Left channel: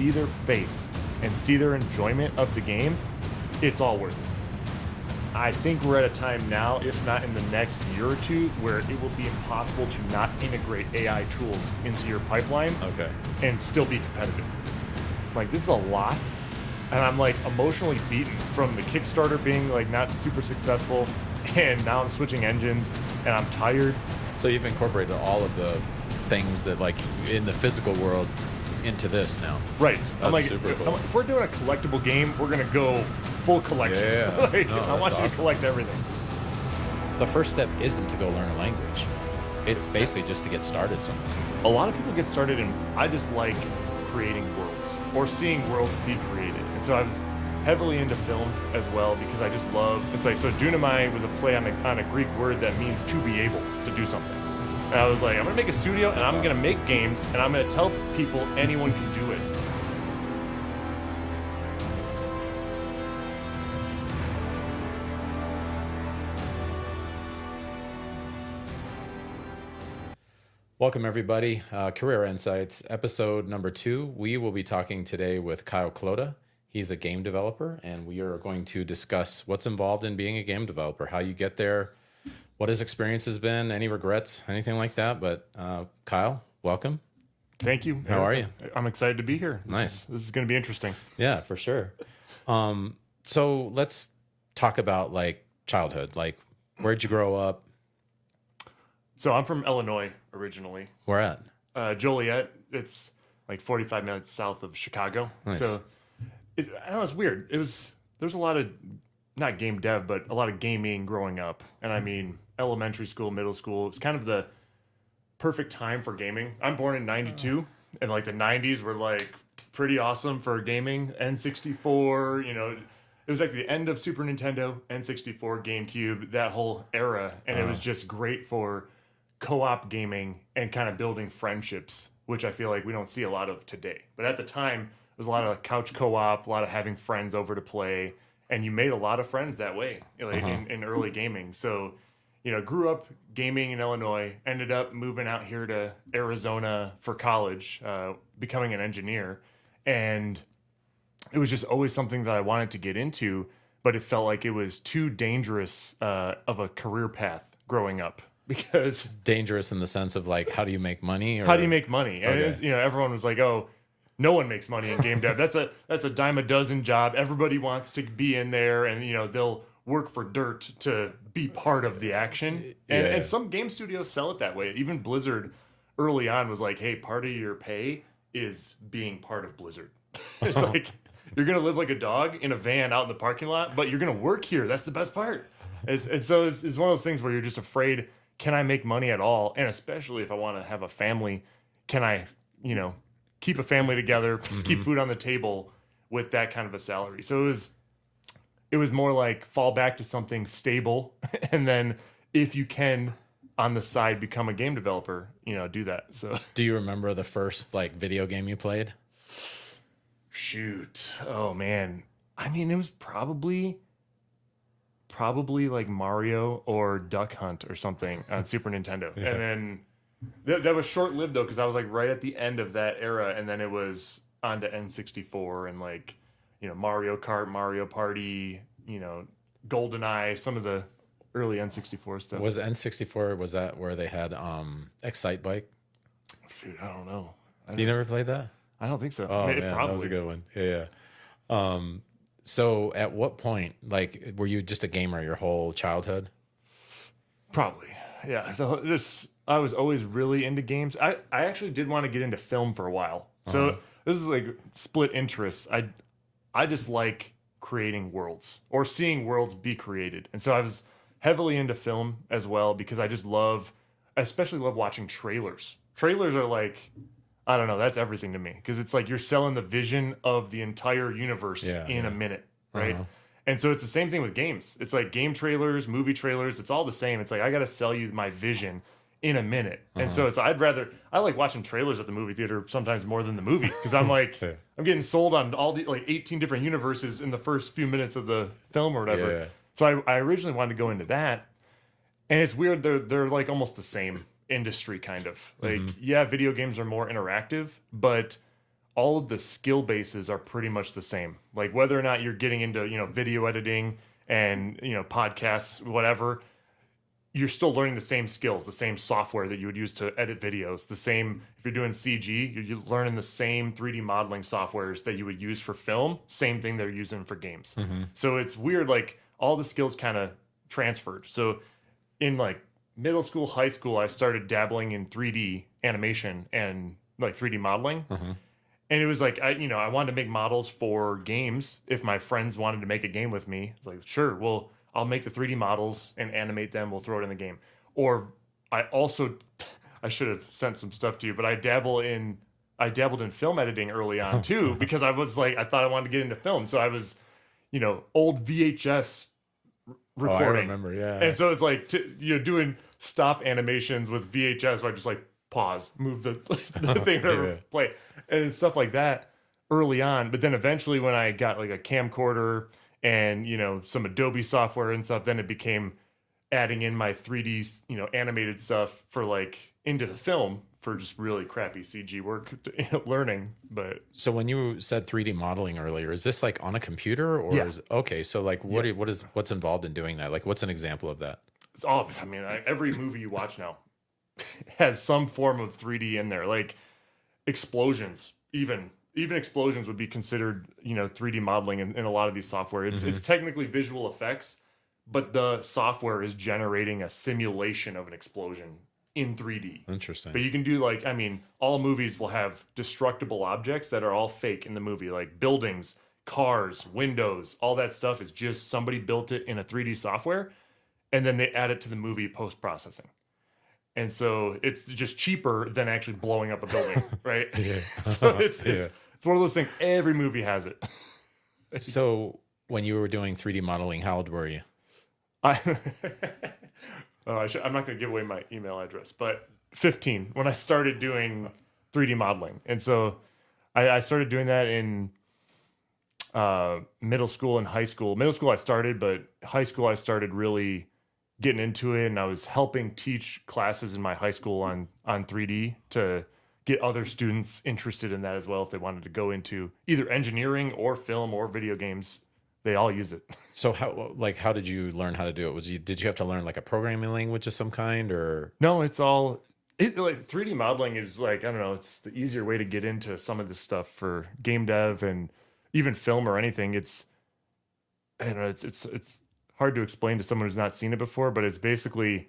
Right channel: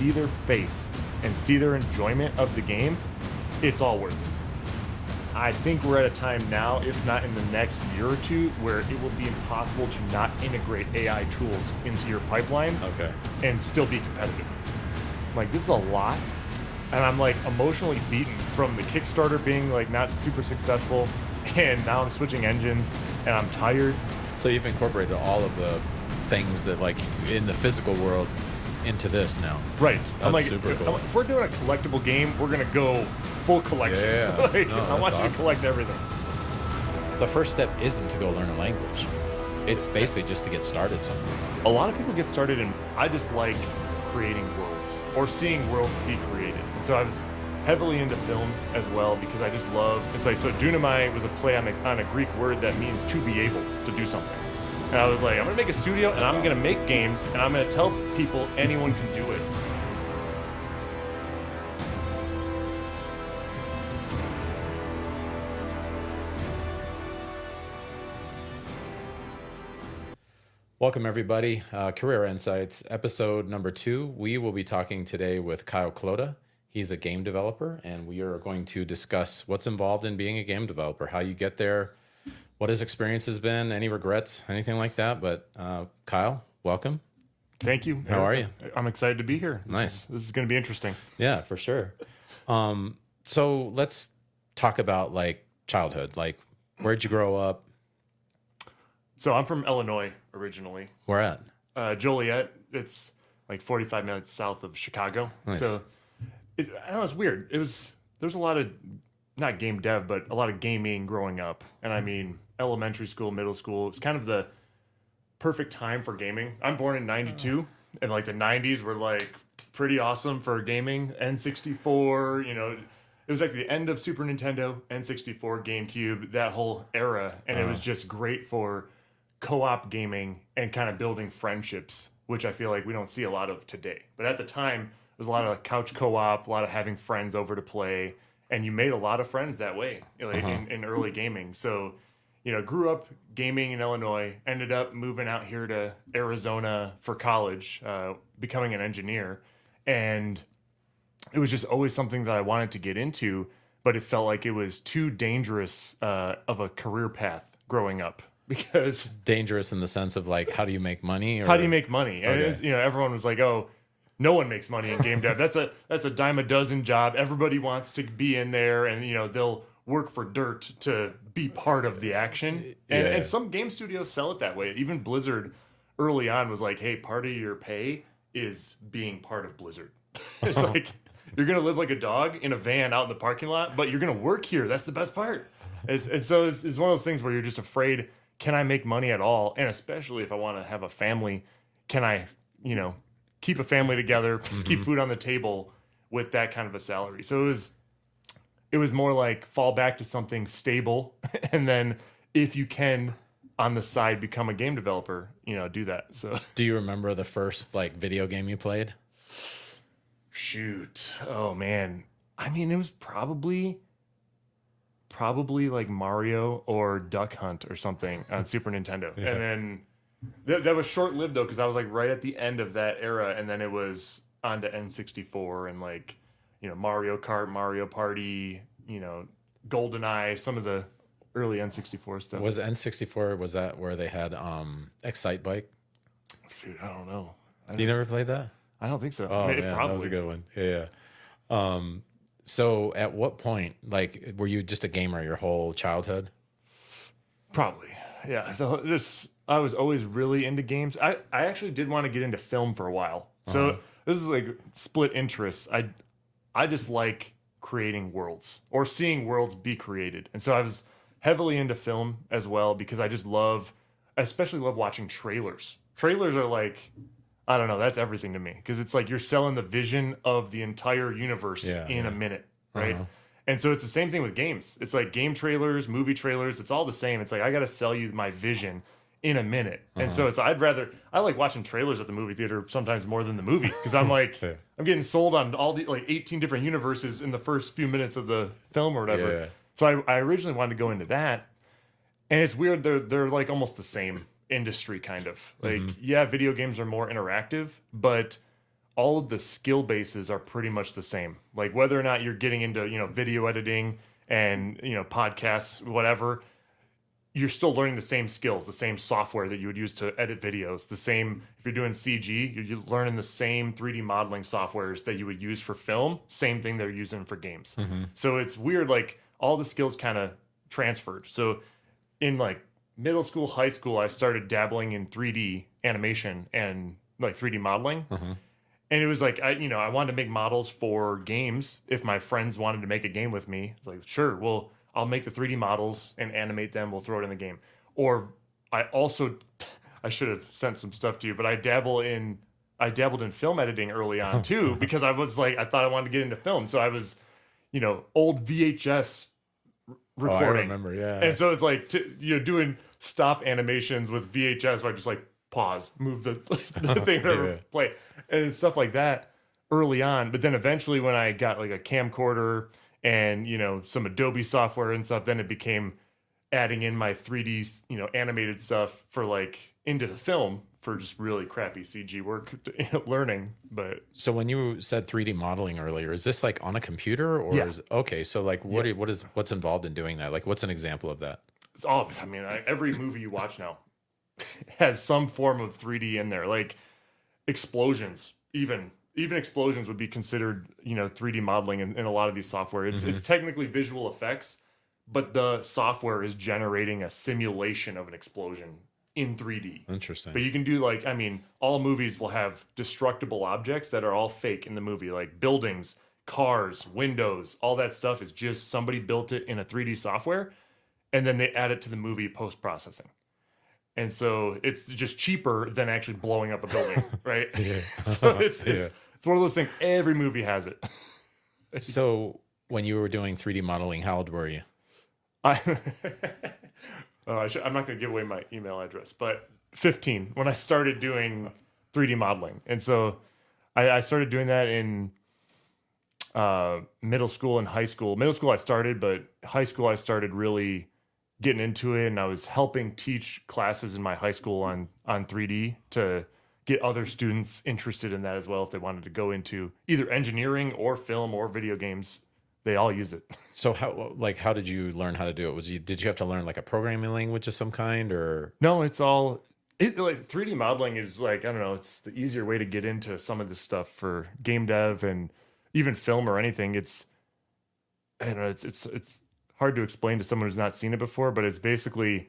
see their face and see their enjoyment of the game, it's all worth it. I think we're at a time now, if not in the next year or two, where it will be impossible to not integrate AI tools into your pipeline and still be competitive. Like, this is a lot, and I'm like emotionally beaten from the Kickstarter being like not super successful, and now I'm switching engines and I'm tired. So you've incorporated all of the things that like in the physical world into this now. Right. That's I'm like, super cool. if we're doing a collectible game, we're gonna go full collection. Yeah. Like, No, I want you that's to collect everything. The first step isn't to go learn a language. It's basically just to get started somewhere. A lot of people get started in, I just like creating worlds or seeing worlds be created. And so I was heavily into film as well because I just love, it's like, so Doonamai was a play on a Greek word that means to be able to do something. And I was like, I'm gonna make a studio and I'm gonna make games and I'm gonna tell people anyone can do it. Welcome everybody, Career Insights, episode number 2. We will be talking today with Kyle Klota. He's a game developer, and we are going to discuss what's involved in being a game developer, how you get there, what his experience has been, any regrets, anything like that. But Kyle, welcome. Thank you. How are you? I'm excited to be here. Nice. This is going to be interesting. Yeah, for sure. So let's talk about like childhood. Like, where'd you grow up? So I'm from Illinois originally. Where at? Joliet. It's like 45 minutes south of Chicago. Nice. So I know it's weird. There's a lot of, not game dev, but a lot of gaming growing up. And I mean, elementary school, middle school, it's kind of the perfect time for gaming. I'm born in 92, and like the 90s were like pretty awesome for gaming. N64, you know, it was like the end of Super Nintendo, N64, GameCube, that whole era. And it was just great for co-op gaming and kind of building friendships, which I feel like we don't see a lot of today. But at the time, it was a lot of couch co-op, a lot of having friends over to play, and you made a lot of friends that way, like, in early gaming. So, you know, grew up gaming in Illinois, ended up moving out here to Arizona for college, becoming an engineer. And it was just always something that I wanted to get into, but it felt like it was too dangerous of a career path growing up. Because Dangerous in the sense of like, how do you make money? Or... How do you make money? And it's, you know, everyone was like, "Oh, no one makes money in game dev. That's a dime a dozen job. Everybody wants to be in there, and you know they'll work for dirt to be part of the action." And some game studios sell it that way. Even Blizzard, early on, was like, "Hey, part of your pay is being part of Blizzard." It's like you're gonna live like a dog in a van out in the parking lot, but you're gonna work here. That's the best part. And so it's one of those things where you're just afraid. Can I make money at all? And especially if I want to have a family, can I, you know, keep a family together, keep food on the table with that kind of a salary? So it was more like fall back to something stable, and then if you can on the side become a game developer, you know, do that. So do you remember the first like video game you played? Shoot. Oh man. I mean, it was probably like Mario or Duck Hunt or something on Super Nintendo. Yeah. And then that was short-lived though, because I was like right at the end of that era, and then it was on to N64 and like, you know, Mario Kart, Mario Party, you know, GoldenEye, some of the early N64 stuff. Was N64, was that where they had Excite Bike? Shoot, I don't know. You never played that? I don't think so. Oh, maybe, yeah, probably. that was a good one. Yeah. So at what point, like, were you just a gamer your whole childhood? Probably. Yeah. I was always really into games. I actually did want to get into film for a while. So this is like split interests. I just like creating worlds or seeing worlds be created. And so I was heavily into film as well because I just especially love watching trailers. Trailers are like, I don't know, that's everything to me because it's like you're selling the vision of the entire universe in a minute, right? And so it's the same thing with games. It's like game trailers, movie trailers, it's all the same. It's like I got to sell you my vision in a minute. And so I like watching trailers at the movie theater sometimes more than the movie because I'm like, I'm getting sold on all the like 18 different universes in the first few minutes of the film or whatever. Yeah. So I originally wanted to go into that. And it's weird, they're like almost the same industry kind of like, yeah, video games are more interactive, but all of the skill bases are pretty much the same. Like whether or not you're getting into, video editing and, podcasts, whatever, you're still learning the same skills, the same software that you would use to edit videos, the same, if you're doing CG, you're learning the same 3D modeling softwares that you would use for film, same thing they're using for games. So it's weird, like all the skills kind of transferred. So in like middle school, high school, I started dabbling in 3D animation and like 3D modeling. And it was like, I wanted to make models for games. If my friends wanted to make a game with me, it's like, sure, well, I'll make the 3D models and animate them. We'll throw it in the game. Or I should have sent some stuff to you, but I dabbled in film editing early on too, because I thought I wanted to get into film. So I was, old VHS recording. Oh, I remember, yeah. And so it's like, doing stop animations with VHS where I just like pause, move the thing, play, and stuff like that early on. But then eventually when I got like a camcorder and, some Adobe software and stuff, then it became adding in my 3D, animated stuff for like into the film for just really crappy CG work, learning. But so when you said 3D modeling earlier, is this like on a computer or okay? So like what's involved in doing that? Like what's an example of that? It's all, every movie you watch now has some form of 3D in there, like explosions, even explosions would be considered, 3D modeling in a lot of these software. It's technically visual effects, but the software is generating a simulation of an explosion in 3D. Interesting. But you can do all movies will have destructible objects that are all fake in the movie, like buildings, cars, windows, all that stuff is just somebody built it in a 3D software, and then they add it to the movie post-processing. And so it's just cheaper than actually blowing up a building, right? So it's one of those things. Every movie has it. So when you were doing 3D modeling, how old were you? I'm not going to give away my email address, but 15 when I started doing 3D modeling. And so I started doing that in middle school and high school. Middle school I started, but high school I started really getting into it, and I was helping teach classes in my high school on 3D to get other students interested in that as well if they wanted to go into either engineering or film or video games. They all use it. So how did you learn how to do it? Did you have to learn like a programming language of some kind, or no? It's like 3D modeling is like, I don't know, it's the easier way to get into some of this stuff for game dev and even film or anything. It's hard to explain to someone who's not seen it before, but it's basically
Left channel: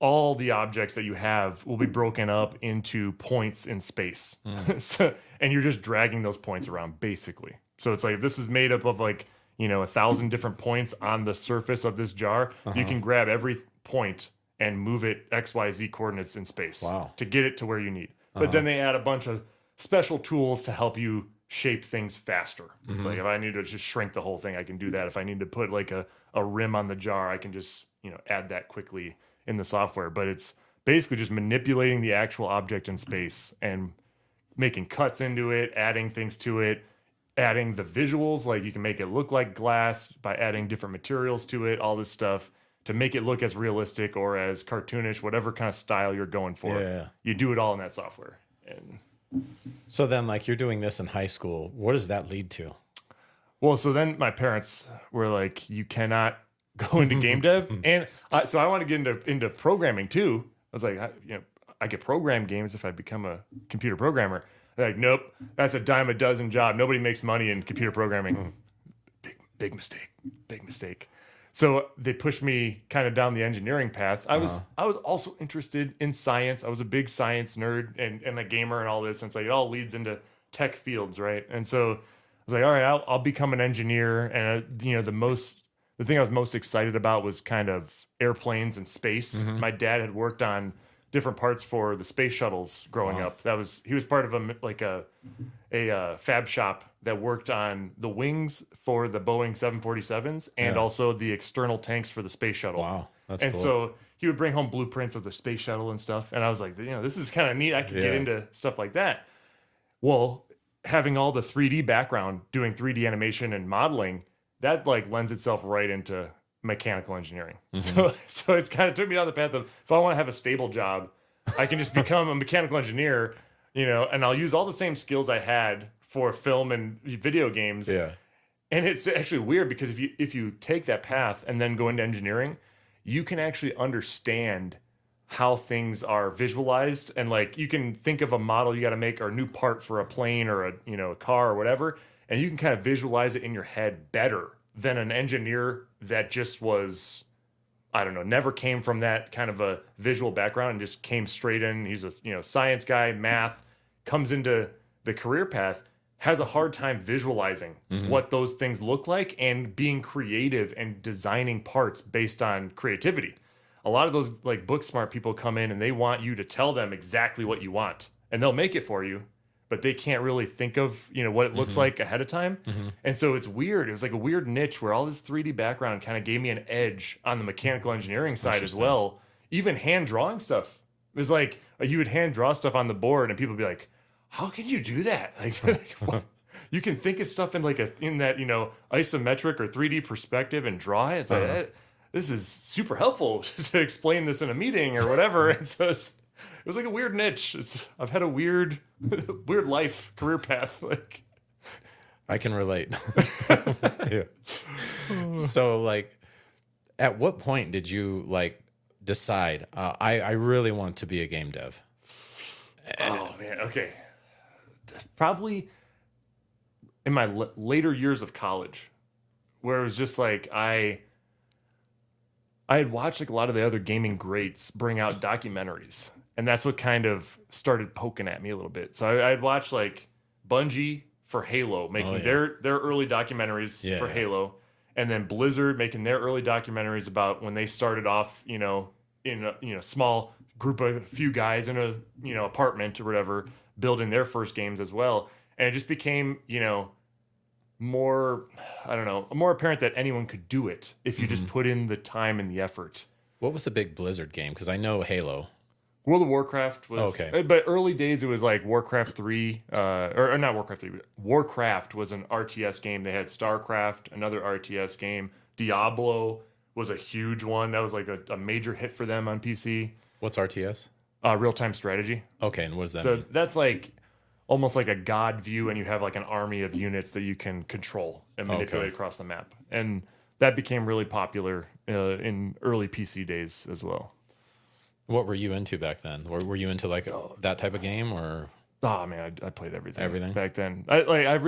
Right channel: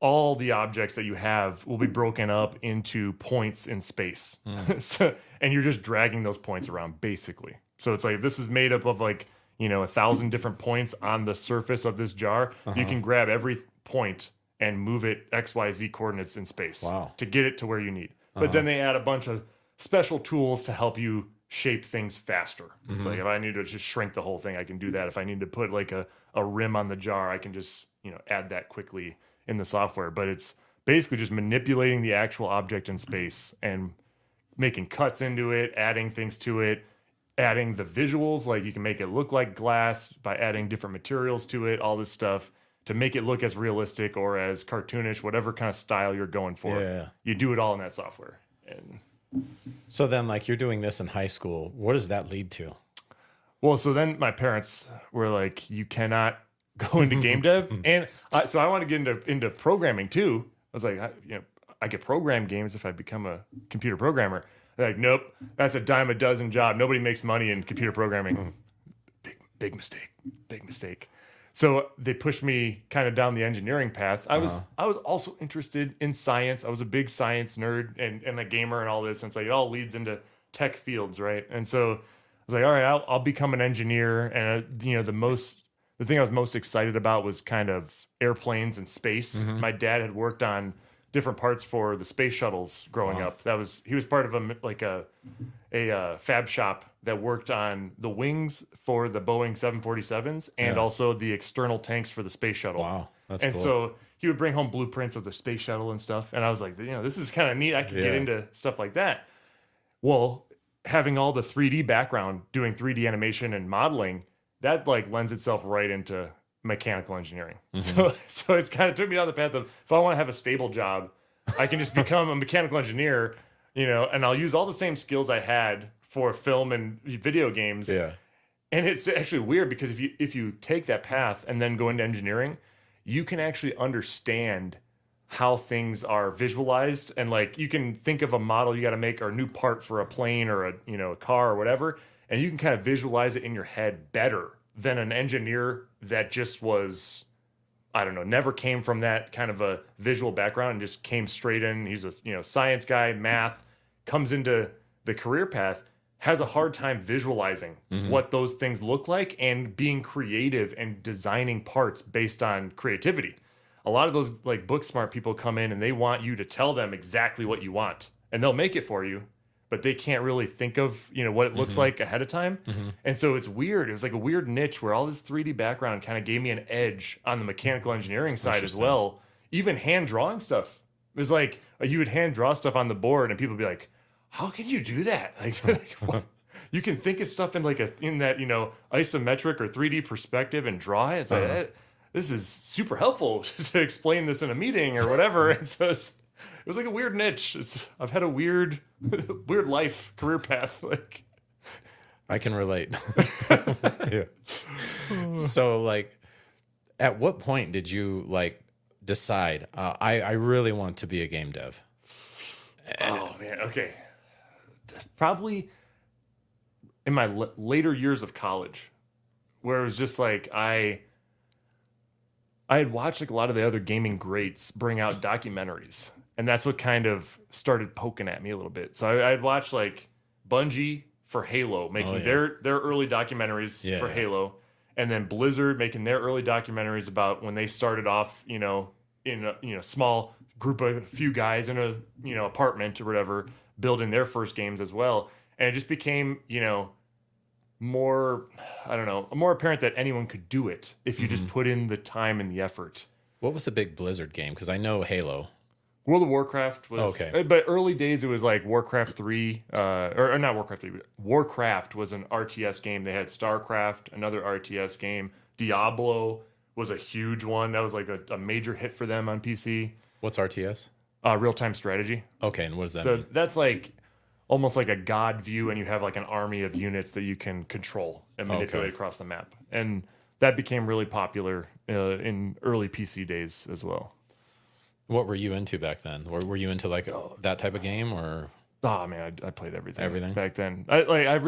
all the objects that you have will be broken up into points in space. And you're just dragging those points around basically. So it's like, this is made up of 1,000 different points on the surface of this jar. You can grab every point and move it XYZ coordinates in space to get it to where you need. But then they add a bunch of special tools to help you shape things faster. It's like, if I need to just shrink the whole thing, I can do that. If I need to put like a rim on the jar, I can just, add that quickly in the software. But it's basically just manipulating the actual object in space and making cuts into it, adding things to it, adding the visuals, like you can make it look like glass by adding different materials to it, all this stuff to make it look as realistic or as cartoonish, whatever kind of style you're going for. Yeah. You do it all in that software. And so then, like, you're doing this in high school. What does that lead to? Well, so then my parents were like, you cannot go into game dev. And so I want to get into programming too. I was like, I could program games if I become a computer programmer. They're like, nope, that's a dime a dozen job. Nobody makes money in computer programming. Big mistake. So they pushed me kind of down the engineering path. I was also interested in science. I was a big science nerd and a gamer and all this. And it's like, it all leads into tech fields, right? And so I was like, all right, I'll become an engineer. And the thing I was most excited about was kind of airplanes and space. My dad had worked on different parts for the space shuttles growing up. He was part of a fab shop that worked on the wings for the Boeing 747s and also the external tanks for the space shuttle. Wow, that's cool. So he would bring home blueprints of the space shuttle and stuff. And I was like, this is kind of neat. I could get into stuff like that. Well, having all the 3D background, doing 3D animation and modeling, that like lends itself right into mechanical engineering. So it's kind of took me down the path of, if I want to have a stable job, I can just become a mechanical engineer, and I'll use all the same skills I had for film and video games. Yeah. And it's actually weird because if you take that path and then go into engineering, you can actually understand how things are visualized, and like you can think of a model you got to make or a new part for a plane or a car or whatever, and you can kind of visualize it in your head better than an engineer that just was, I don't know, never came from that kind of a visual background and just came straight in. He's a science guy, math, comes into the career path, has a hard time visualizing what those things look like and being creative and designing parts based on creativity. A lot of those like book smart people come in and they want you to tell them exactly what you want, and they'll make it for you, but they can't really think of what it looks like ahead of time. And so it's weird. It was like a weird niche where all this 3D background kind of gave me an edge on the mechanical engineering side as well. Even hand drawing stuff. It was like you would hand draw stuff on the board and people would be like, how can you do that? Like what? You can think of stuff in like in that isometric or 3D perspective and draw it. It's like this is super helpful to explain this in a meeting or whatever. And so it was like a weird niche. I've had a weird life, career path. Like I can relate. Yeah. So like, at what point did you like decide, I really want to be a game dev? Oh man. Okay. Probably in my later years of college, where it was just like, I had watched like a lot of the other gaming greats bring out documentaries, and that's what kind of started poking at me a little bit. So I had watched like Bungie for Halo making their early documentaries for Halo, and then Blizzard making their early documentaries about when they started off, in a small group of a few guys in a apartment or whatever, building their first games as well. And it just became, more apparent that anyone could do it if you just put in the time and the effort. What was the big Blizzard game? Because I know Halo. World of Warcraft was, but early days it was like Warcraft 3, or not Warcraft 3, but Warcraft was an RTS game. They had StarCraft, another RTS game. Diablo was a huge one. That was like a major hit for them on PC. What's RTS? Real-time strategy. Okay, and what does that mean? That's like almost like a god view, and you have like an army of units that you can control and manipulate across the map. And that became really popular in early PC days as well. What were you into back then? Or were you into like that type of game, or? Oh man, I played everything. Everything back then. I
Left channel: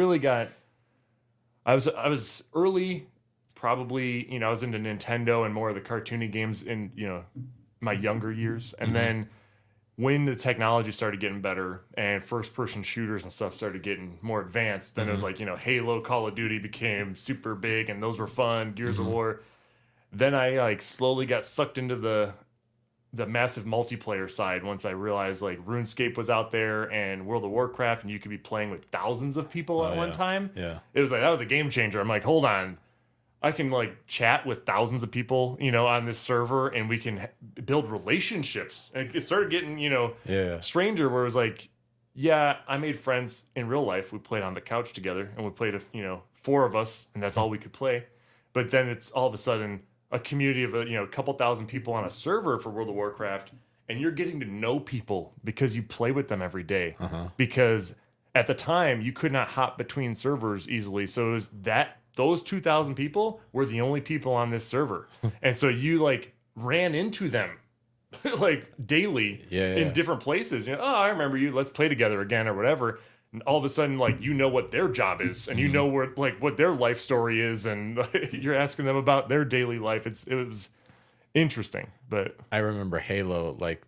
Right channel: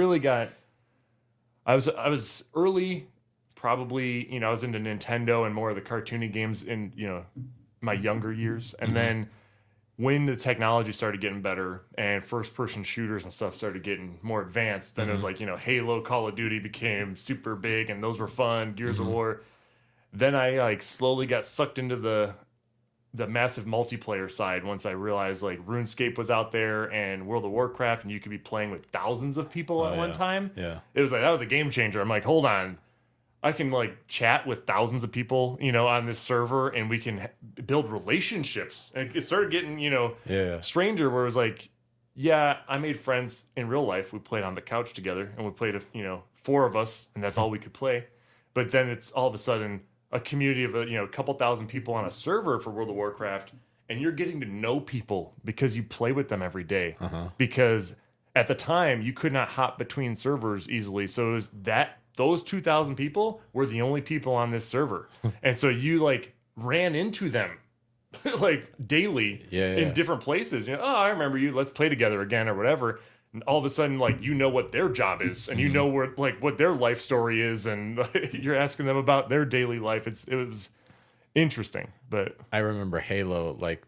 was early, probably. I was into Nintendo and more of the cartoony games in my younger years, and then when the technology started getting better and first-person shooters and stuff started getting more advanced, then it was like Halo, Call of Duty became super big, and those were fun. Gears of War. Then I like slowly got sucked into the massive multiplayer side once I realized like RuneScape was out there and World of Warcraft, and you could be playing with thousands of people at one time. Yeah, it was like that was a game changer. I'm like, hold on, I can like chat with thousands of people, on this server, and we can build relationships. And it started getting, stranger, where it was like, yeah, I made friends in real life. We played on the couch together, and we played, 4 of us, and that's all we could play. But then it's all of a sudden a community of, a couple thousand people on a server for World of Warcraft, and you're getting to know people because you play with them every day. Because at the time, you could not hop between servers easily. So it was those 2,000 people were the only people on this server. And so you like ran into them like daily in different places. I remember you, let's play together again or whatever. And all of a sudden, like, what their job is, and what their life story is, and you're asking them about their daily life. It was interesting. But I remember Halo, like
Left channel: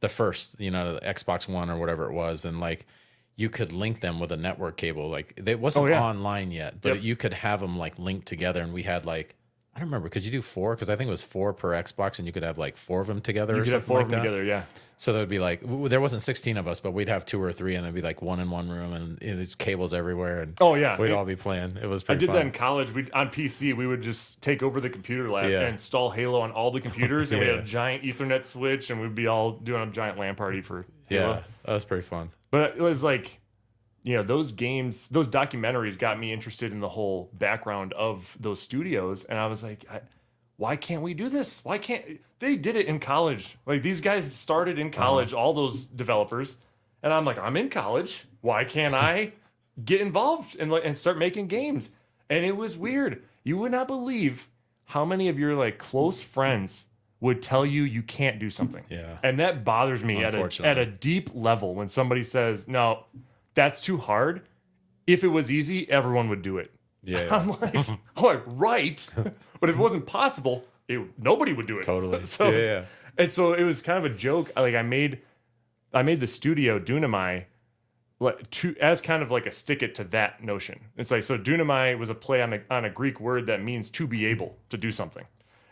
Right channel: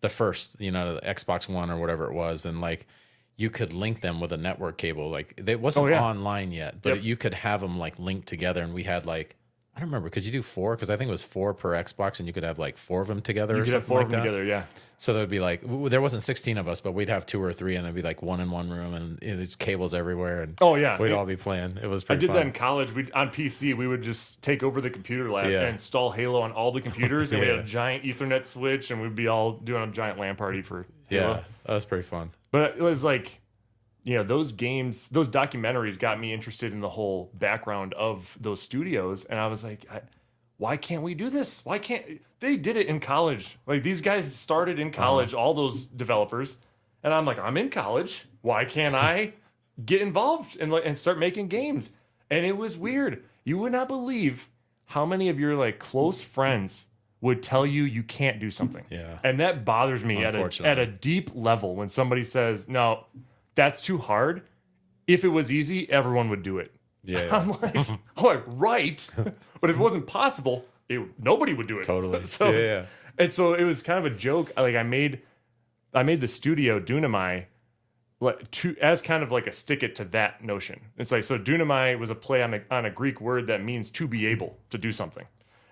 the first, the Xbox One or whatever it was, and like you could link them with a network cable. Like it wasn't online yet, but you could have them like linked together, and we had like, I don't remember. Could you do 4? Because I think it was 4 per Xbox, and you could have like 4 of them together. You could have 4 of them together, yeah. So there would be like, there wasn't 16 of us, but we'd have 2 or 3, and there'd be like 1 in one room, and there's cables everywhere, and we'd all be playing. It was pretty fun. I did that in college. On PC, we would just take over the computer lab and install Halo on all the computers, and we had a giant Ethernet switch, and we'd be all doing a giant LAN party for Halo. Yeah, that was pretty fun. But it was like, those games, those documentaries got me interested in the whole background of those studios, and I was like, why can't we do this? Why can't they did it in college? Like these guys started in college, all those developers, And I'm like, I'm in college. Why can't I get involved and start making games? And it was weird. You would not believe how many of your like close friends would tell you you can't do something. Yeah. And that bothers me at a deep level when somebody says, no, that's too hard. If it was easy, everyone would do it. Yeah. I'm like, right. But if it wasn't possible, nobody would do it. Totally. So, yeah. And so it was kind of a joke. Like I made the studio Doonamai as kind of like a stick it to that notion. It's like, so Doonamai was a play on a Greek word that means to be able to do something.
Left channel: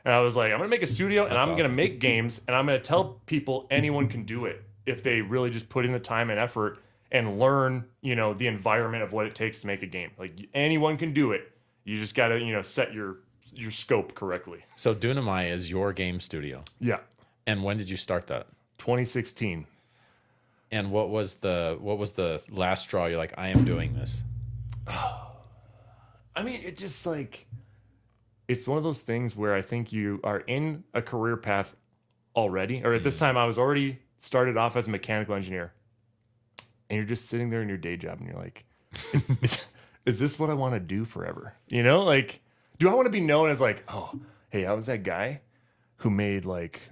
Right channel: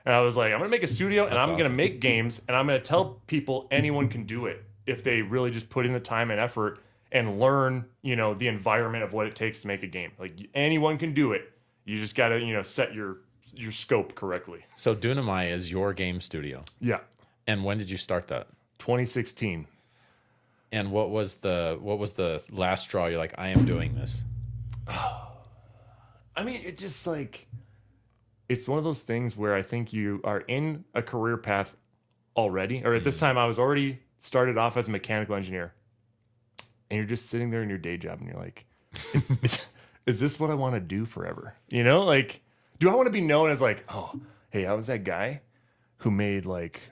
And I was like, I'm going to make a studio and I'm going to make games and I'm going to tell people anyone can do it if they really just put in the time and effort and learn, the environment of what it takes to make a game. Like anyone can do it. You just got to, set your scope correctly. So Doonamai is your game studio. Yeah. And when did you start that? 2016. And what was the last straw? You're like, I am doing this. I mean, it just like, it's one of those things where I think you are in a career path already, or at this time I was already started off as a mechanical engineer, and you're just sitting there in your day job and you're like, is this what I want to do forever? Like, do I want to be known as like, oh, hey, I was that guy who made like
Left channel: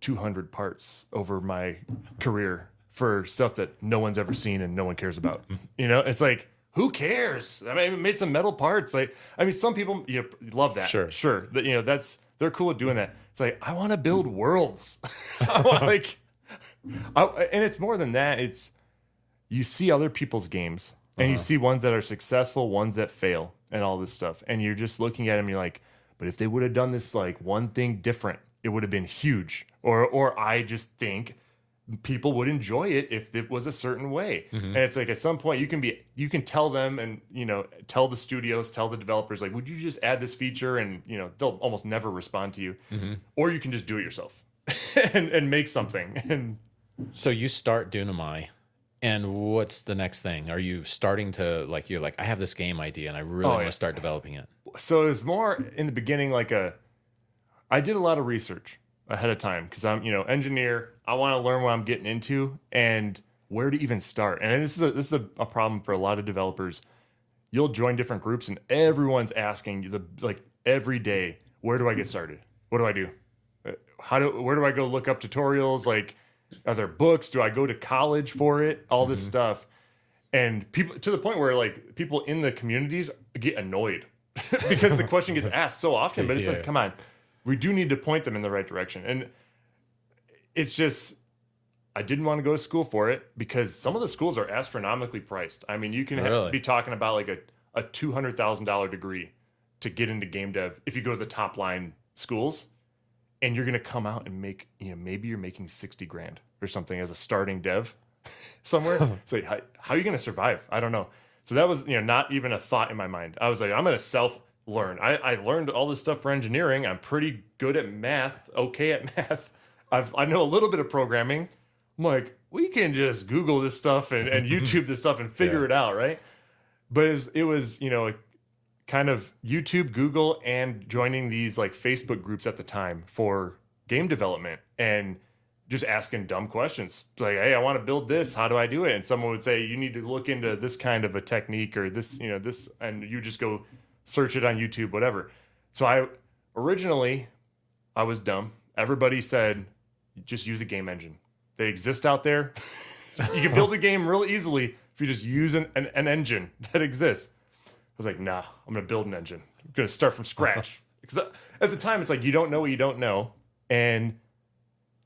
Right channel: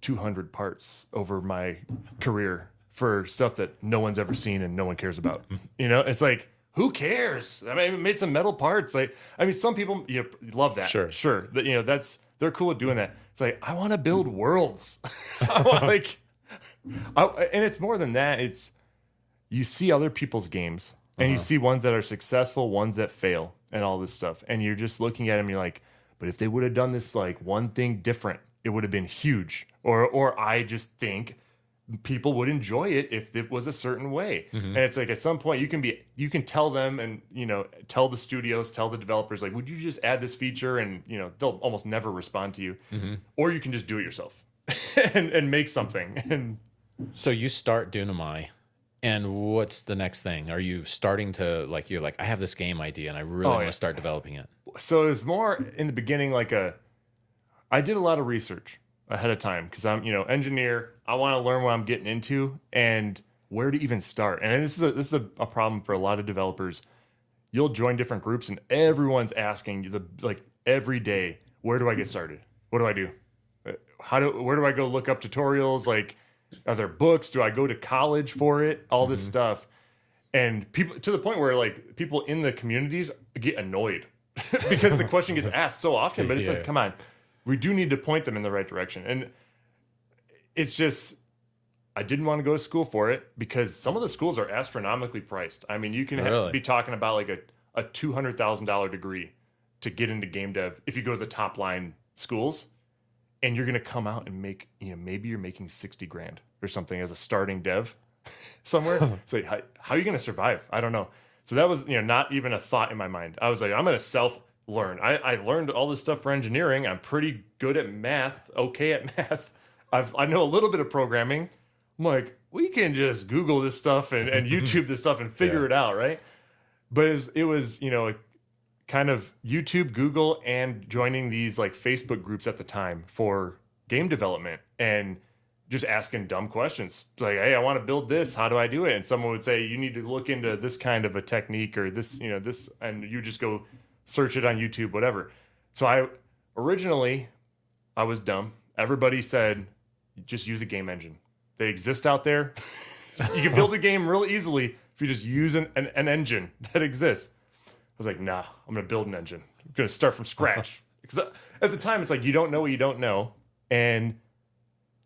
200 parts over my career for stuff that no one's ever seen and no one cares about. It's like, who cares? I mean, I made some metal parts. Like, I mean, some people love that. Sure. That, they're cool at doing that. It's like, I want to build worlds. I want and it's more than that. It's, you see other people's games and you see ones that are successful, ones that fail and all this stuff. And you're just looking at them. You're like, but if they would have done this, like one thing different, it would have been huge. Or I just think people would enjoy it if it was a certain way. And it's like, at some point you can tell them and, tell the studios, tell the developers, like, would you just add this feature? And, they'll almost never respond to you. Or you can just do it yourself and make something. And so you start Doonamai, and what's the next thing? Are you starting to you're like, I have this game idea and I really want to start developing it? So it was more in the beginning, I did a lot of research ahead of time because I'm, engineer. I want to learn what I'm getting into and where to even start. And this is a problem for a lot of developers. You'll join different groups and everyone's asking you every day, where do I get started? What do I do? Where do I go look up tutorials? Like, are there books? Do I go to college for it? All this stuff. And people, to the point where people in the communities get annoyed because the question gets asked so often, but it's like, come on, we do need to point them in the right direction. And it's just, I didn't want to go to school for it because some of the schools are astronomically priced. I mean, you can be talking about like a $200,000 degree to get into game dev if you go to the top line schools, and you're going to come out and make, maybe you're making 60 grand or something as a starting dev somewhere. It's like, how are you going to survive? I don't know. So that was, not even a thought in my mind. I was like, I'm going to self-learn. I learned all this stuff for engineering. I'm pretty good at math, okay at math. I know a little bit of programming. I'm like, we can just Google this stuff and YouTube this stuff and figure it out, right? But it was kind of YouTube, Google, and joining these Facebook groups at the time for game development and just asking dumb questions. Like, hey, I want to build this. How do I do it? And someone would say, you need to look into this kind of a technique or this, this, and you just go search it on YouTube, whatever. So originally I was dumb. Everybody said, just use a game engine. They exist out there. You can build a game real easily if you just use an engine that exists. I was like, nah, I'm going to build an engine. I'm going to start from scratch. Because at the time, it's like, you don't know what you don't know. And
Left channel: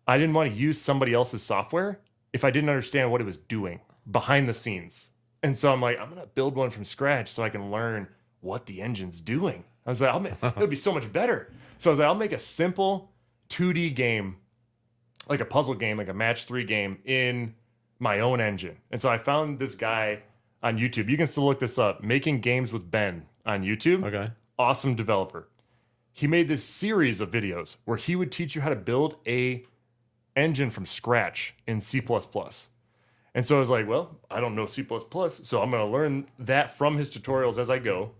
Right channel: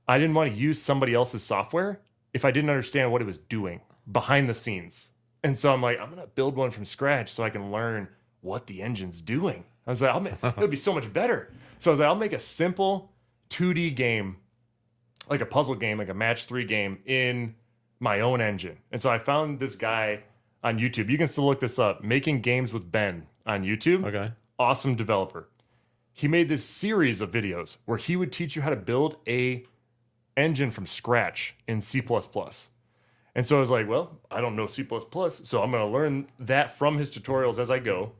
I didn't want to use somebody else's software if I didn't understand what it was doing behind the scenes. And so I'm like, I'm going to build one from scratch so I can learn what the engine's doing. I was like, it'll be so much better. So I was like, I'll make a simple 2D game, like a puzzle game, like a match 3 game in my own engine. And so I found this guy on YouTube. You can still look this up. Making Games with Ben on YouTube. Okay. Awesome developer. He made this series of videos where he would teach you how to build a engine from scratch in C++. And so I was like, well, I don't know C++, so I'm going to learn that from his tutorials as I go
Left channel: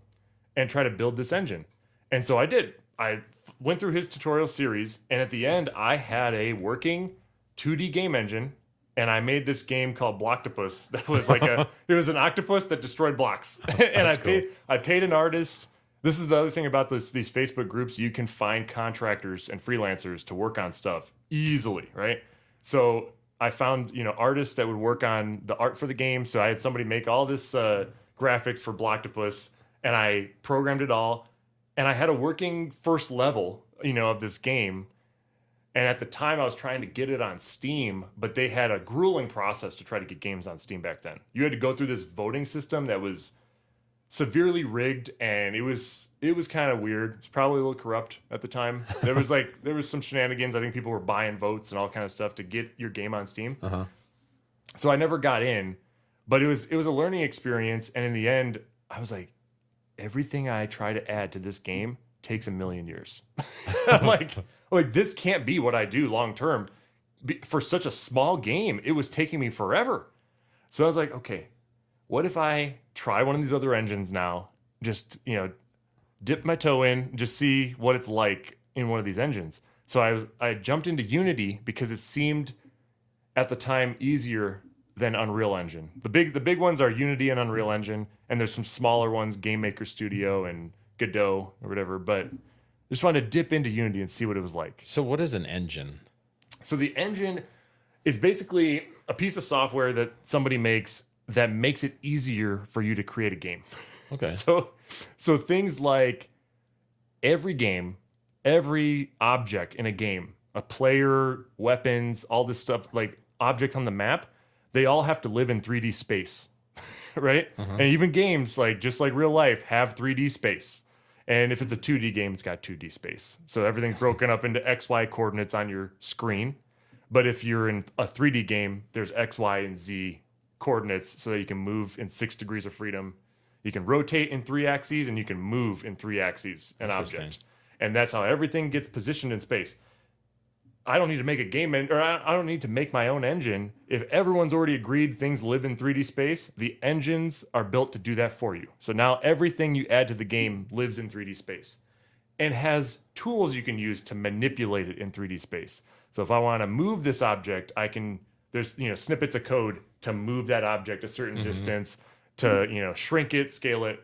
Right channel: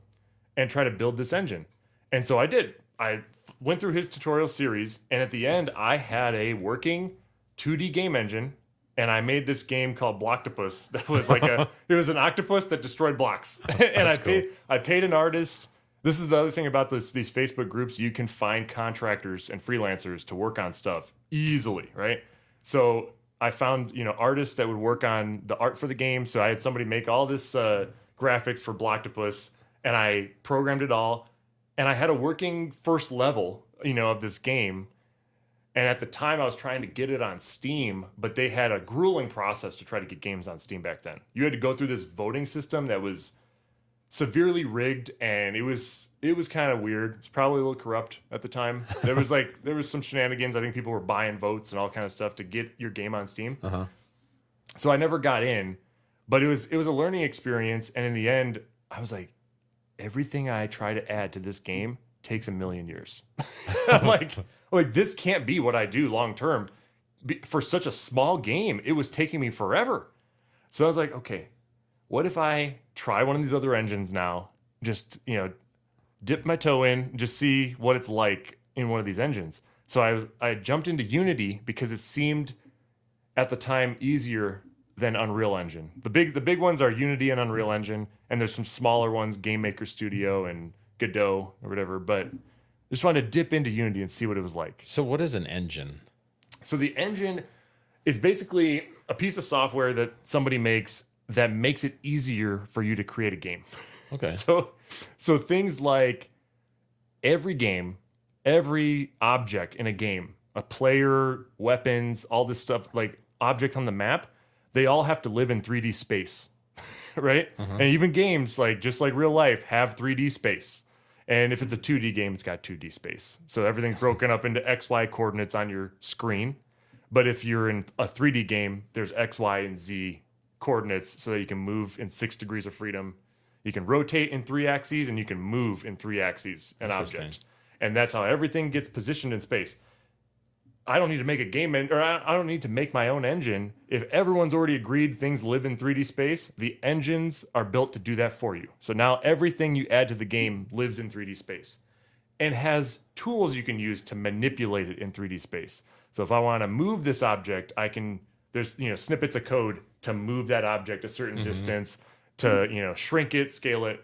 and try to build this engine. And so I did. I went through his tutorial series, and at the end, I had a working 2D game engine and I made this game called Blocktopus. That was like it was an octopus that destroyed blocks. And I paid an artist. This is the other thing about these Facebook groups. You can find contractors and freelancers to work on stuff easily, right? So I found, artists that would work on the art for the game. So I had somebody make all this graphics for Blocktopus, and I programmed it all. And I had a working first level, of this game. And at the time, I was trying to get it on Steam, but they had a grueling process to try to get games on Steam back then. You had to go through this voting system that was severely rigged, and it was kind of weird. It's probably a little corrupt at the time. There was some shenanigans. I think people were buying votes and all kind of stuff to get your game on Steam. Uh-huh. So I never got in, but it was a learning experience. And in the end, I was like, everything I try to add to this game takes 1,000,000 years. I'm like this can't be what I do long term. For such a small game, it was taking me forever. So I was like, okay, what if I try one of these other engines now? Just, dip my toe in, just see what it's like in one of these engines. So I jumped into Unity because it seemed at the time easier than Unreal Engine. The big ones are Unity and Unreal Engine, and there's some smaller ones, Game Maker Studio and Godot or whatever, but I just wanted to dip into Unity and see what it was like. So what is an engine? So the engine is basically a piece of software that somebody makes that makes it easier for you to create a game. Okay. So things like every game, every object in a game, a player, weapons, all this stuff, like objects on the map, they all have to live in 3D space, right? Uh-huh. And even games, just like real life, have 3D space. And if it's a 2D game, it's got 2D space. So everything's broken up into XY coordinates on your screen. But if you're in a 3D game, there's X, Y, and Z coordinates so that you can move in 6 degrees of freedom. You can rotate in 3 axes, and you can move in 3 axes an object. And that's how everything gets positioned in space. I don't need to make a game, or I don't need to make my own engine. If everyone's already agreed things live in 3D space, the engines are built to do that for you. So now everything you add to the game lives in 3D space and has tools you can use to manipulate it in 3D space. So if I want to move this object, there's snippets of code to move that object a certain distance, to shrink it, scale it.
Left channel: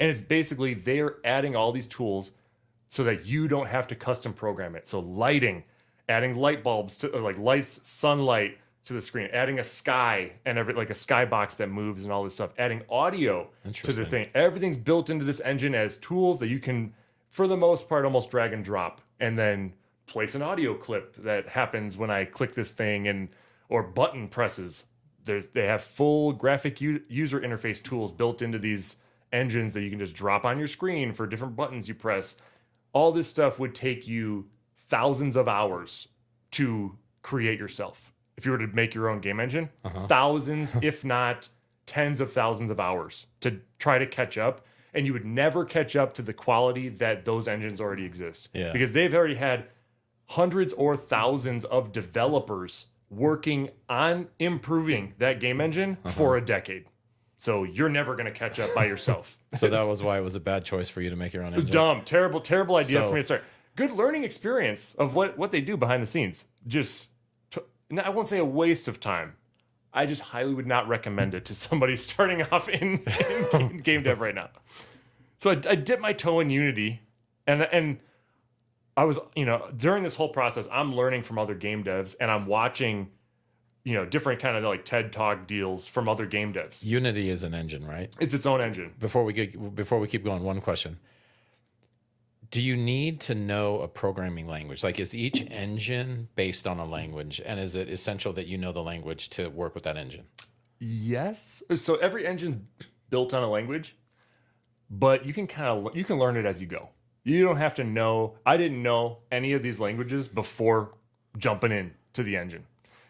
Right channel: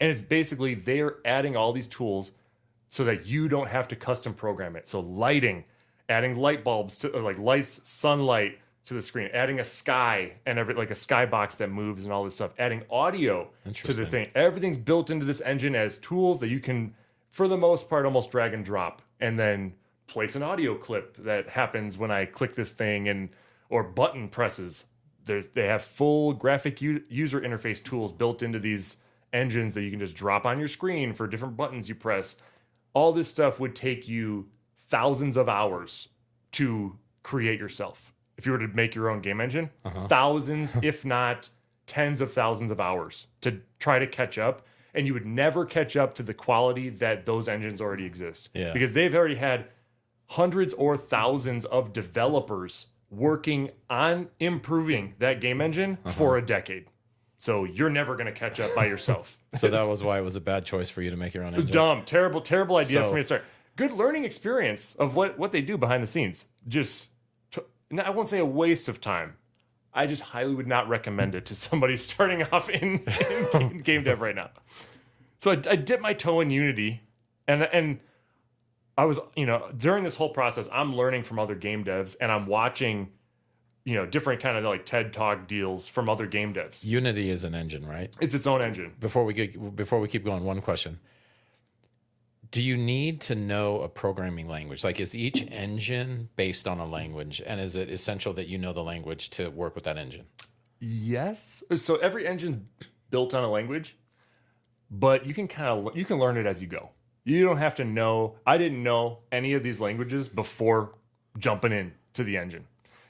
And it's basically they're adding all these tools so that you don't have to custom program it. So lighting, adding light bulbs to lights, sunlight to the screen, adding a sky and a skybox that moves and all this stuff, adding audio to the thing. Everything's built into this engine as tools that you can, for the most part, almost drag and drop, and then place an audio clip that happens when I click this thing, or button presses. They have full graphic user interface tools built into these engines that you can just drop on your screen for different buttons you press. All this stuff would take you thousands of hours to create yourself. If you were to make your own game engine, thousands, if not tens of thousands of hours to try to catch up. And you would never catch up to the quality that those engines already exist. Yeah. Because they've already had hundreds or thousands of developers working on improving that game engine for a decade. So you're never going to catch up by yourself. So that was why it was a bad choice for you to make your own engine. It was dumb, terrible idea for me to start. Good learning experience of what they do behind the scenes. I won't say a waste of time. I just highly would not recommend it to somebody starting off in game dev right now. So I dipped my toe in Unity, and I was, during this whole process, I'm learning from other game devs, and I'm watching, different kind of TED Talk deals from other game devs. Unity is an engine, right? It's its own engine. Before we keep going, one question. Do you need to know a programming language? Is each engine based on a language, and is it essential that you know the language to work with that engine? Yes. So every engine's built on a language, but you can learn it as you go. You don't have to know. I didn't know any of these languages before jumping in to the engine.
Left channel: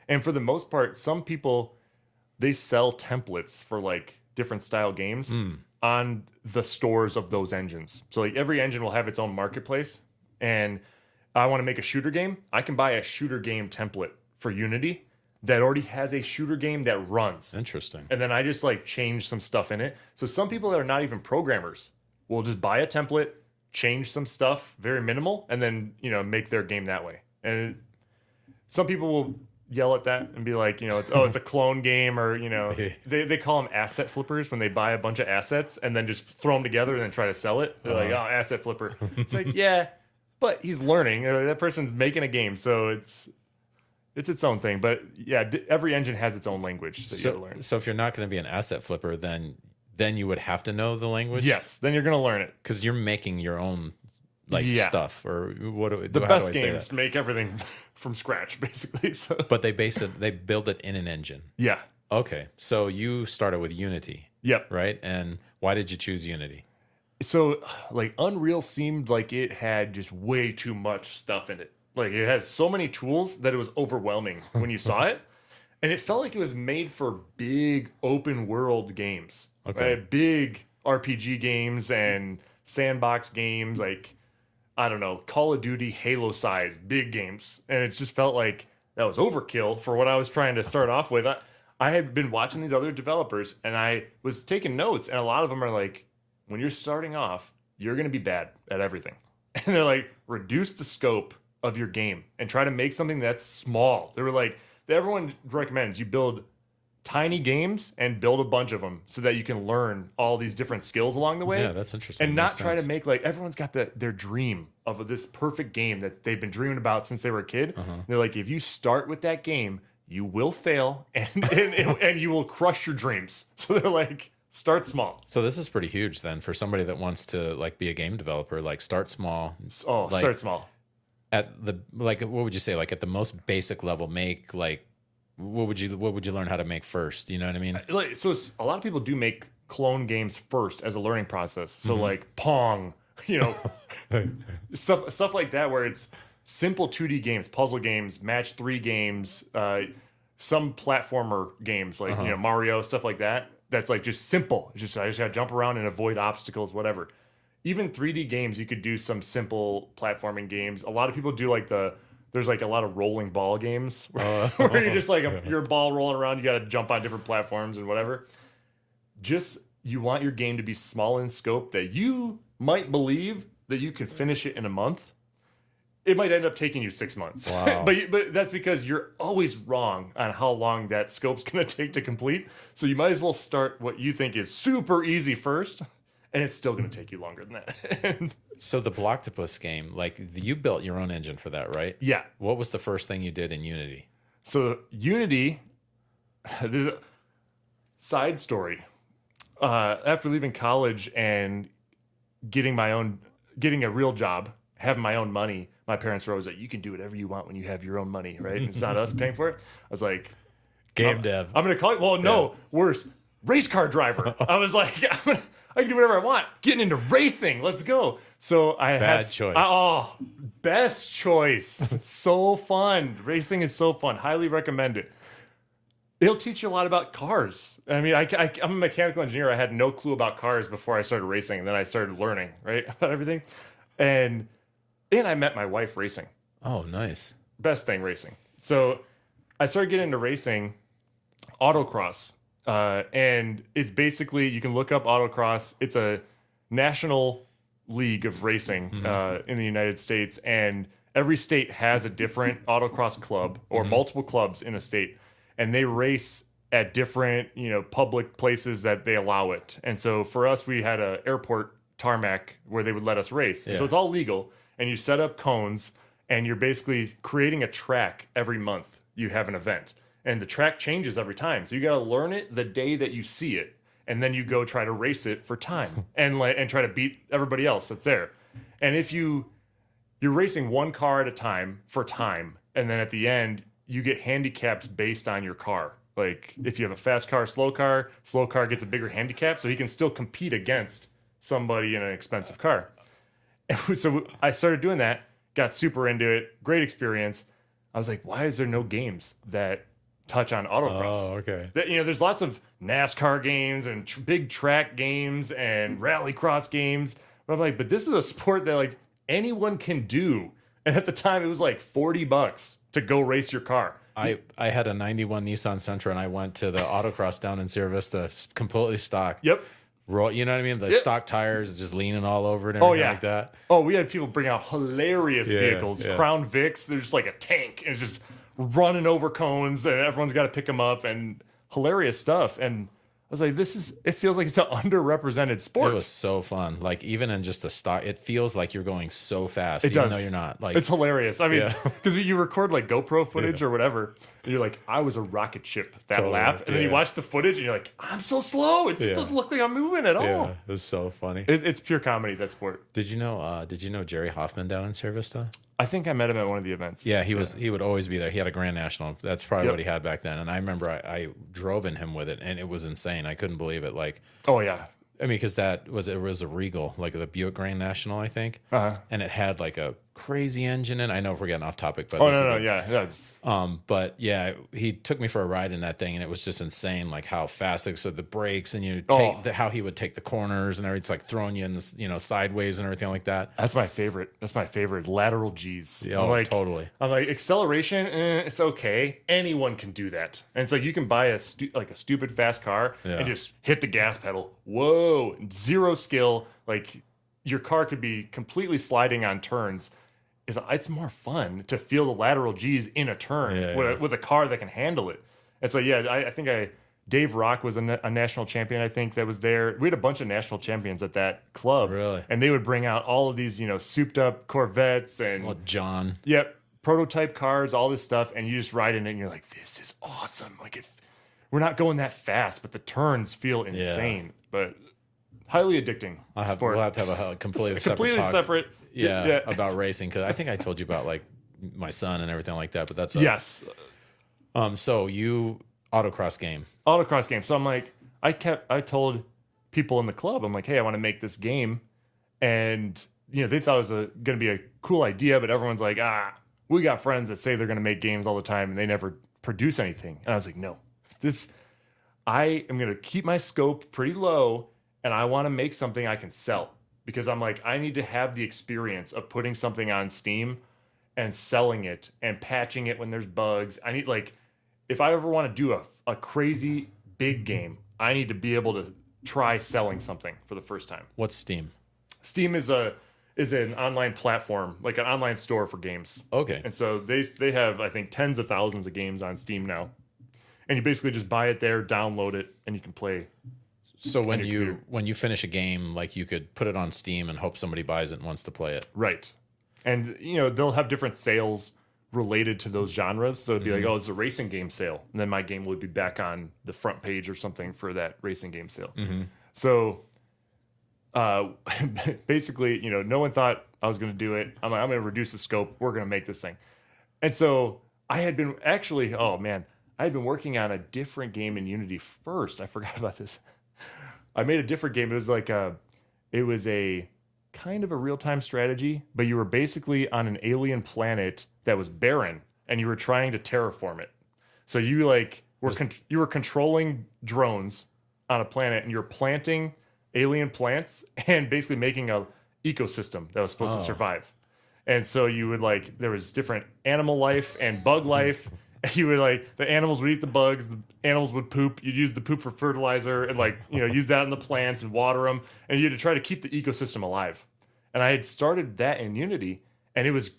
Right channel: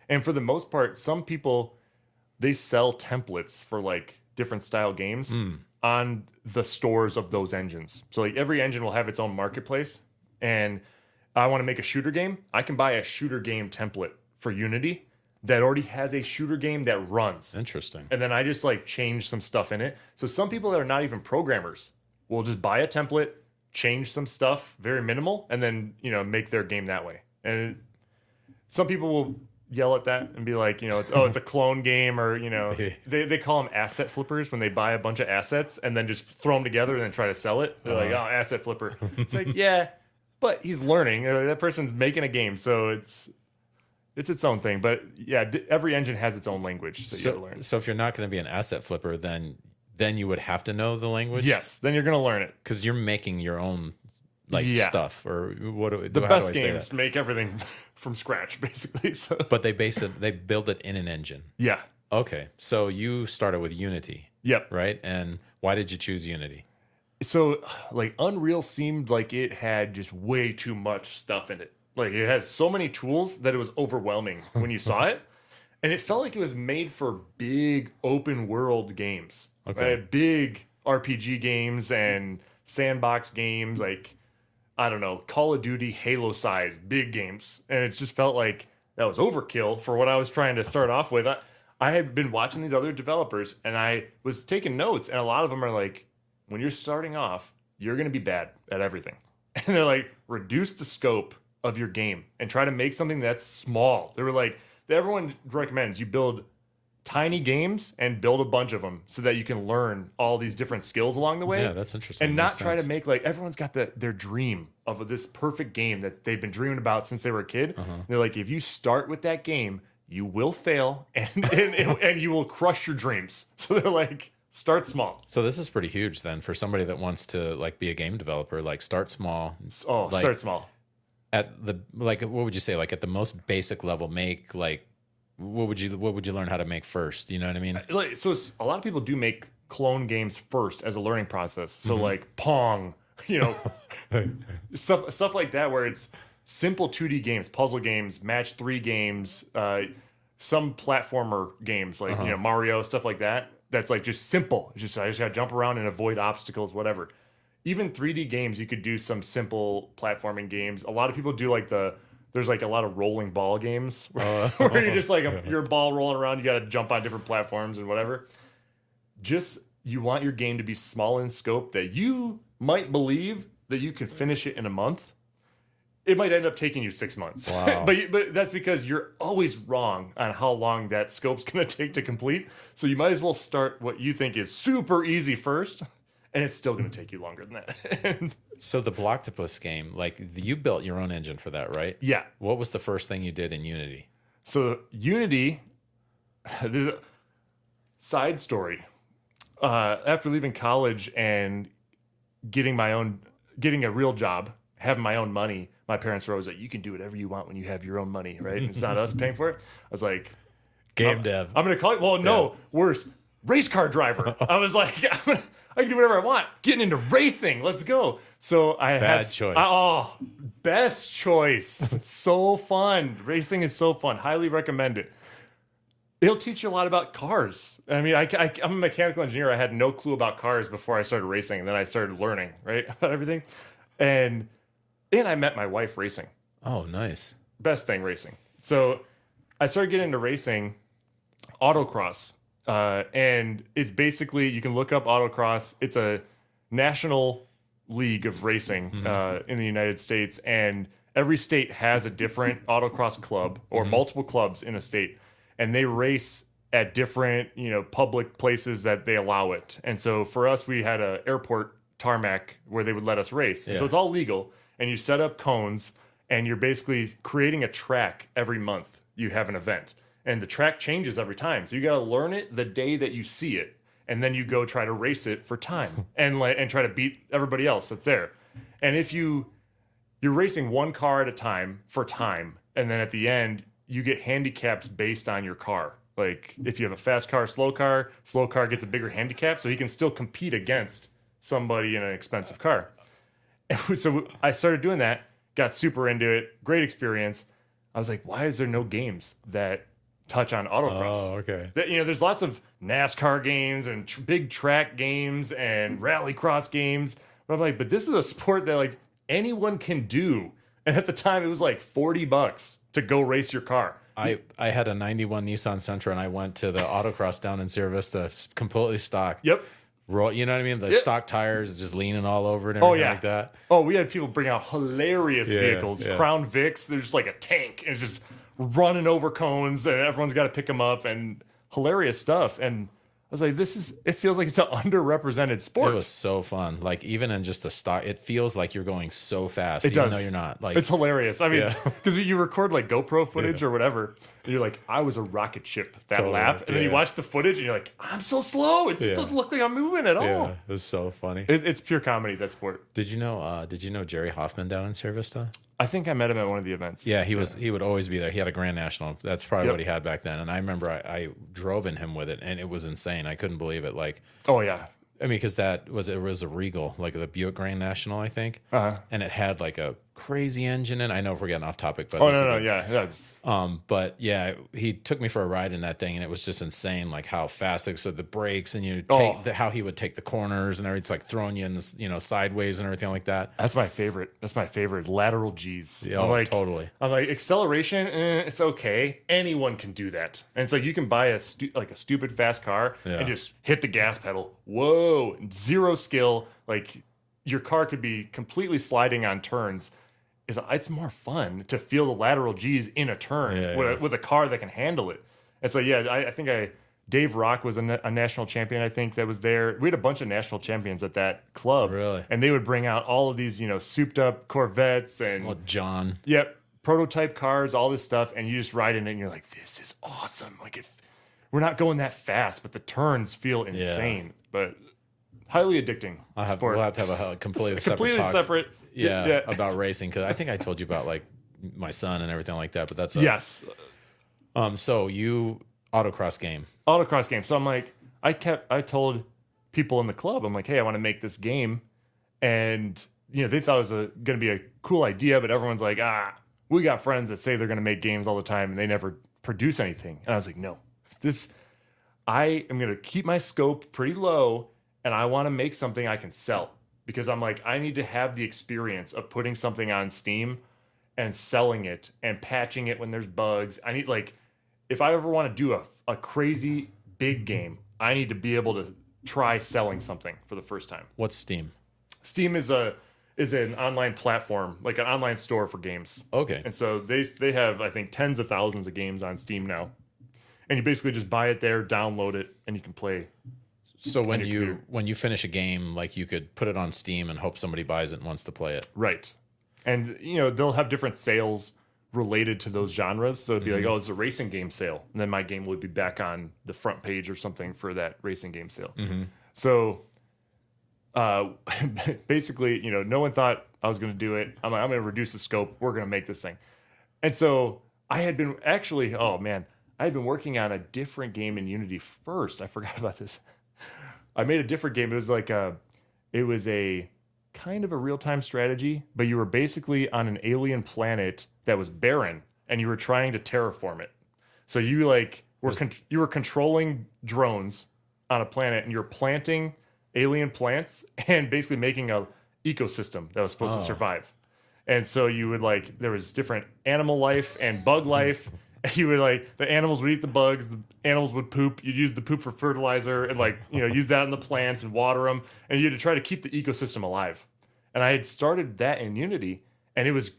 And for the most part, some people, they sell templates for different style games on the stores of those engines. So every engine will have its own marketplace, and I want to make a shooter game. I can buy a shooter game template for Unity that already has a shooter game that runs. Interesting. And then I just change some stuff in it. So some people that are not even programmers will just buy a template, change some stuff, very minimal, and then make their game that way. And some people will yell at that and be like, it's a clone game, or they call them asset flippers when they buy a bunch of assets and then just throw them together and then try to sell it. They're like, oh, asset flipper. It's like, yeah, but he's learning. That person's making a game, so it's its own thing. But yeah, every engine has its own language that you have to learn. So if you're not going to be an asset flipper, then you would have to know the language. Yes, then you're going to learn it because you're making your own stuff, or the best games make everything from scratch basically. So. But they build it in an engine. Yeah. Okay, so you started with Unity. Yep. Right, and why did you choose Unity? So like Unreal seemed like it had just way too much stuff in it. Like it had so many tools that it was overwhelming when you saw it, and it felt like it was made for big open world games. Okay. Right? Big RPG games and sandbox games, like, I don't know, Call of Duty, Halo size, big games. And it just felt like that was overkill for what I was trying to start off with. I had been watching these other developers and I was taking notes, and a lot of them are like, when you're starting off, you're going to be bad at everything. And they're like, reduce the scope of your game and try to make something that's small. They were like, everyone recommends you build tiny games and build a bunch of them so that you can learn all these different skills along the way. Yeah, that's interesting. And not try to make, like, everyone's got their dream of this perfect game that they've been dreaming about since they were a kid. They're like, if you start with that game, you will fail and you will crush your dreams. So they're like, start small. So this is pretty huge then for somebody that wants to like be a game developer. Like, start small. Oh, like, start small. At the, like, what would you say? Like at the most basic level, make like, what would you learn how to make first? You know what I mean? So a lot of people do make clone games first as a learning process. So like Pong, stuff like that, where it's simple 2D games, puzzle games, match 3 games, some platformer games like Mario, stuff like that. That's like just simple. It's just I just gotta jump around and avoid obstacles, whatever. Even 3D games, you could do some simple platforming games. A lot of people do like there's like a lot of rolling ball games where you're just like your ball rolling around. You got to jump on different platforms and whatever. Just, you want your game to be small in scope that you might believe that you could finish it in a month. It might end up taking you 6 months. Wow. but that's because you're always wrong on how long that scope's going to take to complete. So you might as well start what you think is super easy first, and it's still going to take you longer than that. So the Blocktopus game, like, you built your own engine for that, right? Yeah. What was the first thing you did in Unity? So Unity, there's a side story. After leaving college and getting a real job, having my own money, my parents were always like, you can do whatever you want when you have your own money, right? It's not us paying for it. I was like, game dev. I'm going to call it, well, no, worse, race car driver. I was like, I can do whatever I want. Getting into racing. Let's go. So Bad choice. Oh, best choice. So fun. Racing is so fun. Highly recommend it. It'll teach you a lot about cars. I mean, I'm a mechanical engineer. I had no clue about cars before I started racing. And then I started learning, right, about everything. And I met my wife racing. Oh, nice. Best thing, racing. So I started getting into racing, autocross. And it's basically, you can look up autocross. It's a national league of racing in the United States, and every state has a different autocross club or multiple clubs in a state, and they race at different public places that they allow it. And so for us, we had a airport tarmac where they would let us race. And so it's all legal, and you set up cones, and you're basically creating a track every month. You have an event. And the track changes every time. So you got to learn it the day that you see it. And then you go try to race it for time and try to beat everybody else that's there. And if you're racing one car at a time for time, and then at the end, you get handicaps based on your car. Like if you have a fast car, slow car gets a bigger handicap, so he can still compete against somebody in an expensive car. And so I started doing that, got super into it, great experience. I was like, why is there no games that touch on autocross? Oh, okay. There's lots of NASCAR games and big track games and rallycross games. But I'm like, but this is a sport that like anyone can do. And at the time, it was like $40 to go race your car. I had a 91 Nissan Sentra, and I went to the autocross down in Sierra Vista, completely stock. Yep. You know what I mean? The stock tires just leaning all over it and everything like that. Oh, we had people bring out hilarious vehicles. Yeah. Crown Vics, they're just like a tank. And it's just running over cones and everyone's got to pick them up and hilarious stuff. And I was like, it feels like it's an underrepresented sport. It was so fun. Like even in just a stock, it feels like you're going so fast. It even does. though you're not. Like it's hilarious. I mean, Yeah. because you record like GoPro footage or whatever, and you're like, I was a rocket ship that Totally. lap, and then you watch the footage and you're like, I'm so slow. It just doesn't look like I'm moving at all. Yeah, it was so funny. It's pure comedy, that sport. Did you know Jerry Hoffman down in Cervista? I think I met him at one of the events. Yeah, he would always be there. He had a Grand National. That's probably what he had back then. And I remember I drove in him with it, and it was insane. I couldn't believe it. Like, oh yeah, I mean, because it was a Regal, like the Buick Grand National, I think, and it had like a crazy engine in. I know if we're getting off topic, but but yeah, he took me for a ride in that thing, and it was just insane, like how fast it the brakes, and how he would take the corners and everything. It's like throwing you in this, sideways and everything like that. That's my favorite. Lateral G's. Oh, totally. I'm like, acceleration, it's okay. Anyone can do that. And it's like you can buy a stupid fast car and just hit the gas pedal. Whoa, zero skill. Like your car could be completely sliding on turns. It's more fun to feel the lateral G's in a turn with a car that can handle it. And so I think Dave Rock was a national champion, I think, that was there. We had a bunch of national champions at that club. Really? And they would bring out all of these, souped up Corvettes and John. Yep. Prototype cars, all this stuff, and you just ride in it and you're like, this is awesome. Like we're not going that fast, but the turns feel insane. But highly addicting. We'll sport. have to have a completely separate. Yeah, about racing, because I think I told you about like my son and everything like that. But that's yes. So you autocross game. So I'm like, I told people in the club, I'm like, hey, I want to make this game, and they thought it was going to be a cool idea, but everyone's like, we got friends that say they're going to make games all the time and they never produce anything. And I was like, no, I am going to keep my scope pretty low, and I want to make something I can sell. Because I'm like, I need to have the experience of putting something on Steam and selling it and patching it when there's bugs. I need, like, if I ever want to do a crazy big game, I need to be able to try selling something for the first time. What's Steam? Steam is an online platform, like an online store for games. Okay. And so they have, I think, tens of thousands of games on Steam now. And you basically just buy it there, download it, and you can play. So when you finish a game, like you could put it on Steam and hope somebody buys it and wants to play it. Right. And they'll have different sales related to those genres. So it'd be like, oh, it's a racing game sale. And then my game would be back on the front page or something for that racing game sale. Mm-hmm. So basically, no one thought I was going to do it. I'm like, I'm going to reduce the scope. We're going to make this thing. And so I had been working on a different game in Unity first. I forgot about this. I made a different game. It was a kind of a real-time strategy, but you were basically on an alien planet that was barren, and you were trying to terraform it. So you were controlling drones on a planet, and you were planting alien plants and basically making a ecosystem that was supposed to survive. And so you would there was different animal life and bug life. You would the animals would eat the bugs, the animals would poop. You'd use the poop for fertilizer and use that in the plants and water them. And you had to try to keep the ecosystem alive. And I had started that in Unity, and it was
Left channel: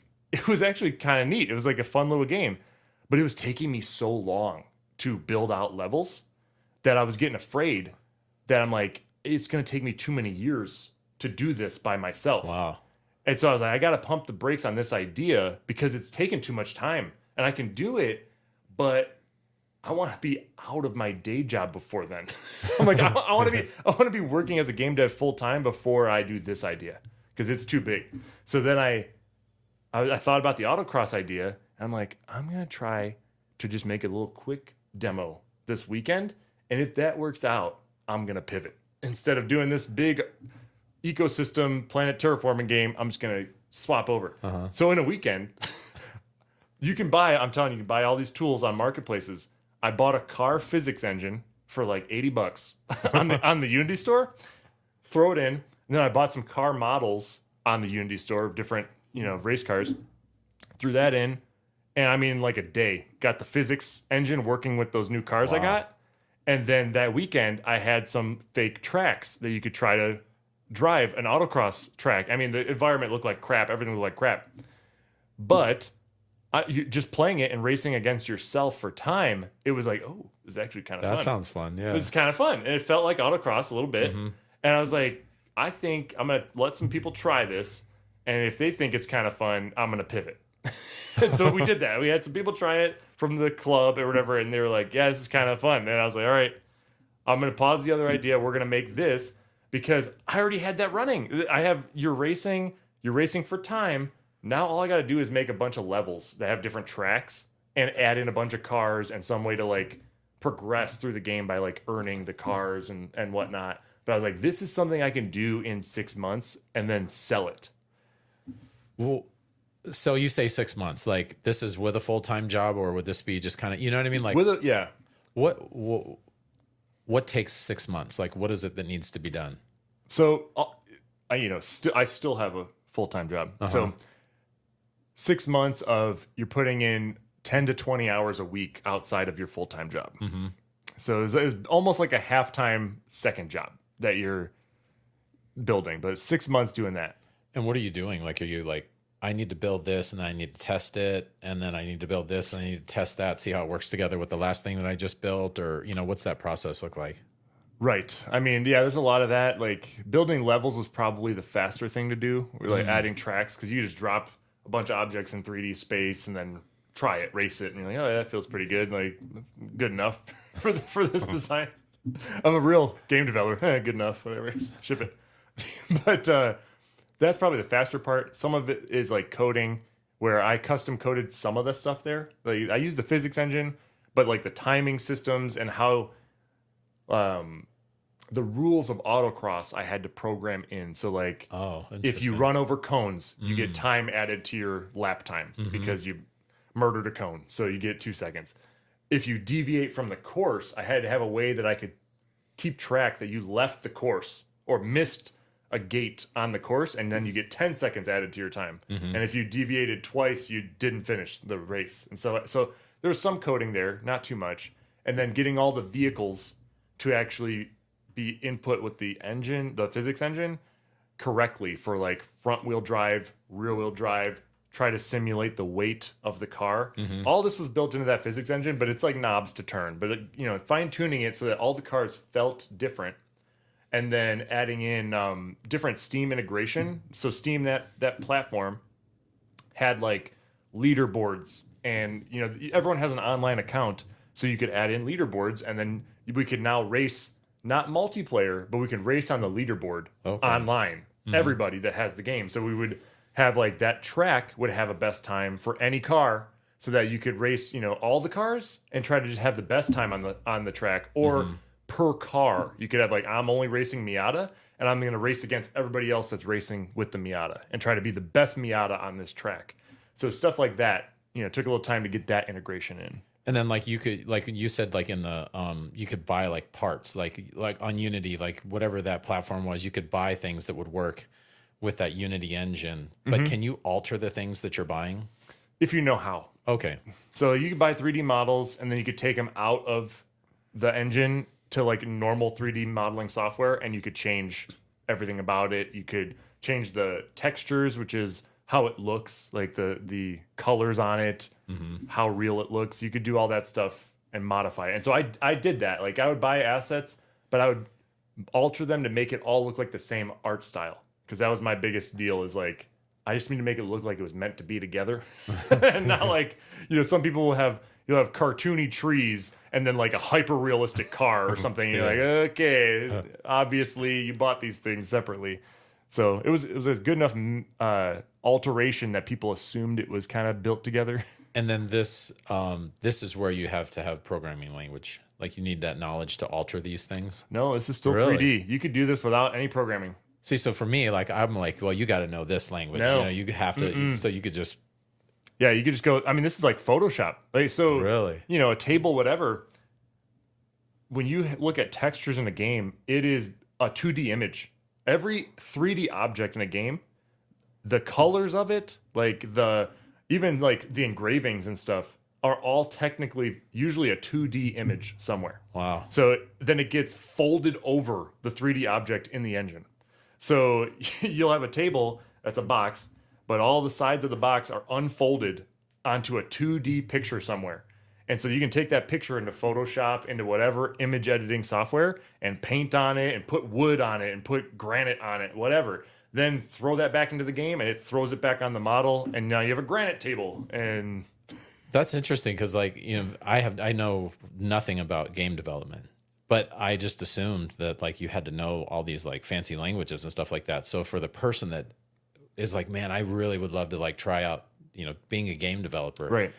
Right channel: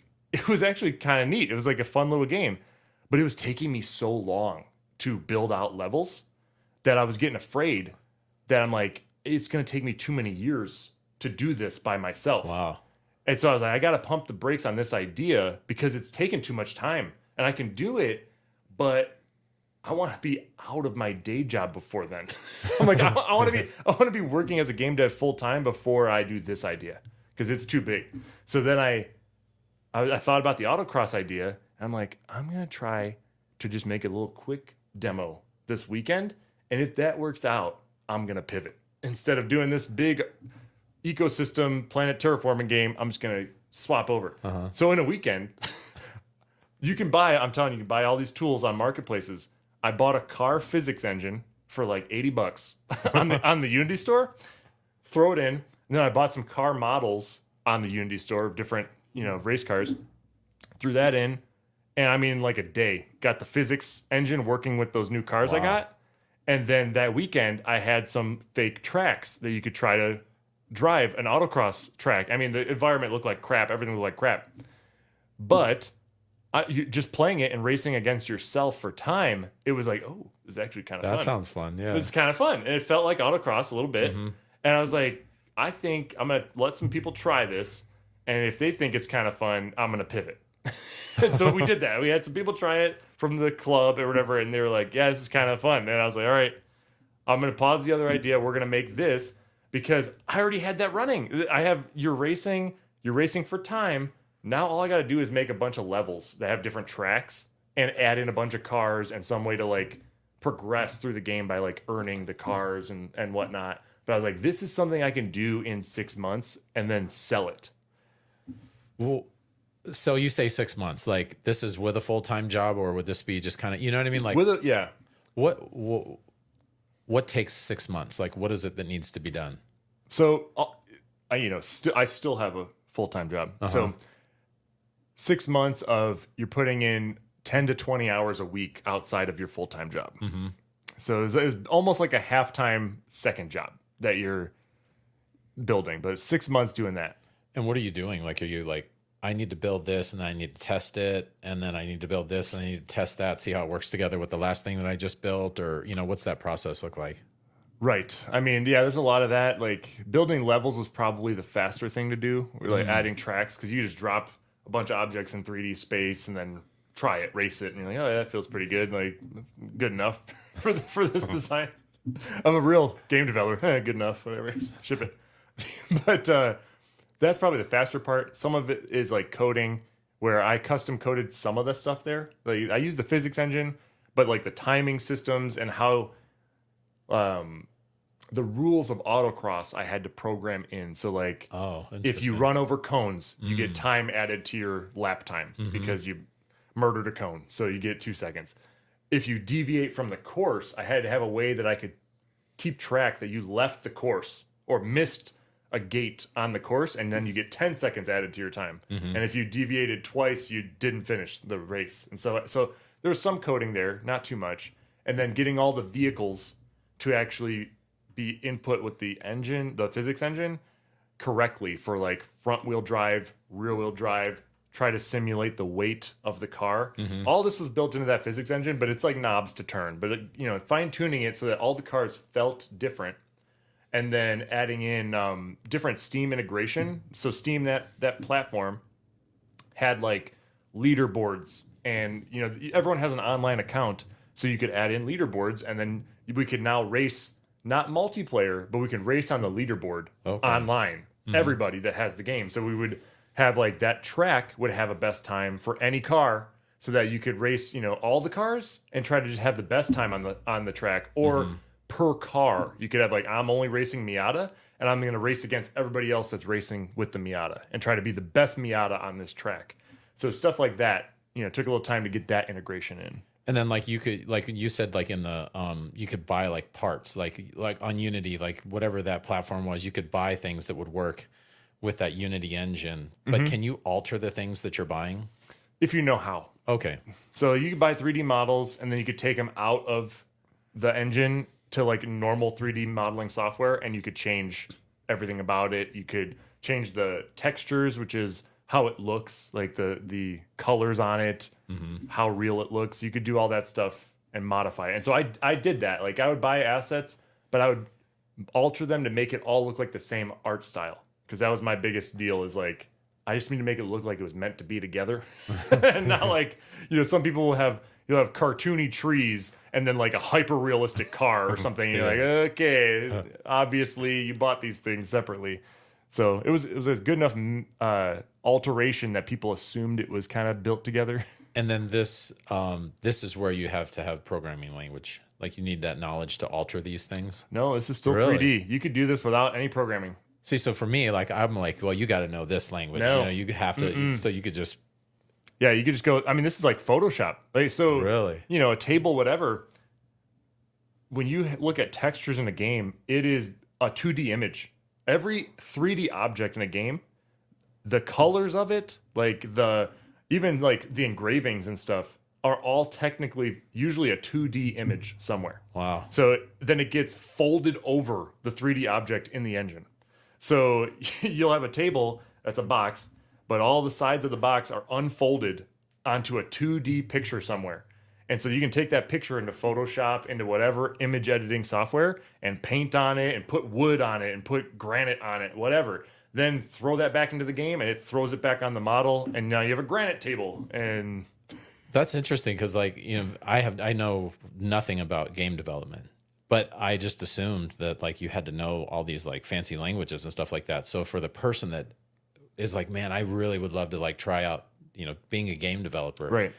actually kind of neat. It was like a fun little game, but it was taking me so long to build out levels that I was getting afraid that I'm like, it's going to take me too many years to do this by myself. Wow. And so I was like, I got to pump the brakes on this idea because it's taken too much time, and I can do it, but I want to be out of my day job before then. I'm like, I want to be working as a game dev full time before I do this idea because it's too big. So then I thought about the autocross idea, and I'm like, I'm going to try to just make a little quick demo this weekend, and if that works out, I'm going to pivot. Instead of doing this big ecosystem planet terraforming game, I'm just going to swap over. Uh-huh. So in a weekend, you can buy all these tools on marketplaces. I bought a car physics engine for like $80 on the Unity store, throw it in, and then I bought some car models on the Unity store of different, race cars, threw that in, and I mean, like a day, got the physics engine working with those new cars I got. And then that weekend, I had some fake tracks that you could try to drive an autocross track. I mean, the environment looked like crap. Everything looked like crap. But just playing it and racing against yourself for time, it was like, oh, this is actually kind of fun. That sounds fun. Yeah. It's kind of fun. And it felt like autocross a little bit. Mm-hmm. And I was like, I think I'm going to let some people try this. And if they think it's kind of fun, I'm going to pivot. And so we did that. We had some people try it from the club or whatever. And they were like, yeah, this is kind of fun. And I was like, all right, I'm going to pause the other idea. We're going to make this because I already had that running. You're racing for time. Now all I got to do is make a bunch of levels that have different tracks and add in a bunch of cars and some way to like progress through the game by like earning the cars and whatnot. But I was like, this is something I can do in 6 months and then sell it. Well, so you say 6 months, like this is with a full-time job, or would this be just kind of, you know what I mean? Like yeah. What takes 6 months? Like, what is it that needs to be done? So I still have a full-time job. So 6 months of you're putting in 10 to 20 hours a week outside of your full-time job. Mm-hmm. So it was almost like a half-time second job that you're building, but 6 months doing that. And what are you doing? Like, are you like, I need to build this and then I need to test it, and then I need to build this and I need to test that, see how it works together with the last thing that I just built, or, what's that process look like? Right. I mean, yeah, there's a lot of that. Like building levels was probably the faster thing to do. We're like adding tracks because you just drop a bunch of objects in 3D space and then try it, race it, and you're like, oh, yeah, that feels pretty good. Like, that's good enough for this design. I'm a real game developer. Good enough, whatever. Ship it. But that's probably the faster part. Some of it is like coding, where I custom coded some of the stuff there. Like I use the physics engine, but like the timing systems and how the rules of autocross I had to program in. So like if you run over cones, you get time added to your lap time because you murdered a cone. So you get 2 seconds. If you deviate from the course, I had to have a way that I could keep track that you left the course or missed a gate on the course, and then you get 10 seconds added to your time. And if you deviated twice, you didn't finish the race. And so there was some coding there, not too much. And then getting all the vehicles to actually be input with the engine, the physics engine, correctly for like front wheel drive, rear wheel drive, try to simulate the weight of the car. All this was built into that physics engine, but it's like knobs to turn. But fine tuning it so that all the cars felt different, and then adding in different Steam integration. So Steam, that platform, had like leaderboards, and everyone has an online account, so you could add in leaderboards, and then we could now race, not multiplayer, but we could race on the leaderboard online. Everybody that has the game. So we would have like that track would have a best time for any car, so that you could race, all the cars and try to just have the best time on the track, or per car. You could have like, I'm only racing Miata, and I'm going to race against everybody else that's racing with the Miata and try to be the best Miata on this track. So stuff like that, took a little time to get that integration in. And then like you could, like you said, like in the you could buy like parts, like on Unity, like whatever that platform was, you could buy things that would work with that Unity engine. But can you alter the things that you're buying? If you know how. Okay. So you could buy 3D models, and then you could take them out of the engine to like normal 3D modeling software, and you could change everything about it. You could change the textures, which is how it looks, like the colors on it, how real it looks. You could do all that stuff and modify it. And so I did that. Like I would buy assets, but I would alter them to make it all look like the same art style, because that was my biggest deal, is like I just need to make it look like it was meant to be together. And not like, some people will have, you'll have cartoony trees and then like a hyper realistic car or something. You're like, okay, obviously you bought these things separately. So it was a good enough alteration that people assumed it was kind of built together. And then this is where you have to have programming language. Like you need that knowledge to alter these things. No, this is still 3D. You could do this without any programming. See, so for me, like I'm like, well, you got to know this language. No. You have to. So you could just. Yeah, you could just go. I mean, this is like Photoshop. Like so. Really. A table, whatever. When you look at textures in a game, it is a 2D image. Every 3D object in a game, the colors of it, even the engravings and stuff, are all technically usually a 2D image somewhere. Wow. So then it gets folded over the 3D object in the engine. So you'll have a table that's a box, but all the sides of the box are unfolded onto a 2D picture somewhere. And so you can take that picture into Photoshop, into whatever image editing software, and paint on it, and put wood on it, and put granite on it, whatever. Then throw that back into the game, and it throws it back on the model, and now you have a granite table. And that's interesting because, like, you know, I know nothing about game development, but I just assumed that like you had to know all these like fancy languages and stuff like that. So for the person that is like, man, I really would love to like try out, you know, being a game developer. right.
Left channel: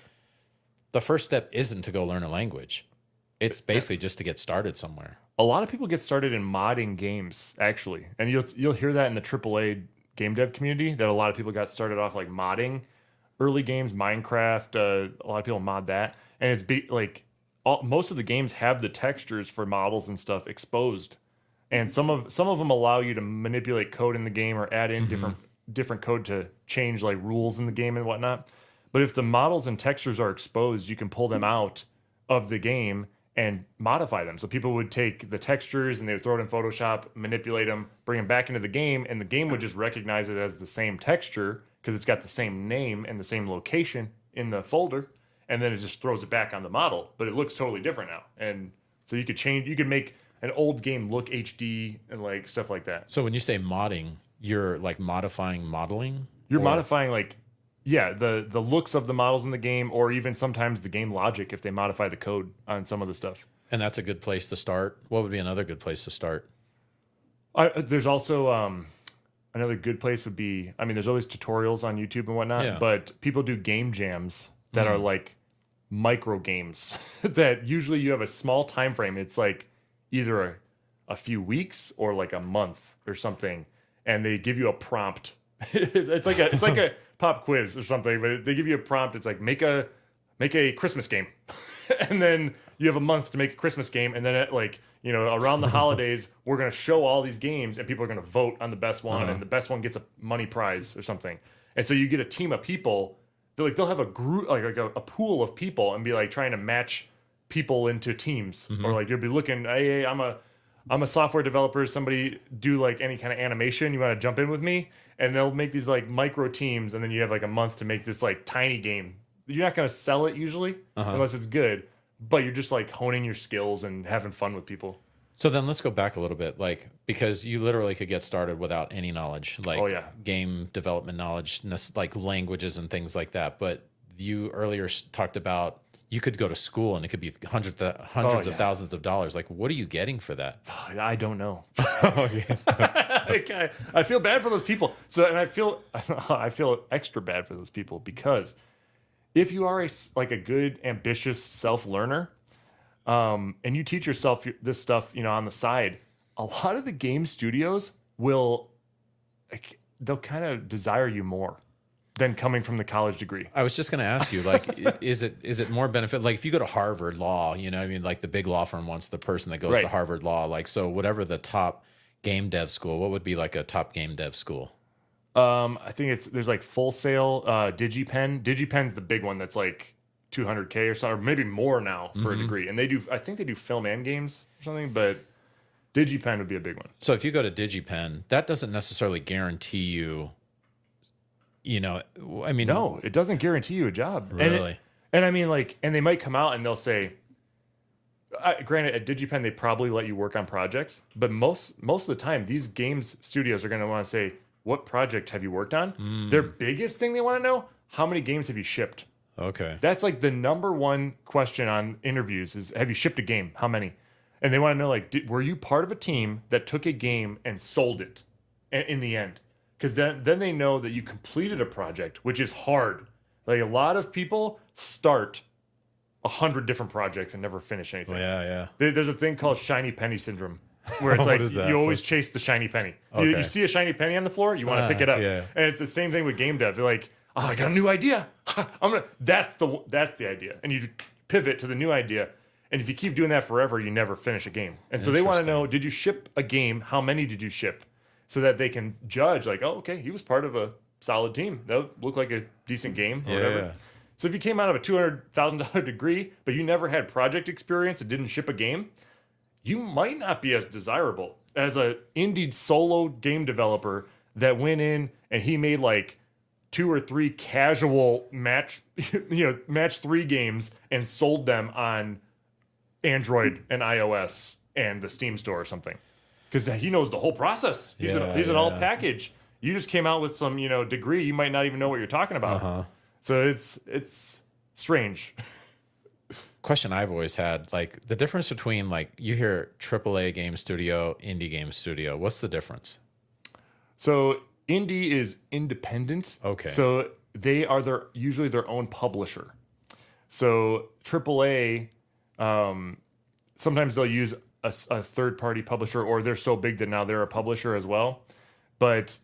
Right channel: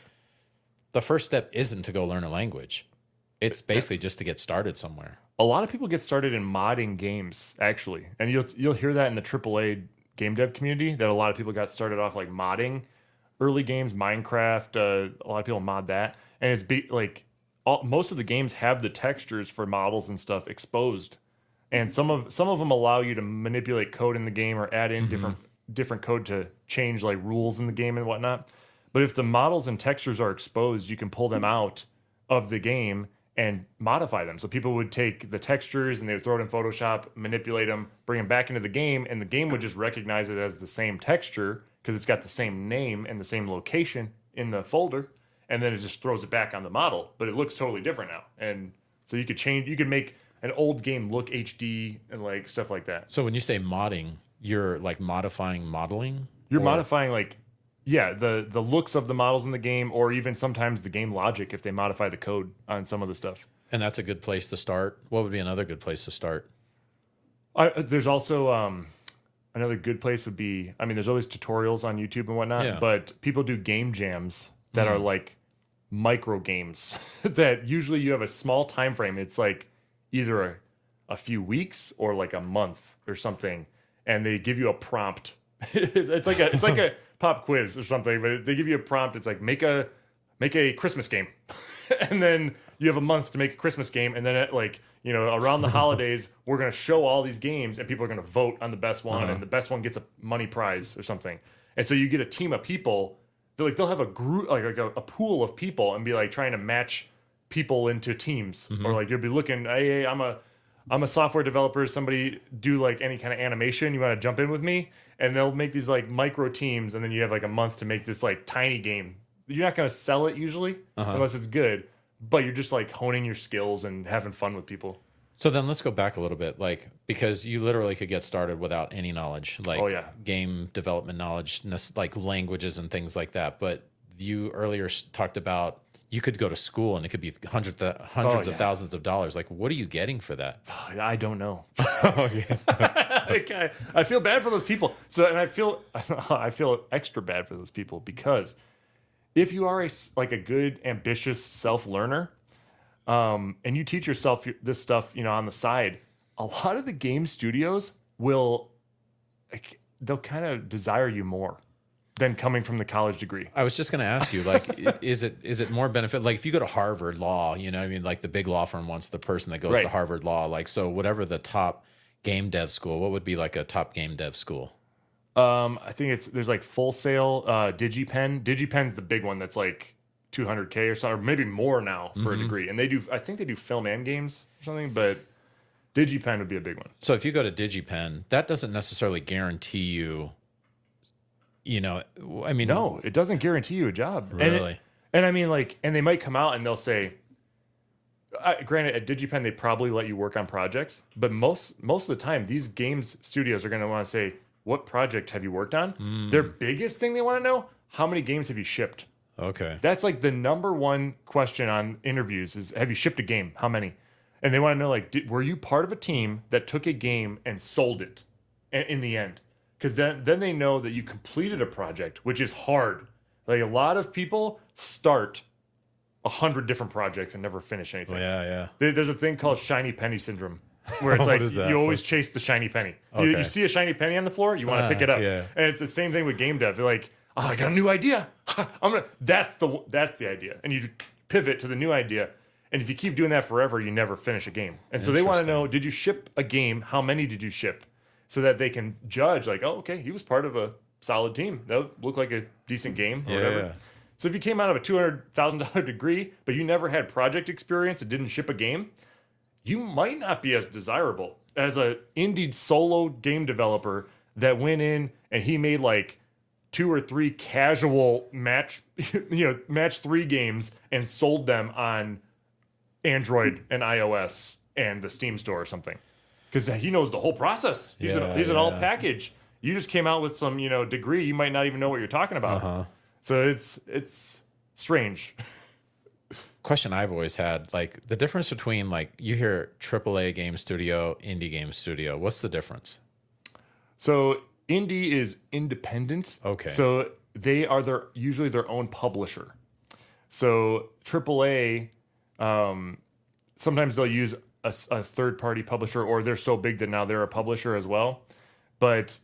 The first step isn't to go learn a language. It's basically just to get started somewhere. A lot of people get started in modding games, actually, and you'll hear that in the AAA game dev community, that a lot of people got started off like modding early games, Minecraft. A lot of people mod that, and it's most of the games have the textures for models and stuff exposed, and some of them allow you to manipulate code in the game or add in different code to change like rules in the game and whatnot. But if the models and textures are exposed, you can pull them out of the game and modify them. So people would take the textures and they would throw it in Photoshop, manipulate them, bring them back into the game, and the game would just recognize it as the same texture because it's got the same name and the same location in the folder, and then it just throws it back on the model, but it looks totally different now. And so you could make an old game look HD and like stuff like that. So when you say modding, you're like modifying modeling? You're modifying like, yeah, the looks of the models in the game, or even sometimes the game logic if they modify the code on some of the stuff. And that's a good place to start. What would be another good place to start? There's also another good place would be, I mean, there's always tutorials on YouTube and whatnot, but people do game jams that are like micro games that usually you have a small time frame. It's like either a few weeks or like a month or something, and they give you a prompt. it's like a pop quiz or something, but they give you a prompt. It's like make a Christmas game, and then you have a month to make a Christmas game, and then at like, you know, around the holidays we're gonna show all these games and people are gonna vote on the best one, and the best one gets a money prize or something. And so you get a team of people. They'll have a group, like a pool of people, and be like trying to match people into teams, or like you'll be looking, hey, I'm a software developer. Somebody do like any kind of animation. You want to jump in with me? And they'll make these like micro teams, and then you have like a month to make this like tiny game. You're not going to sell it usually unless it's good, but you're just like honing your skills and having fun with people. So then let's go back a little bit, like, because you literally could get started without any knowledge, like game development knowledge, like languages and things like that. But you earlier talked about you could go to school and it could be hundreds of thousands of dollars. Like, what are you getting for that? I don't know. I feel bad for those people. So, and I feel extra bad for those people because if you are a good, ambitious self-learner, and you teach yourself this stuff, you know, on the side, a lot of the game studios they'll kind of desire you more than coming from the college degree. I was just going to ask you, like, is it more benefit? Like, if you go to Harvard Law, you know what I mean? Like, the big law firm wants the person that goes to Harvard Law. Like, so whatever the top game dev school, what would be like a top game dev school? I think there's like Full Sail, DigiPen. DigiPen's the big one that's like $200K or so, or maybe more now for a degree. And I think they do film and games or something, but DigiPen would be a big one. So if you go to DigiPen, that doesn't necessarily guarantee you, you know, I mean, no, it doesn't guarantee you a job. Really? And I mean, like, and they might come out and they'll say, granted, at DigiPen, they probably let you work on projects, but most of the time, these games studios are going to want to say, what project have you worked on? Their biggest thing they want to know, how many games have you shipped? Okay. That's like the number one question on interviews is, have you shipped a game? How many? And they want to know, like, were you part of a team that took a game and sold it in the end? Because then they know that you completed a project, which is hard. Like, a lot of people start 100 different projects and never finish anything. Yeah. There's a thing called shiny penny syndrome, where it's like you always chase the shiny penny. Okay. You see a shiny penny on the floor, you want to pick it up. Yeah. And it's the same thing with game dev. They're like, oh, I got a new idea. That's the idea. And you pivot to the new idea. And if you keep doing that forever, you never finish a game. And so they want to know, did you ship a game? How many did you ship? So that they can judge, like, oh, okay, he was part of a solid team. That looked like a decent game or whatever. Yeah. So if you came out of a $200,000 degree, but you never had project experience and didn't ship a game, you might not be as desirable as an indie solo game developer that went in and he made like 2 or 3 casual match, match 3 games and sold them on Android and iOS and the Steam store or something. Because he knows the whole process. He's an all package. You just came out with some, degree. You might not even know what you're talking about. So it's strange. Question I've always had, like the difference between like you hear AAA game studio, indie game studio. What's the difference? So indie is independent. Okay. So they are usually their own publisher. So AAA, sometimes they'll use a third-party publisher, or they're so big that now they're a publisher as well. But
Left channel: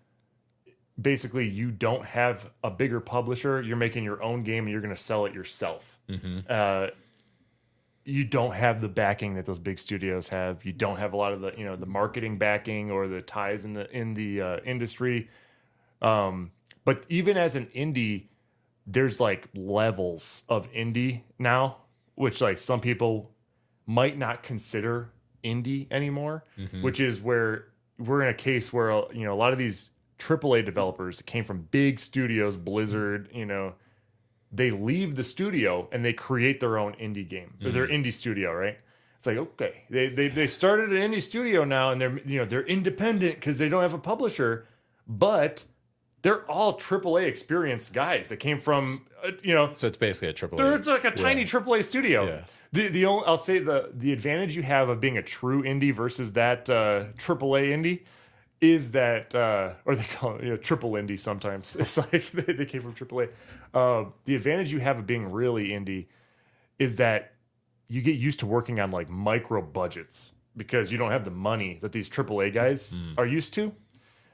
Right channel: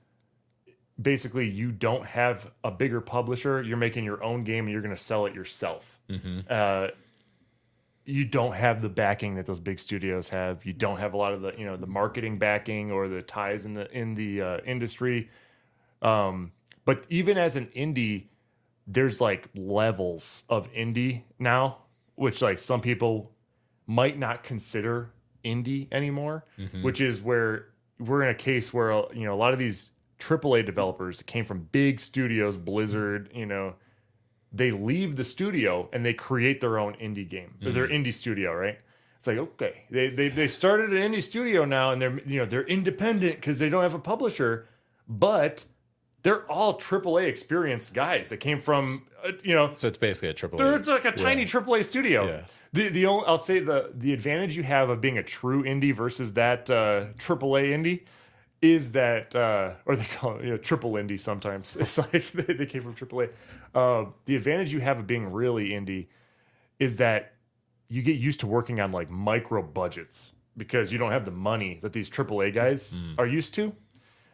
basically, you don't have a bigger publisher. You're making your own game, and you're going to sell it yourself. You don't have the backing that those big studios have. You don't have a lot of the the marketing backing or the ties in the industry. But even as an indie, there's like levels of indie now, which like some people might not consider indie anymore, which is where we're in a case where a lot of these AAA developers came from big studios, Blizzard, they leave the studio and they create their own indie game, or their indie studio, right? It's like, okay, they started an indie studio now, and they're independent because they don't have a publisher, but they're all AAA experienced guys that came from, So it's basically a AAA. It's like a tiny AAA studio. Yeah. I'll say the advantage you have of being a true indie versus that AAA indie is that, or they call it triple indie sometimes. It's like they came from AAA. The advantage you have of being really indie is that you get used to working on like micro budgets because you don't have the money that these AAA guys are used to.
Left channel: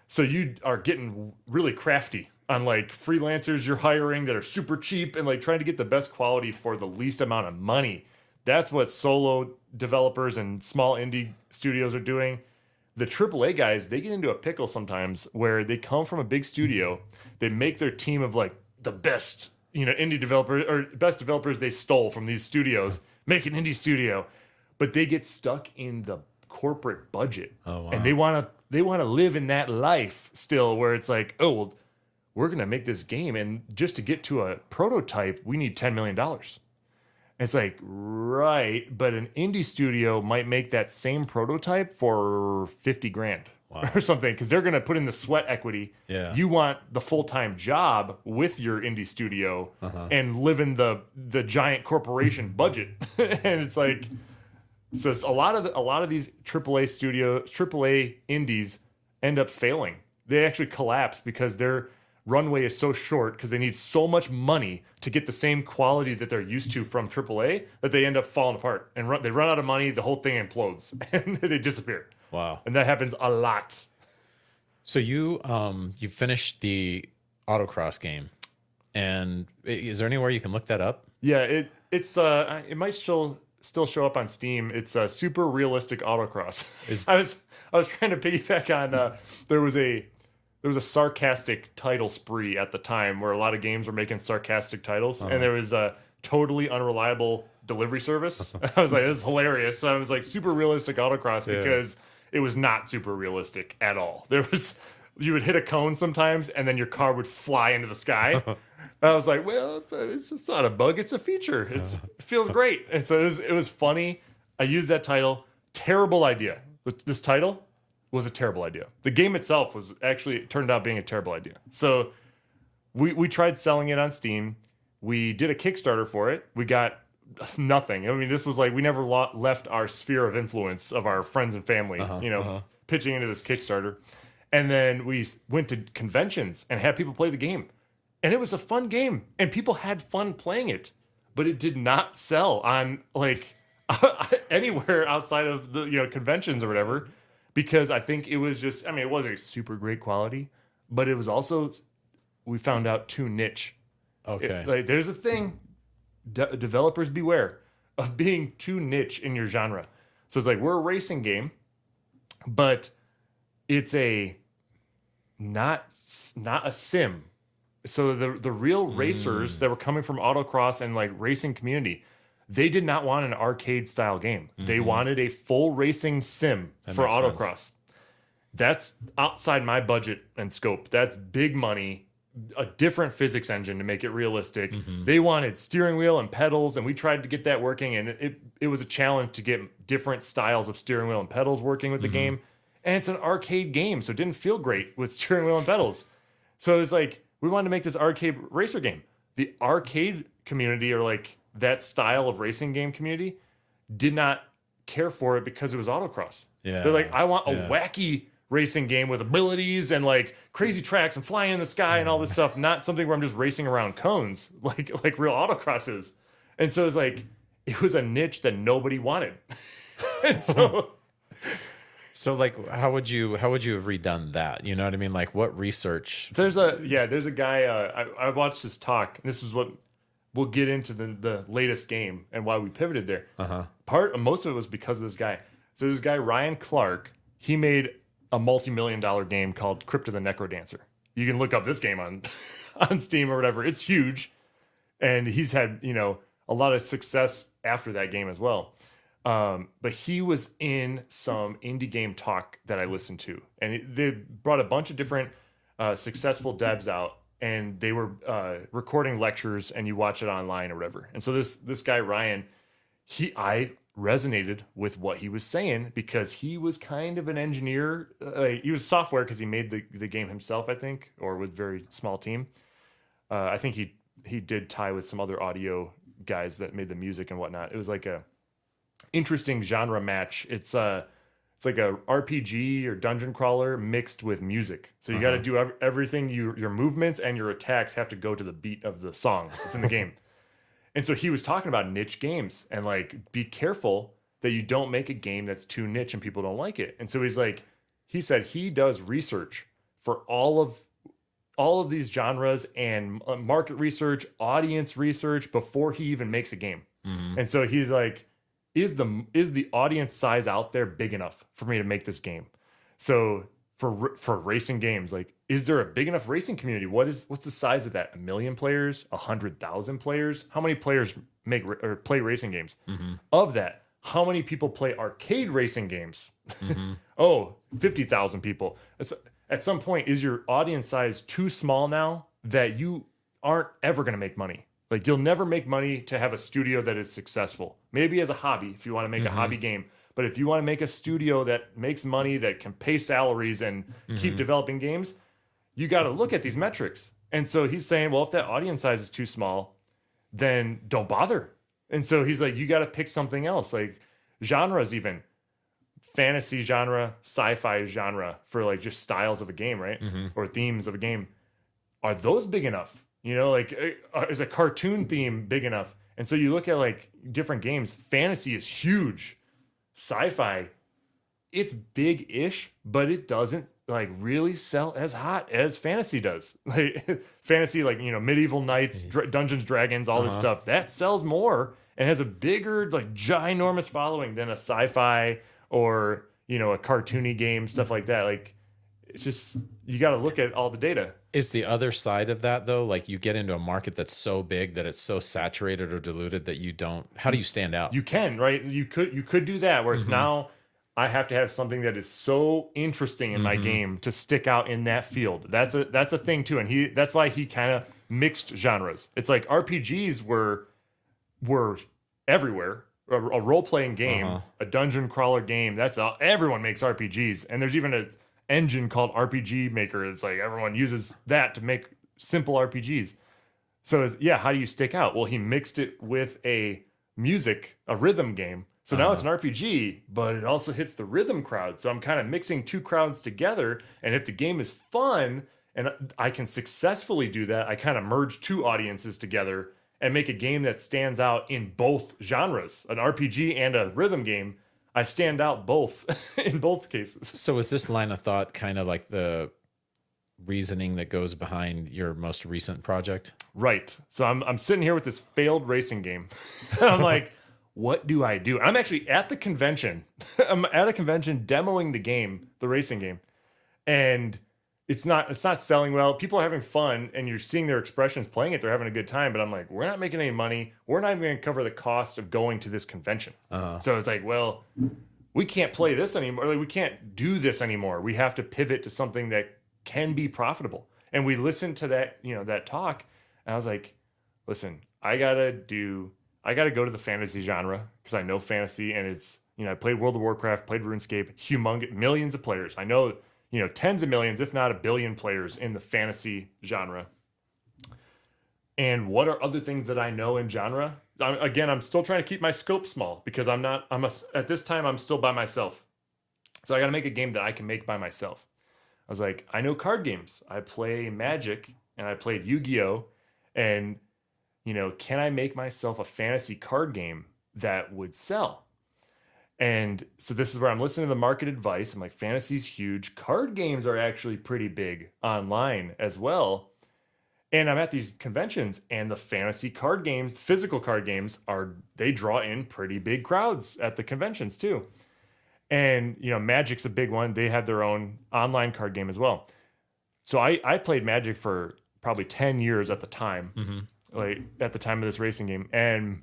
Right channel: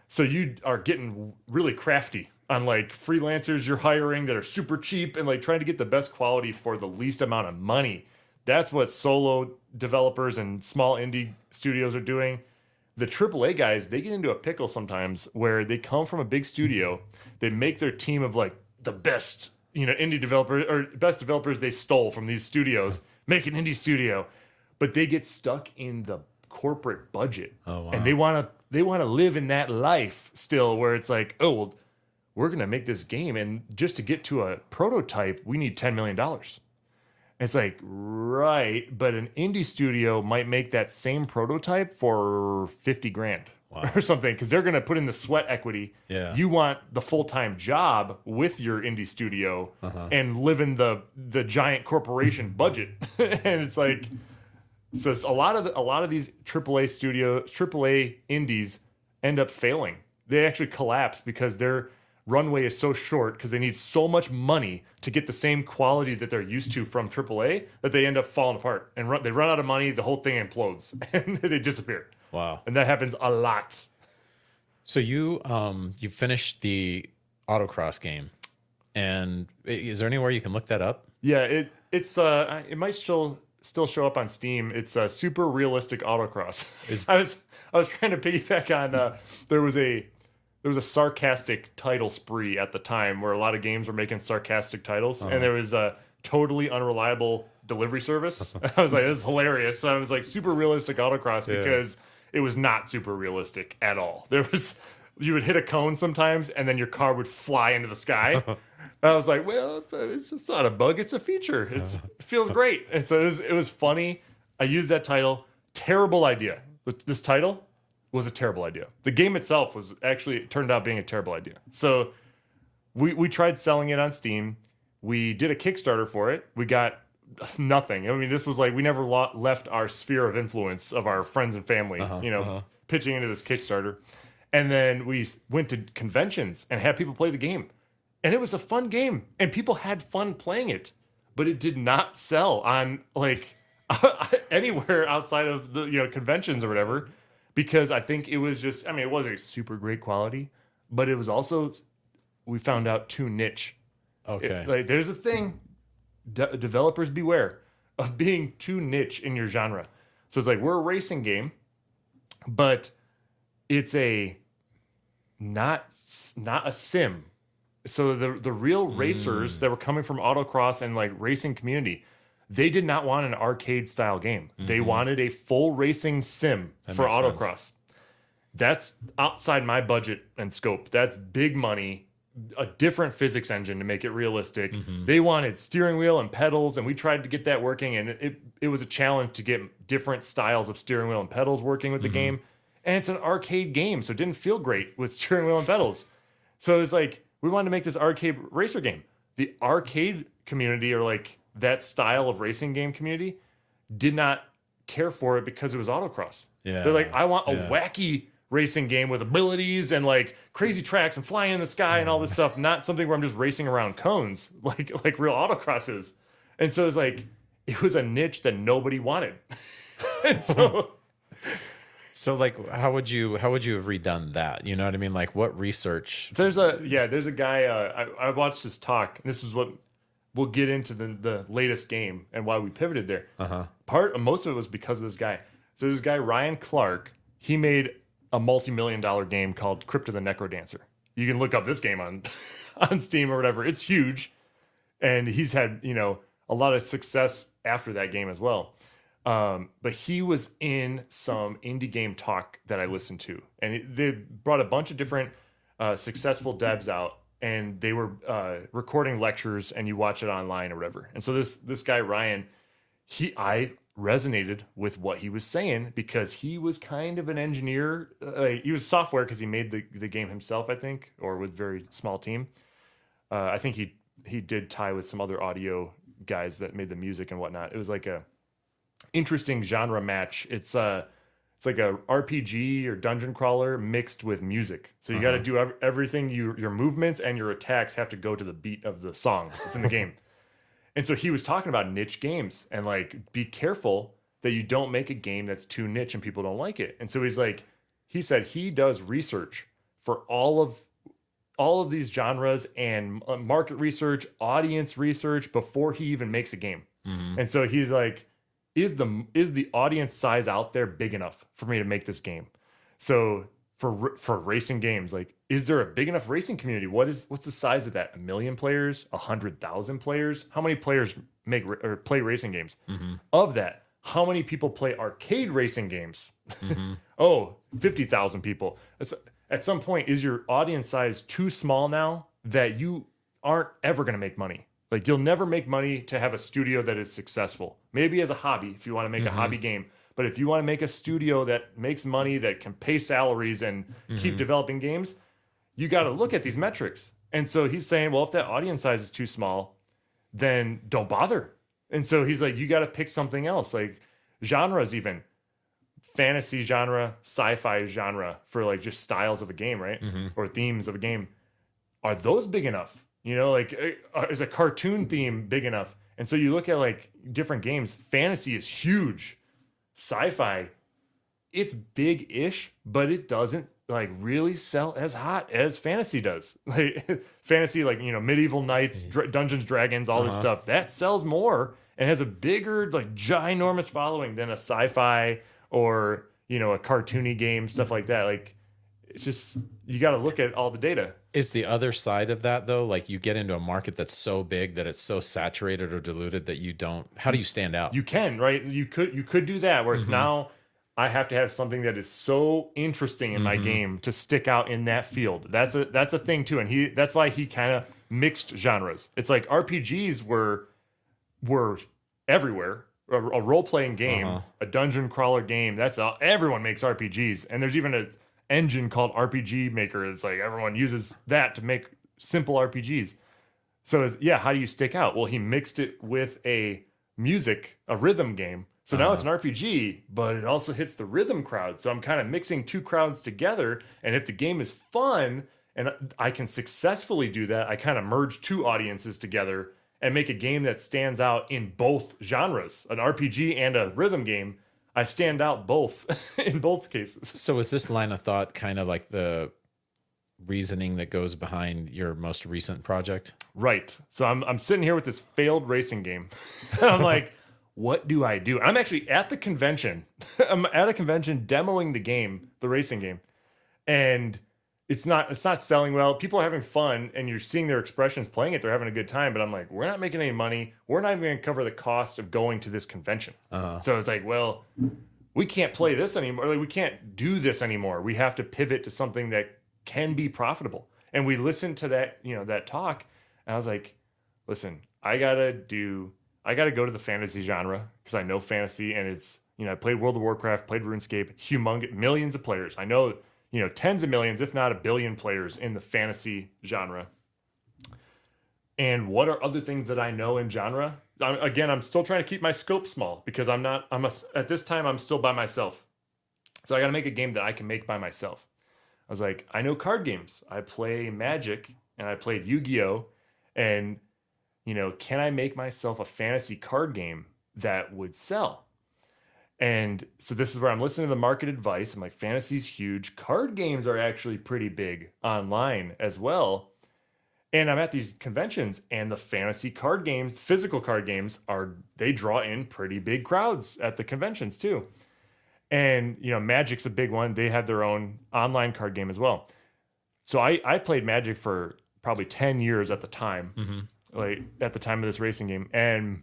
So you are getting really crafty on like freelancers you're hiring that are super cheap and like trying to get the best quality for the least amount of money. That's what solo developers and small indie studios are doing. The AAA guys, they get into a pickle sometimes where they come from a big studio. They make their team of like the best, indie developers or best developers they stole from these studios, make an indie studio, but they get stuck in the corporate budget. Oh, wow. And they want to live in that life still where it's like, oh, well, we're going to make this game. And just to get to a prototype, we need $10 million. It's like, right, but an indie studio might make that same prototype for 50 grand or something, because they're going to put in the sweat equity. Yeah. You want the full-time job with your indie studio and live in the giant corporation budget. And it's like, so it's a lot of these AAA indies end up failing. They actually collapse because their runway is so short because they need so much money to get the same quality that they're used to from AAA that they end up falling apart and they run out of money. The whole thing implodes and they disappear. Wow. And that happens a lot. So you finished the autocross game, and is there anywhere you can look that up? Yeah, it might still show up on Steam. It's a super realistic autocross. I was trying to piggyback on there was a sarcastic title spree at the time where a lot of games were making sarcastic titles, and there was a totally unreliable delivery service. I was like, this is hilarious. So I was like, super realistic autocross because it was not super realistic at all. You would hit a cone sometimes, and then your car would fly into the sky. And I was like, well, it's not a bug, it's a feature. It feels great. And so it was funny. I used that title. Terrible idea. This title was a terrible idea. The game itself it turned out being a terrible idea. So we tried selling it on Steam. We did a Kickstarter for it. We got nothing. I mean, this was like, we never left our sphere of influence of our friends and family, pitching into this Kickstarter. And then we went to conventions and had people play the game. And it was a fun game. And people had fun playing it. But it did not sell on like anywhere outside of the conventions or whatever. Because I think it was just, it wasn't a super great quality, but it was also, we found out, too niche. Okay. There's a thing, developers beware of being too niche in your genre. So it's like, we're a racing game, but it's not a sim. So the real racers that were coming from autocross and like racing community, they did not want an arcade style game. They wanted a full racing sim for autocross. That's outside my budget and scope. That's big money. a different physics engine to make it realistic. Mm-hmm. They wanted steering wheel and pedals, and we tried to get that working, and it was a challenge to get different styles of steering wheel and pedals working with the game. And it's an arcade game, so it didn't feel great with steering wheel and pedals. So it was like, we wanted to make this arcade racer game. The arcade community, or like that style of racing game community, did not care for it because it was autocross. Yeah. They're like, I want a wacky racing game with abilities and like crazy tracks and flying in the sky and all this stuff, not something where I'm just racing around cones like real autocross is. And so it's like, it was a niche that nobody wanted. And so like, how would you have redone that? You know what I mean? Like, what research? There's a guy, I watched his talk. This is what we'll get into the latest game and why we pivoted there. Most of it was because of this guy. So this guy, Ryan Clark, he made a multi-million-dollar game called Crypt of the Necrodancer. You can look up this game on Steam or whatever. It's huge. And he's had, a lot of success after that game as well. But he was in some indie game talk that I listened to. And they brought a bunch of different successful devs out. And they were recording lectures, and you watch it online or whatever. And so this guy, Ryan, I resonated with what he was saying because he was kind of an engineer. He was software because he made the game himself, I think, or with a very small team. I think he did tie with some other audio guys that made the music and whatnot. It was like a interesting genre match. It's like a RPG or dungeon crawler mixed with music. So you got to do everything. Your movements and your attacks have to go to the beat of the song that's in the game. And so he was talking about niche games and like, be careful that you don't make a game that's too niche and people don't like it. And so he said he does research for all of these genres and market research, audience research before he even makes a game. And so he's like, is the audience size out there big enough for me to make this game? So for racing games, like, is there a big enough racing community? What's the size of that? 1 million players? 100,000 players? How many players play racing games? Of that, how many people play arcade racing games? 50,000 people. At some point, is your audience size too small now that you aren't ever going to make money? Like, you'll never make money to have a studio that is successful. Maybe as a hobby, if you want to make a hobby game. But if you want to make a studio that makes money, that can pay salaries and keep developing games, you got to look at these metrics. And so he's saying, well, if that audience size is too small, then don't bother. And so he's like, you got to pick something else, like genres, even fantasy genre, sci-fi genre, for like just styles of a game, right? Or themes of a game. Are those big enough? Like, is a cartoon theme big enough? And so you look at like different games. Fantasy is huge. Sci-fi, it's big-ish, but it doesn't like really sell as hot as fantasy does. Like fantasy, like, medieval knights, Dungeons, Dragons, all this stuff, that sells more and has a bigger, like, ginormous following than a sci-fi or a cartoony game, stuff like that. Like, it's just, you got to look at all the data. Is the other side of that, though, like, you get into a market that's so big that it's so saturated or diluted that you don't, how do you stand out? You can, right? You could do that, whereas now I have to have something that is so interesting in my game to stick out in that field. That's a thing too, and that's why he kind of mixed genres. It's like RPGs were everywhere. A role-playing game, a dungeon crawler game, everyone makes RPGs, and there's even an engine called RPG Maker. It's like everyone uses that to make simple RPGs. So yeah, how do you stick out? Well, he mixed it with a rhythm game. So now it's an RPG, but it also hits the rhythm crowd. So I'm kind of mixing two crowds together, and if the game is fun and I can successfully do that, I kind of merge two audiences together and make a game that stands out in both genres, an RPG and a rhythm game. I stand out both in both cases. So is this line of thought kind of like the reasoning that goes behind your most recent project? Right. So I'm sitting here with this failed racing game. I'm like, what do I do? I'm actually at the convention. I'm at a convention demoing the game, the racing game. And it's not selling well. People are having fun, and you're seeing their expressions playing it. They're having a good time. But I'm like, we're not making any money. We're not even going to cover the cost of going to this convention. So it's like, well, we can't play this anymore. Like, we can't do this anymore. We have to pivot to something that can be profitable. And we listened to that, that talk, and I was like, listen, I gotta go to the fantasy genre because I know fantasy, and it's, I played World of Warcraft, played RuneScape, humongous, millions of players. I know, tens of millions, if not a billion players in the fantasy genre. And what are other things that I know in genre? Again, I'm still trying to keep my scope small because at this time, I'm still by myself. So I got to make a game that I can make by myself. I was like, I know card games. I play Magic and I played Yu-Gi-Oh! And, can I make myself a fantasy card game that would sell? And so this is where I'm listening to the market advice. I'm like, fantasy's huge. Card games are actually pretty big online as well. And I'm at these conventions, and the fantasy card games, physical card games, they draw in pretty big crowds at the conventions too. And, Magic's a big one. They have their own online card game as well. So I played Magic for probably 10 years at the time, like at the time of this racing game. And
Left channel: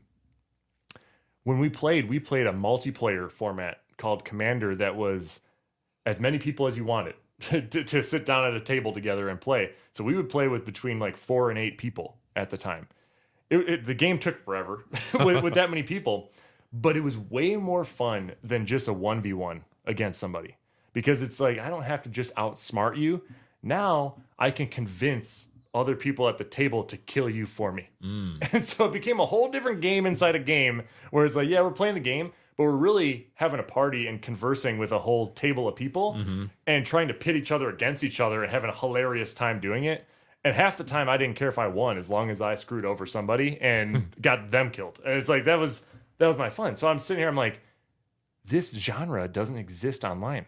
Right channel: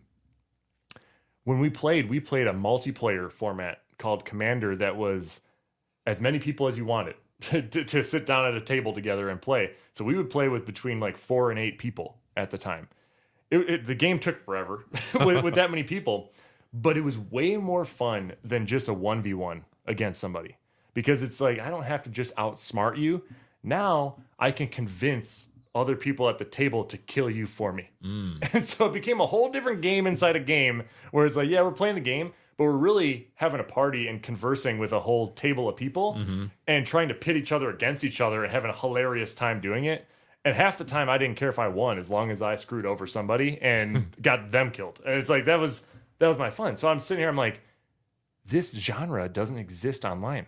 when we played a multiplayer format called Commander that was as many people as you wanted to sit down at a table together and play. So we would play with between like 4 and 8 people at the time. The game took forever with that many people. But it was way more fun than just a 1v1 against somebody. Because it's like, I don't have to just outsmart you. Now, I can convince other people at the table to kill you for me. And so it became a whole different game inside a game, where it's like, yeah, we're playing the game, but we're really having a party and conversing with a whole table of people and trying to pit each other against each other and having a hilarious time doing it. And half the time, I didn't care if I won, as long as I screwed over somebody and got them killed. And it's like, that was my fun. So I'm sitting here, I'm like, this genre doesn't exist online.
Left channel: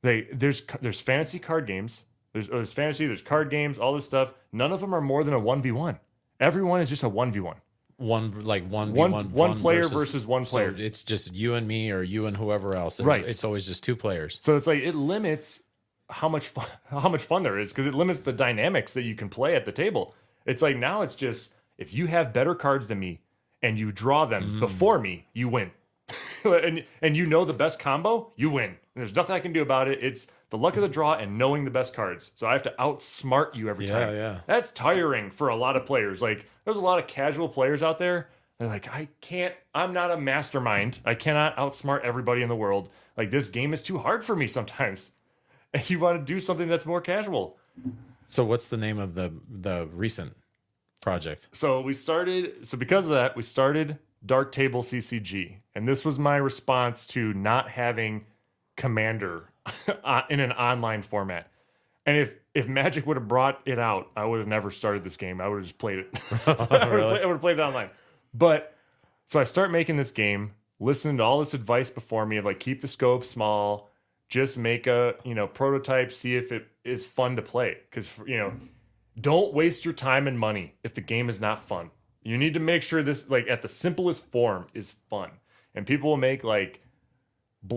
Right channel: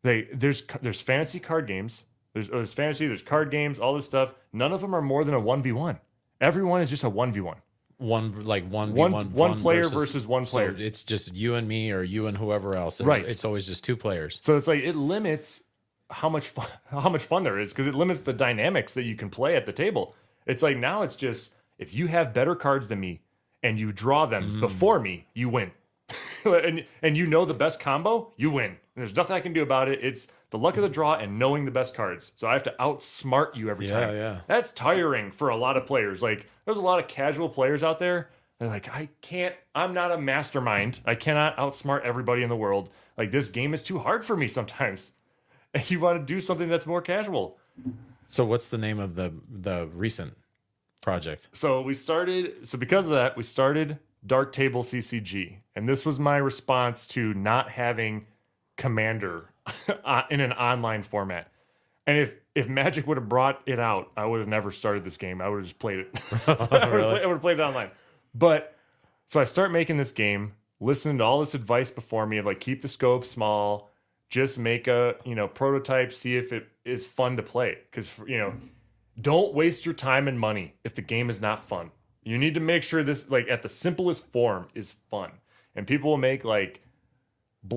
There's fantasy card games. There's fantasy, there's card games, all this stuff. None of them are more than a 1v1. Everyone is just a 1v1. One player versus one player. So it's just you and me, or you and whoever else. And right. It's always just 2 players. So it's like, it limits how much fun there is, because it limits the dynamics that you can play at the table. It's like, now it's just, if you have better cards than me, and you draw them before me, you win. and you know the best combo, you win. There's nothing I can do about it. It's the luck of the draw and knowing the best cards. So I have to outsmart you every time. Yeah. That's tiring for a lot of players. Like, there's a lot of casual players out there. They're like, I'm not a mastermind. I cannot outsmart everybody in the world. Like, this game is too hard for me sometimes. And you want to do something that's more casual. So what's the name of the recent project? So because of that, we started Dark Table CCG, and this was my response to not having Commander in an online format. And if Magic would have brought it out, I would have never started this game. I would have just played it. I would have played it online. But so I start making this game, listening to all this advice before me of like, keep the scope small, just make a prototype, see if it is fun to play, because don't waste your time and money if the game is not fun. You need to make sure this, like, at the simplest form, is fun. And people will make, like,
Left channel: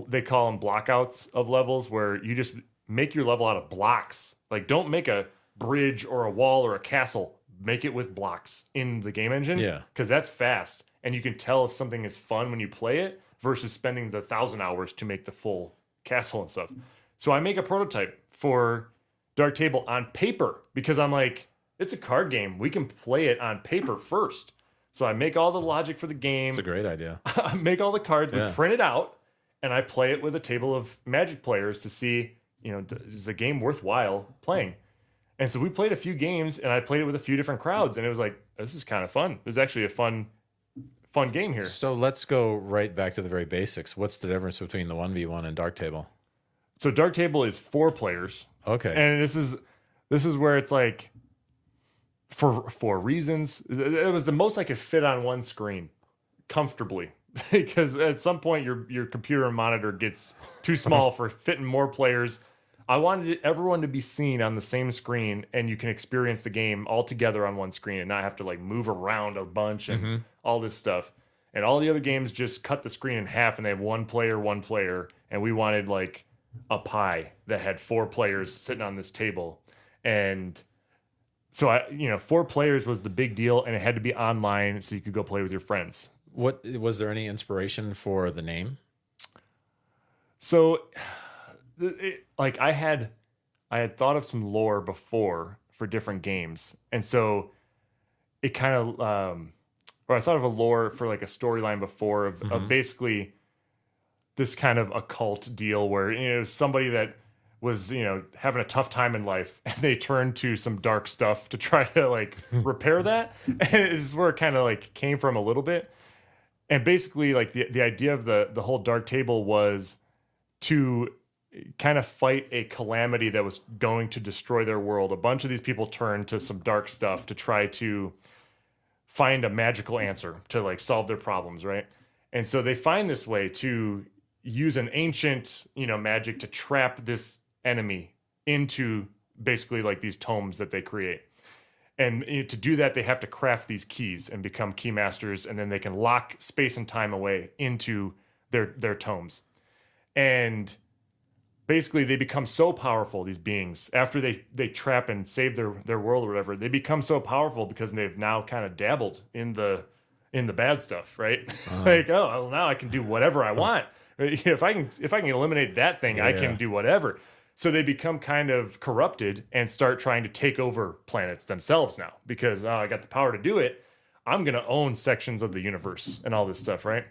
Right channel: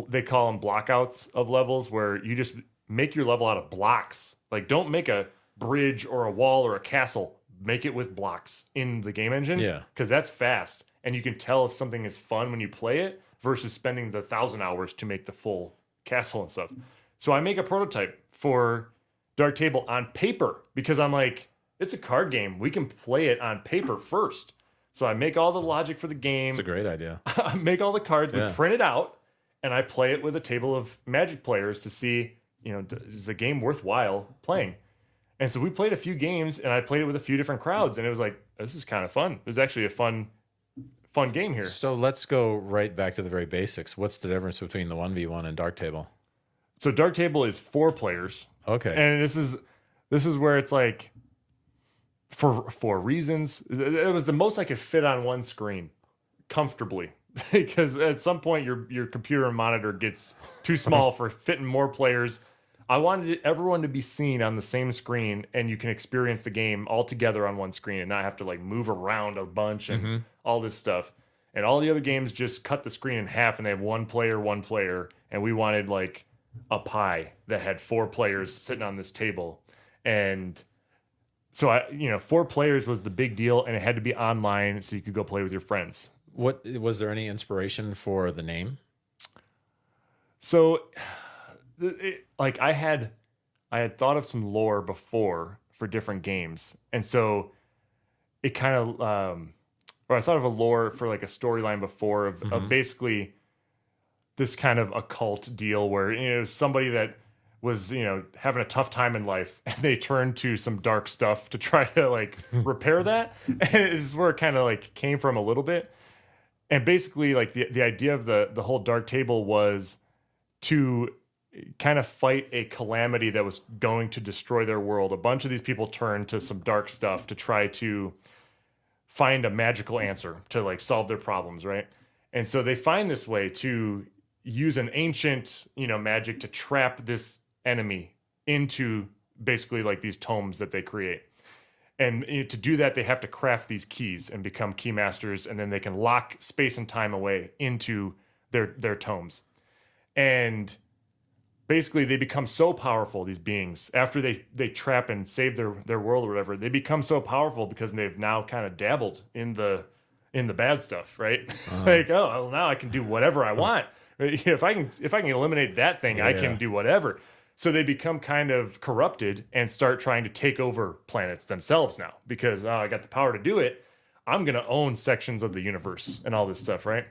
they call them blockouts of levels, where you just make your level out of blocks. Like, don't make a bridge or a wall or a castle. Make it with blocks in the game engine. Yeah. Because that's fast. And you can tell if something is fun when you play it versus spending the 1,000 hours to make the full castle and stuff. So I make a prototype for Dark Table on paper, because I'm like, it's a card game. We can play it on paper first. So I make all the logic for the game. It's a great idea. I make all the cards, we print it out, and I play it with a table of Magic players to see, is the game worthwhile playing? And so we played a few games, and I played it with a few different crowds, and it was like, this is kind of fun. It was actually a fun game here. So let's go right back to the very basics. What's the difference between the 1v1 and Dark Table? So Dark Table is 4 players. Okay. And this is where it's like, for reasons, it was the most I could fit on one screen comfortably, because at some point your computer monitor gets too small for fitting more players. I wanted everyone to be seen on the same screen, and you can experience the game all together on one screen and not have to like move around a bunch and all this stuff. And all the other games just cut the screen in half, and they have one player, and we wanted like a pie that had 4 players sitting on this table. And so 4 players was the big deal, and it had to be online so you could go play with your friends. What was there any inspiration for the name? So I had thought of some lore before for different games. And so it kind of, or I thought of a lore for like a storyline before of basically this kind of occult deal where, somebody that was, having a tough time in life, and they turned to some dark stuff to try to like repair that. And this is where it kind of like came from a little bit. And basically like the idea of the whole Dark Table was to kind of fight a calamity that was going to destroy their world. A bunch of these people turned to some dark stuff to try to find a magical answer to like solve their problems, right? And so they find this way to use an ancient, magic to trap this enemy into basically like these tomes that they create. And to do that, they have to craft these keys and become key masters, and then they can lock space and time away into their tomes. And basically they become so powerful, these beings, after they trap and save their world or whatever, they become so powerful because they've now kind of dabbled in the bad stuff, right? Like, oh, well, now I can do whatever I want. If I can eliminate that thing, I can do whatever. So they become kind of corrupted and start trying to take over planets themselves now because, I got the power to do it. I'm going to own sections of the universe and all this stuff, right?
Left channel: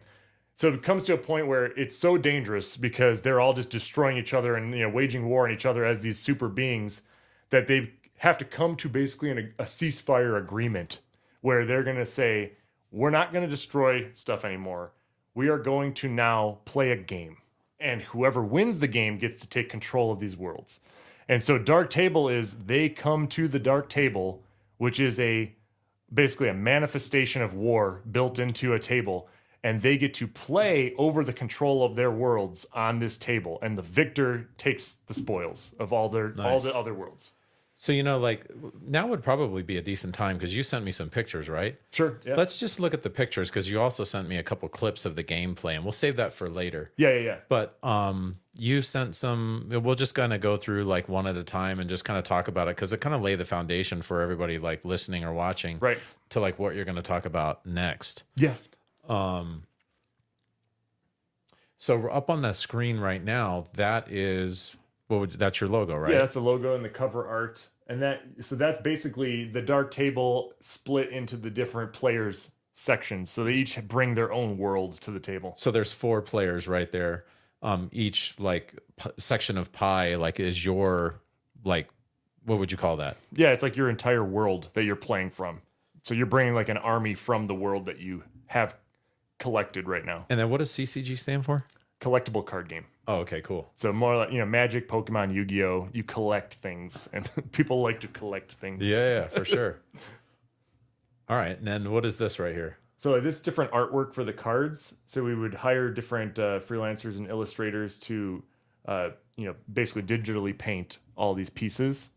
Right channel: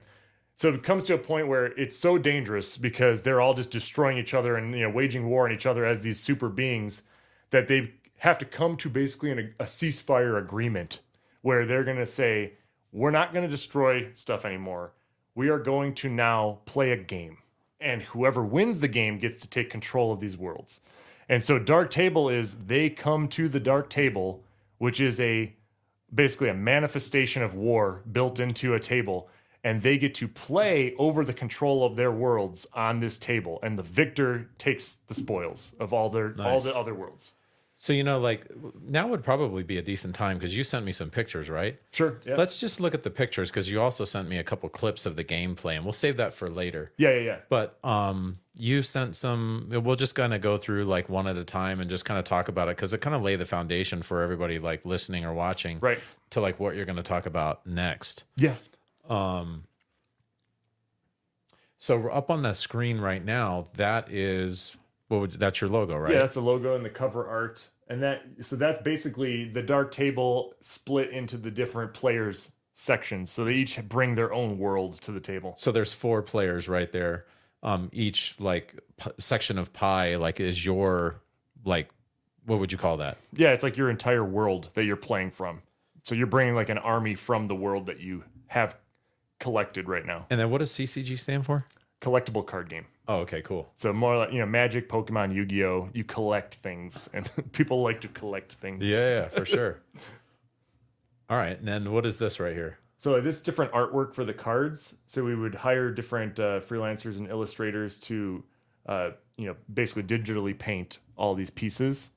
So it comes to a point where it's so dangerous because they're all just destroying each other and waging war on each other as these super beings that they have to come to basically a ceasefire agreement where they're going to say, we're not going to destroy stuff anymore. We are going to now play a game. And whoever wins the game gets to take control of these worlds. And so Dark Table is they come to the Dark Table, which is basically a manifestation of war built into a table. And they get to play over the control of their worlds on this table. And the victor takes the spoils of all the other worlds. So, like now would probably be a decent time because you sent me some pictures, right? Sure. Yeah. Let's just look at the pictures because you also sent me a couple clips of the gameplay, and we'll save that for later. Yeah. But you sent some. We'll just kind of go through like one at a time and just kind of talk about it because it kind of lay the foundation for everybody like listening or watching, right, to like what you're going to talk about next. Yeah. So up on that screen right now, that is. That's your logo, right? Yeah, that's the logo and the cover art. And that's basically the Dark Table split into the different players sections. So they each bring their own world to the table. So there's 4 players right there. Each like section of pie like is your like what would you call that? Yeah, it's like your entire world that you're playing from. So you're bringing like an army from the world that you have collected right now. And then what does CCG stand for? Collectible Card Game. Oh, okay, cool. So more like, Magic, Pokemon, Yu-Gi-Oh! You collect things, and people like to collect things. Yeah, for sure. All right, and then what is this right here? So this is different artwork for the cards. So we would hire different freelancers and illustrators to, basically digitally paint all these pieces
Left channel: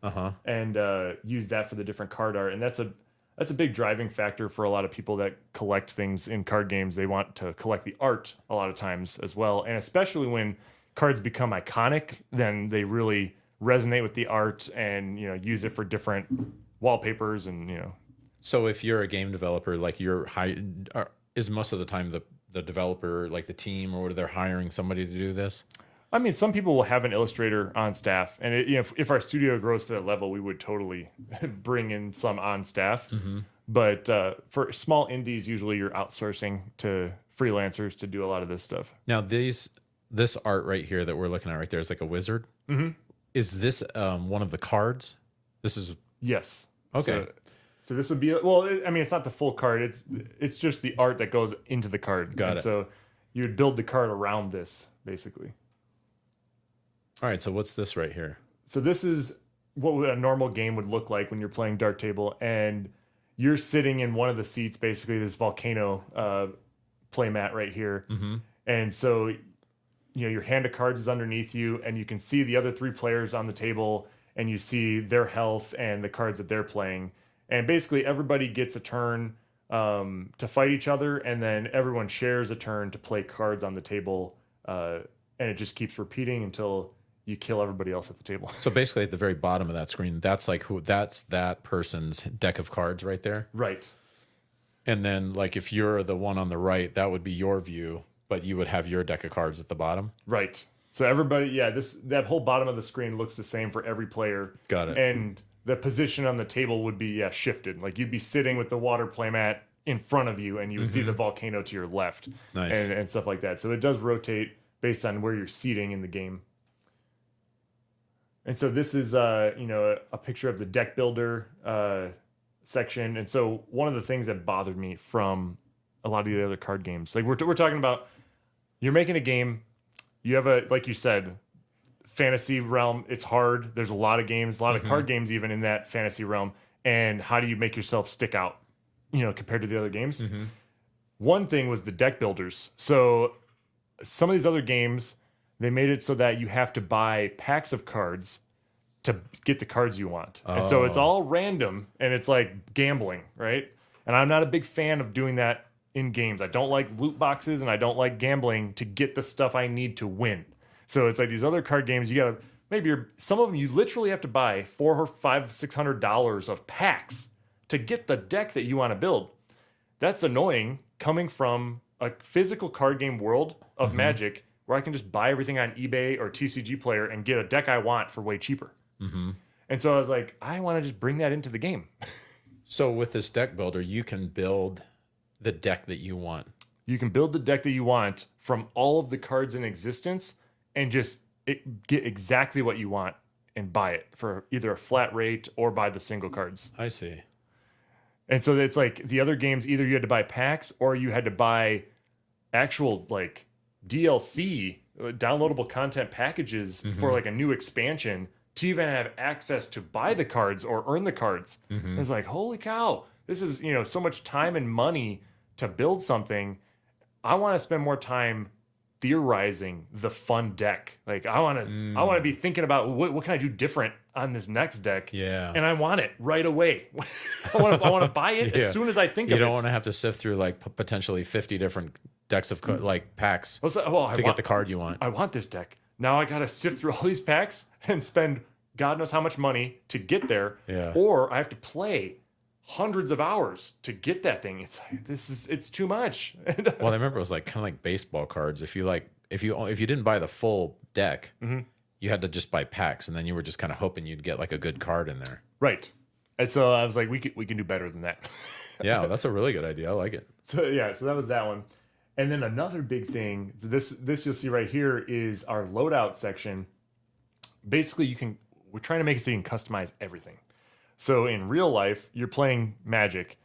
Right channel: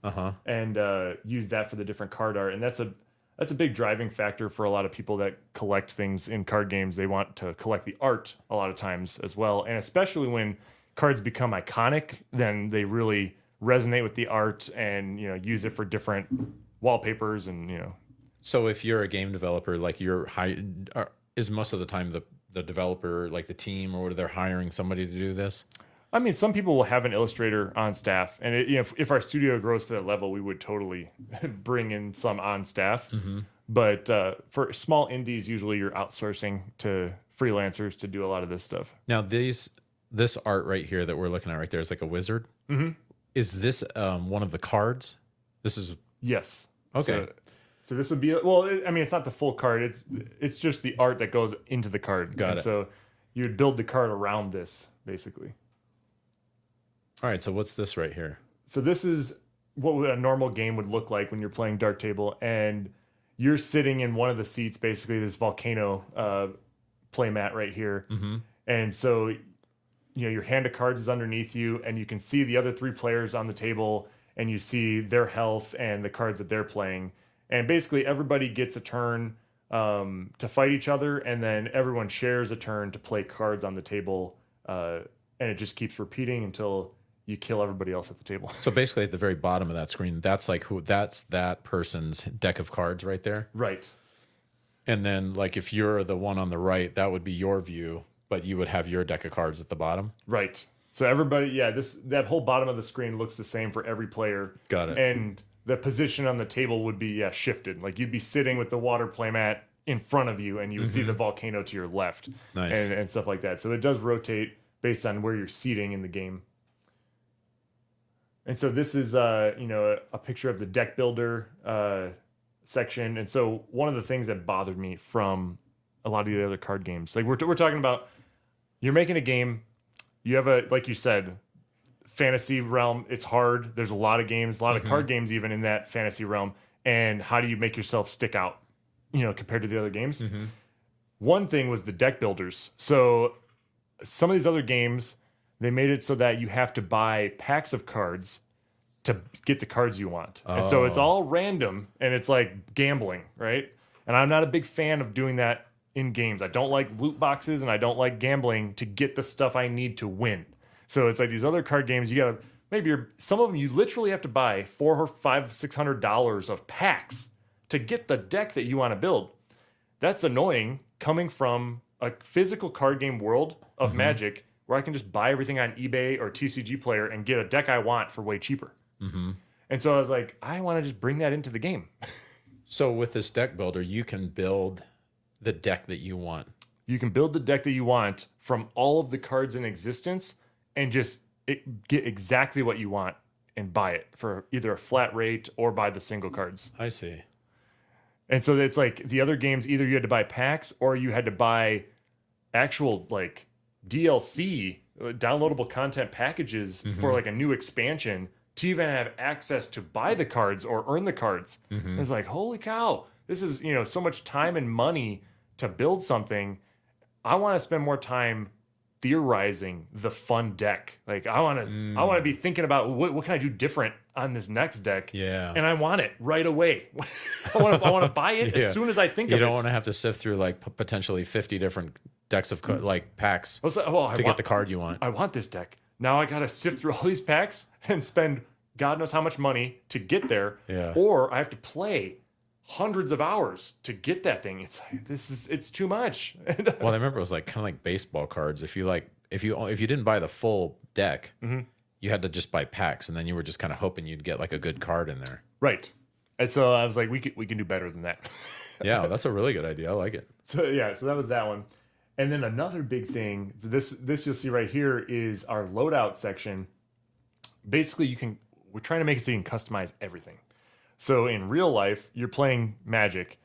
and use that for the different card art. And that's a big driving factor for a lot of people that collect things in card games. They want to collect the art a lot of times as well. And especially when cards become iconic, then they really resonate with the art and, use it for different wallpapers and, So if you're a game developer, like is most of the time the developer, like the team, or they're hiring somebody to do this? I mean, some people will have an illustrator on staff, and if our studio grows to that level, we would totally bring in some on staff. Mm-hmm. But for small indies, usually you're outsourcing to freelancers to do a lot of this stuff. Now, this art right here that we're looking at right there is like a wizard. Mm-hmm. Is this one of the cards? This is yes. Okay. So this would be it's not the full card. It's just the art that goes into the card. Got it. So you would build the card around this basically. All right, so what's this right here? So this is what a normal game would look like when you're playing Dark Table, and you're sitting in one of the seats, basically this volcano playmat right here. Mm-hmm. And so, your hand of cards is underneath you, and you can see the other 3 players on the table, and you see their health and the cards that they're playing. And basically everybody gets a turn to fight each other, and then everyone shares a turn to play cards on the table, and it just keeps repeating until you kill everybody else at the table. So basically at the very bottom of that screen, that's that person's deck of cards right there. Right. And then like if you're the one on the right, that would be your view, but you would have your deck of cards at the bottom. Right. So everybody, that whole bottom of the screen looks the same for every player. Got it. And the position on the table would be shifted. Like you'd be sitting with the water playmat in front of you, and you would see the volcano to your left, Nice. and stuff like that. So it does rotate based on where you're seating in the game. And so this is a picture of the deck builder section. And so one of the things that bothered me from a lot of the other card games, like we're talking about, you're making a game, you have like you said, fantasy realm. It's hard. There's a lot of games, a lot of card games even in that fantasy realm. And how do you make yourself stick out, compared to the other games? One thing was the deck builders. So some of these other games, they made it so that you have to buy packs of cards to get the cards you want. And so it's all random, and it's like gambling, right? And I'm not a big fan of doing that in games. I don't like loot boxes, and I don't like gambling to get the stuff I need to win. So it's like these other card games, you gotta, some of them you literally have to buy $400 or $600 of packs to get the deck that you want to build. That's annoying coming from a physical card game world of Magic, where I can just buy everything on eBay or TCG Player and get a deck I want for way cheaper. And so I was like, I want to just bring that into the game. So with this deck builder, you can build the deck that you want. You can build the deck that you want from all of the cards in existence and just get exactly what you want and buy it for either a flat rate or buy the single cards. I see. And so it's like the other games, either you had to buy packs or you had to buy actual like DLC, downloadable content packages for like a new expansion to even have access to buy the cards or earn the cards. It's like, holy cow, this is, so much time and money to build something. I want to spend more time theorizing the fun deck. Like I want to be thinking about what can I do different on this next deck. Yeah. And I want it right away. I want to buy it as soon as I think of it. You don't want to have to sift through like potentially 50 different decks of like packs to get the card you want. I want this deck. Now I got to sift through all these packs and spend God knows how much money to get there. Yeah. Or I have to play hundreds of hours to get that thing. It's like, it's too much. Well, I remember it was like kind of like baseball cards. If you didn't buy the full deck, you had to just buy packs, and then you were just kind of hoping you'd get like a good card in there. Right. And so I was like, we can do better than that. Yeah, that's a really good idea. I like it. So that was that one. And then another big thing, this you'll see right here is our loadout section. Basically, we're trying to make it so you can customize everything. So in real life, you're playing Magic.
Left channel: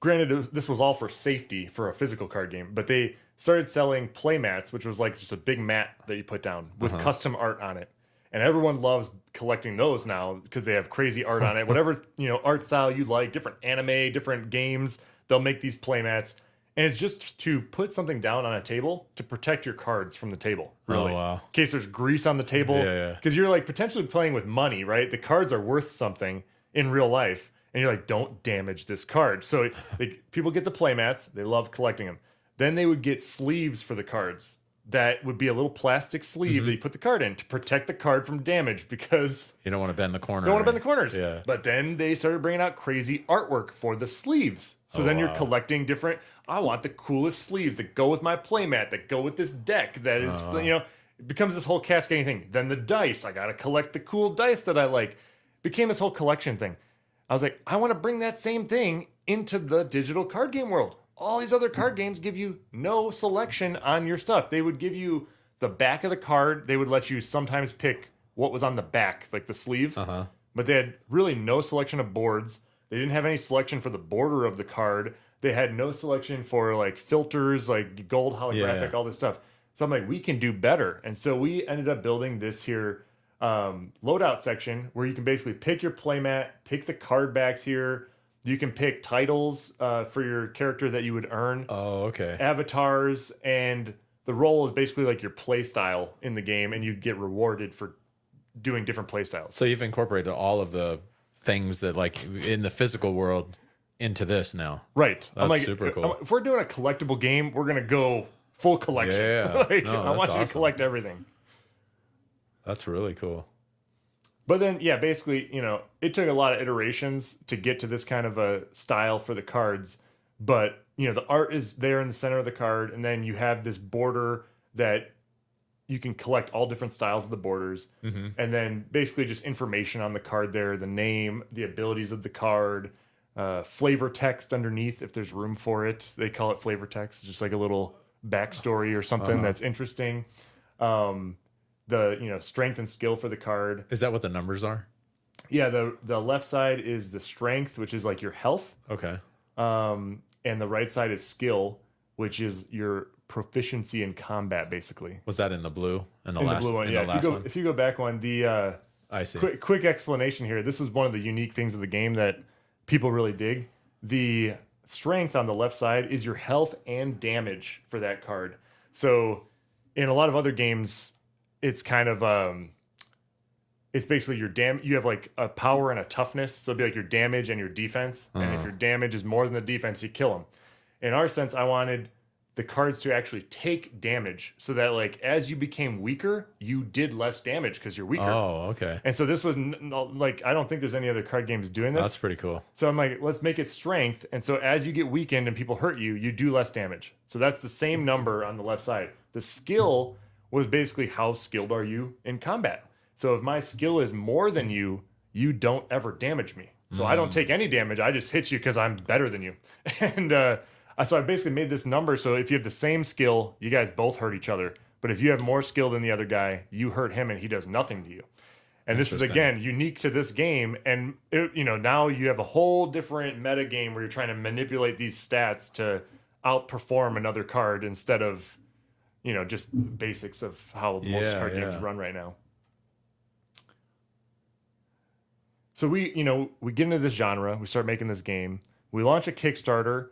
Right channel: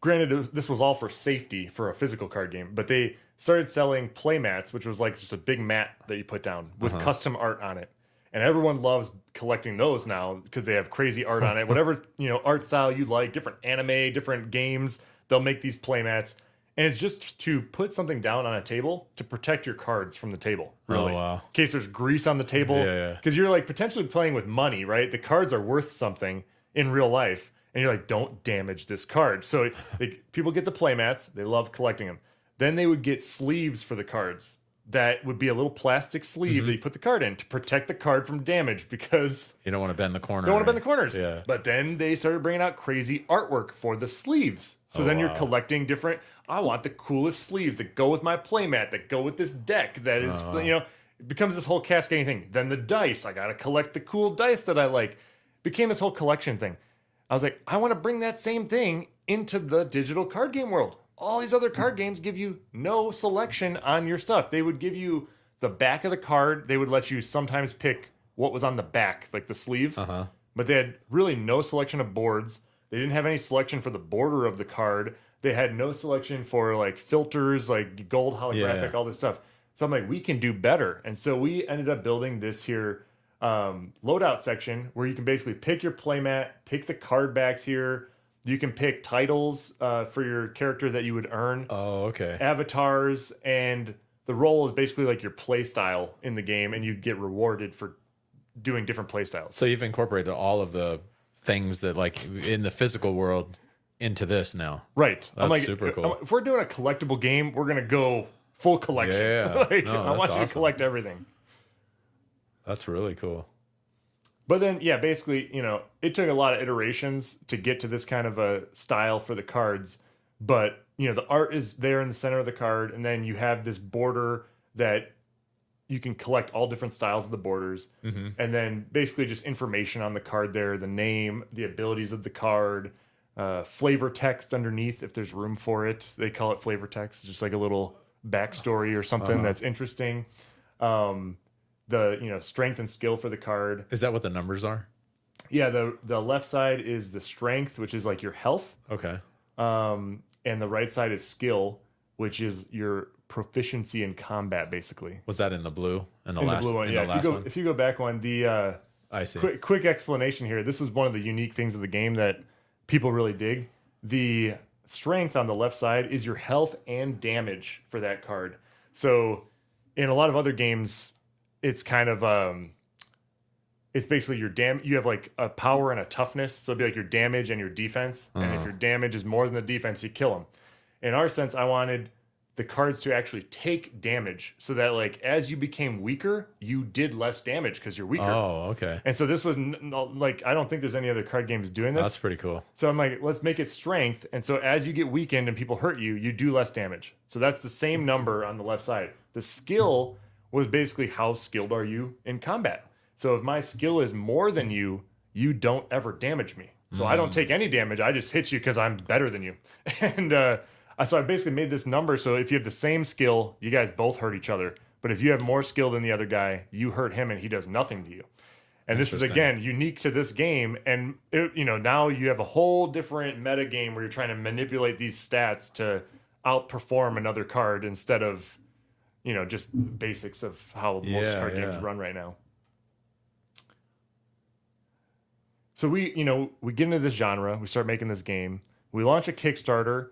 Granted, this was all for safety for a physical card game, but they started selling play mats, which was like just a big mat that you put down with custom art on it. And everyone loves collecting those now because they have crazy art on it. Whatever, art style you like, different anime, different games, they'll make these play mats. And it's just to put something down on a table to protect your cards from the table, really. Oh, wow. In case there's grease on the table. Yeah. Because you're like potentially playing with money, right? The cards are worth something in real life. And you're like, don't damage this card. So people get the playmats. They love collecting them. Then they would get sleeves for the cards. That would be a little plastic sleeve that you put the card in to protect the card from damage because you don't want to bend the corner. Don't want to bend the corners. Yeah. But then they started bringing out crazy artwork for the sleeves. So then you're collecting different. I want the coolest sleeves that go with my playmat, that go with this deck. That is, it becomes this whole cascading thing. Then the dice. I got to collect the cool dice that I like. It became this whole collection thing. I was like, I want to bring that same thing into the digital card game world. All these other card games give you no selection on your stuff. They would give you the back of the card. They would let you sometimes pick what was on the back, like the sleeve. But they had really no selection of boards. They didn't have any selection for the border of the card. They had no selection for like filters, like gold holographic, all this stuff. So I'm like, we can do better. And so we ended up building this here loadout section where you can basically pick your playmat, pick the card backs here. You can pick titles for your character that you would earn. Oh, okay. Avatars, and the role is basically like your play style in the game, and you get rewarded for doing different play styles. So you've incorporated all of the things that like in the physical world into this now. Right. That's like, super cool. If we're doing a collectible game, we're going to go full collection. Yeah. I want you to collect everything. That's really cool. But then, basically, it took a lot of iterations to get to this kind of a style for the cards. But, the art is there in the center of the card, and then you have this border that you can collect all different styles of the borders, and then basically just information on the card there, the name, the abilities of the card, flavor text underneath if there's room for it. They call it flavor text, just like a little backstory or something that's interesting. The strength and skill for the card. Is that what the numbers are? Yeah, the left side is the strength, which is like your health. Okay. And the right side is skill, which is your proficiency in combat, basically. Was that in the blue? In the In last, the blue one, in yeah. the last one? If you go back one, I see. quick explanation here. This was one of the unique things of the game that people really dig. The strength on the left side is your health and damage for that card. So in a lot of other games, it's kind of it's basically your you have like a power and a toughness. So it'd be like your damage and your defense. And if your damage is more than the defense, you kill them. In our sense, I wanted the cards to actually take damage so that like as you became weaker, you did less damage because you're weaker. Oh, okay. And so this was like, I don't think there's any other card games doing this. That's pretty cool. So I'm like, let's make it strength. And so as you get weakened and people hurt you, you do less damage. So that's the same number on the left side. The skill was basically how skilled are you in combat. So if my skill is more than you, you don't ever damage me. So I don't take any damage. I just hit you because I'm better than you. And so I basically made this number so if you have the same skill, you guys both hurt each other. But if you have more skill than the other guy, you hurt him and he does nothing to you. And this is, again, unique to this game. And, now you have a whole different meta game where you're trying to manipulate these stats to outperform another card instead of, just basics of how most card games run right now. So we get into this genre. We start making this game. We launch a Kickstarter.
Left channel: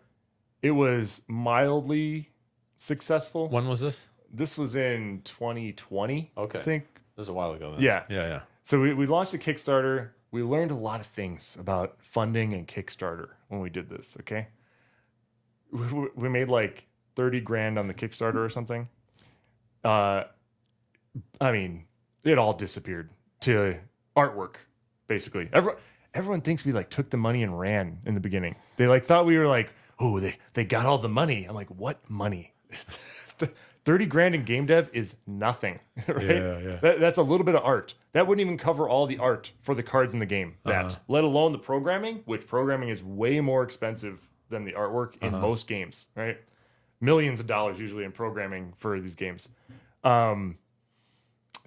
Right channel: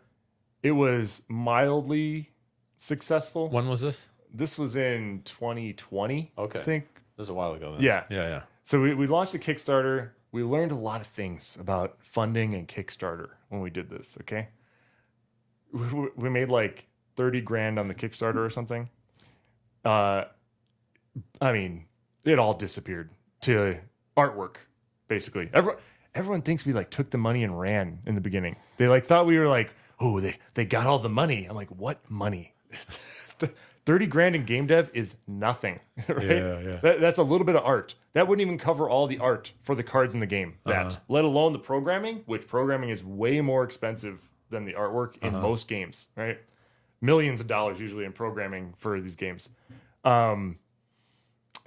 It was mildly successful. When was this? This was in 2020. Okay. I think. This was a while ago. Then. Yeah. Yeah. So we launched a Kickstarter. We learned a lot of things about funding and Kickstarter when we did this, okay? We made like 30 grand on the Kickstarter or something. I mean, it all disappeared to artwork, basically. Everyone thinks we like took the money and ran in the beginning. They like thought we were like, oh, they got all the money. I'm like, what money? 30 grand in game dev is nothing, right? Yeah. That's a little bit of art. That wouldn't even cover all the art for the cards in the game. Let alone the programming, which programming is way more expensive than the artwork in most games, right? Millions of dollars usually in programming for these games. So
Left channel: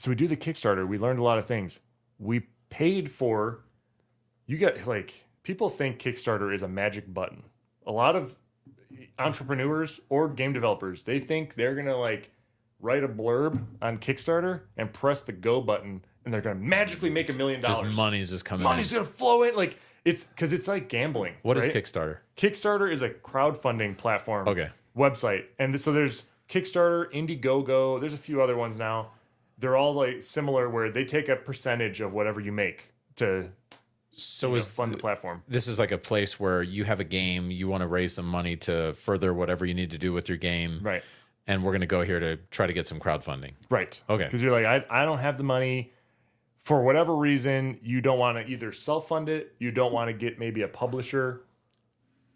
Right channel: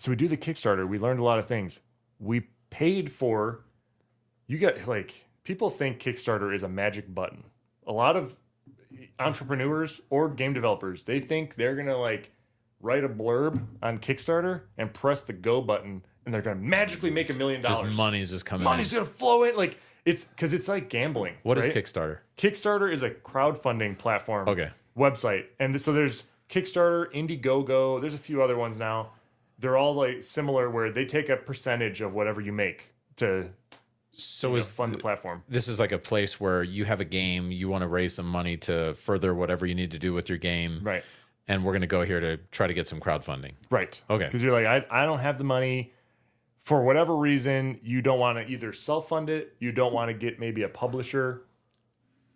we do the Kickstarter. We learned a lot of things. We paid for, people think Kickstarter is a magic button. A lot of entrepreneurs or game developers, they think they're going to write a blurb on Kickstarter and press the go button and they're going to magically make $1 million. Just money's just coming Money's going to flow in. It's because it's like gambling. What right? is Kickstarter? Kickstarter is a crowdfunding platform. Okay. Website. And so there's Kickstarter, Indiegogo. There's a few other ones now. They're all similar where they take a percentage of whatever you make to fund the platform. This is like a place where you have a game, you want to raise some money to further whatever you need to do with your game. Right. And we're going to go here to try to get some crowdfunding. Right. Okay. Because you're like, I don't have the money. For whatever reason, you don't want to either self-fund it, you don't want to get maybe a publisher,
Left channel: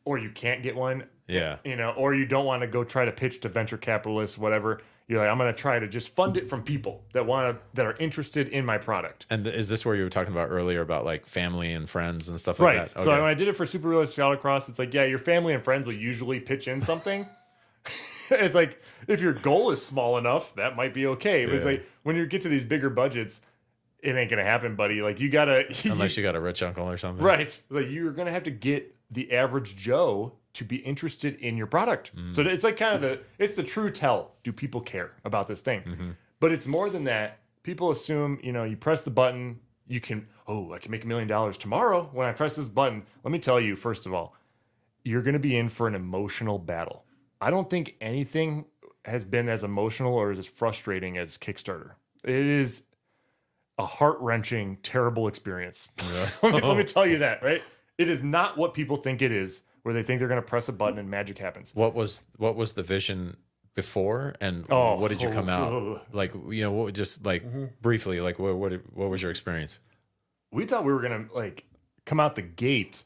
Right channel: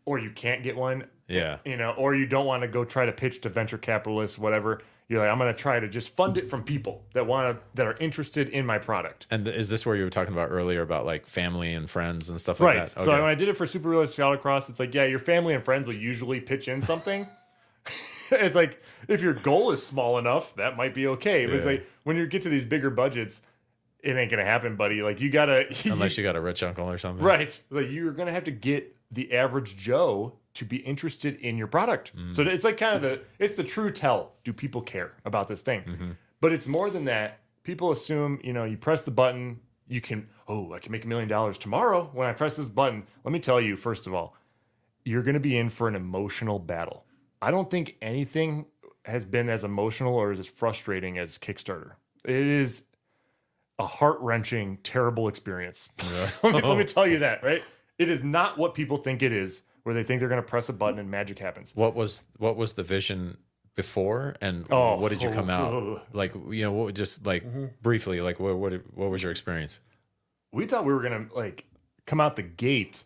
or you can't get one. Yeah. Or you don't want to go try to pitch to venture capitalists, whatever. You're like, I'm going to try to just fund it from people that are interested in my product. And is this where you were talking about earlier about family and friends and stuff like that? Right. So when I did it for Super Realistic Autocross, it's like, yeah, your family and friends will usually pitch in something. It's like, if your goal is small enough, that might be okay. But it's like, when you get to these bigger budgets, it ain't going to happen, buddy. You got to... Unless you got a rich uncle or something. Right. You're going to have to get the average Joe to be interested in your product. So it's it's the true tell. Do people care about this thing? But it's more than that. People assume, you press the button, I can make $1 million tomorrow when I press this button. Let me tell you, first of all, you're going to be in for an emotional battle. I don't think anything has been as emotional or as frustrating as Kickstarter. It is a heart-wrenching, terrible experience. Yeah. let me tell you that, right? It is not what people think it is, where they think they're going to press a button and magic happens. What was the vision before, and what did you come out briefly? What was your experience? We thought we were going to come out the gate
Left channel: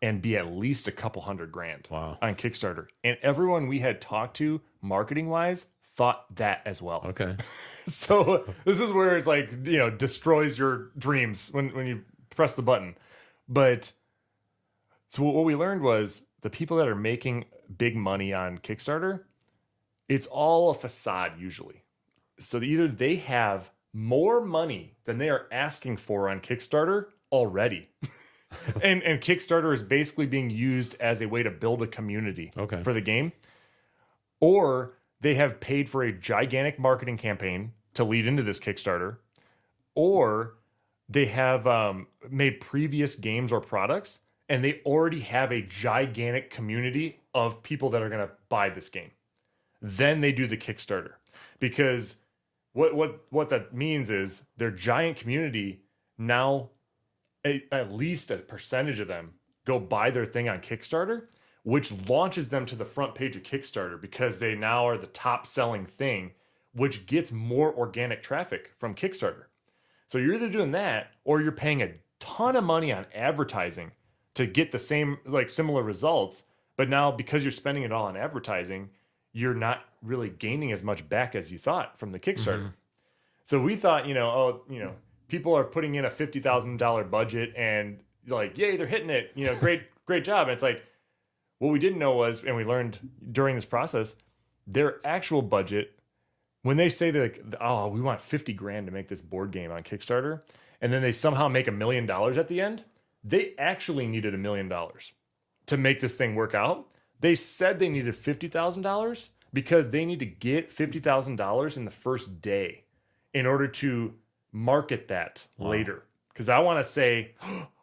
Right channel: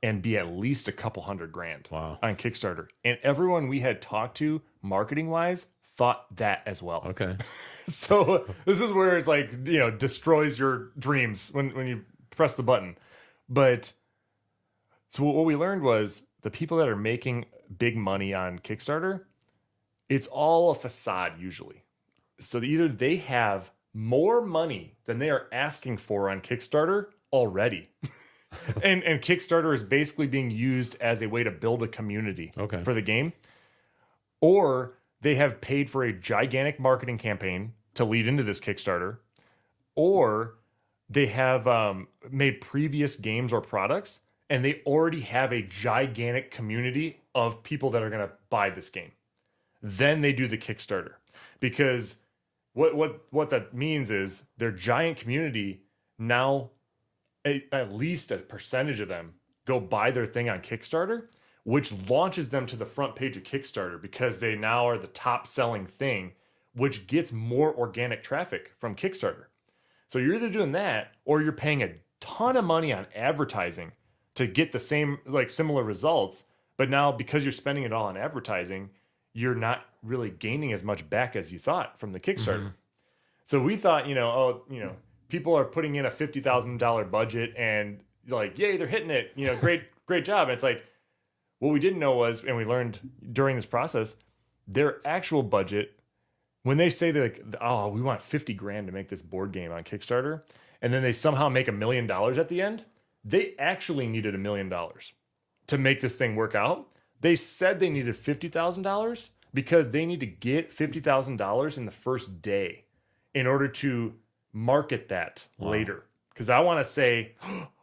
and be at least a couple $100,000 on Kickstarter, and everyone we had talked to marketing wise thought that as well. Okay. So this is where it's like, you know, destroys your dreams when you press the button. But so what we learned was the people that are making big money on Kickstarter, it's all a facade usually. So either they have more money than they are asking for on Kickstarter already. and Kickstarter is basically being used as a way to build a community for the game. Or they have paid for a gigantic marketing campaign to lead into this Kickstarter. Or they have made previous games or products, and they already have a gigantic community of people that are going to buy this game. Then they do the Kickstarter. Because what that means is their giant community now, at least a percentage of them go buy their thing on Kickstarter, which launches them to the front page of Kickstarter because they now are the top selling thing, which gets more organic traffic from Kickstarter. So you're either doing that or you're paying a ton of money on advertising to get the same, like similar results. But now because you're spending it all on advertising, you're not really gaining as much back as you thought from the Kickstarter. So we thought, people are putting in a $50,000 budget and like, yay, they're hitting it, great job. And it's like, what we didn't know was, and we learned during this process, their actual budget, when they say that, oh, we want 50 grand to make this board game on Kickstarter, and then they somehow make $1 million at the end, they actually needed $1 million to make this thing work out. They said they needed $50,000 because they need to get $50,000 in the first day in order to market that later. Because I want to say,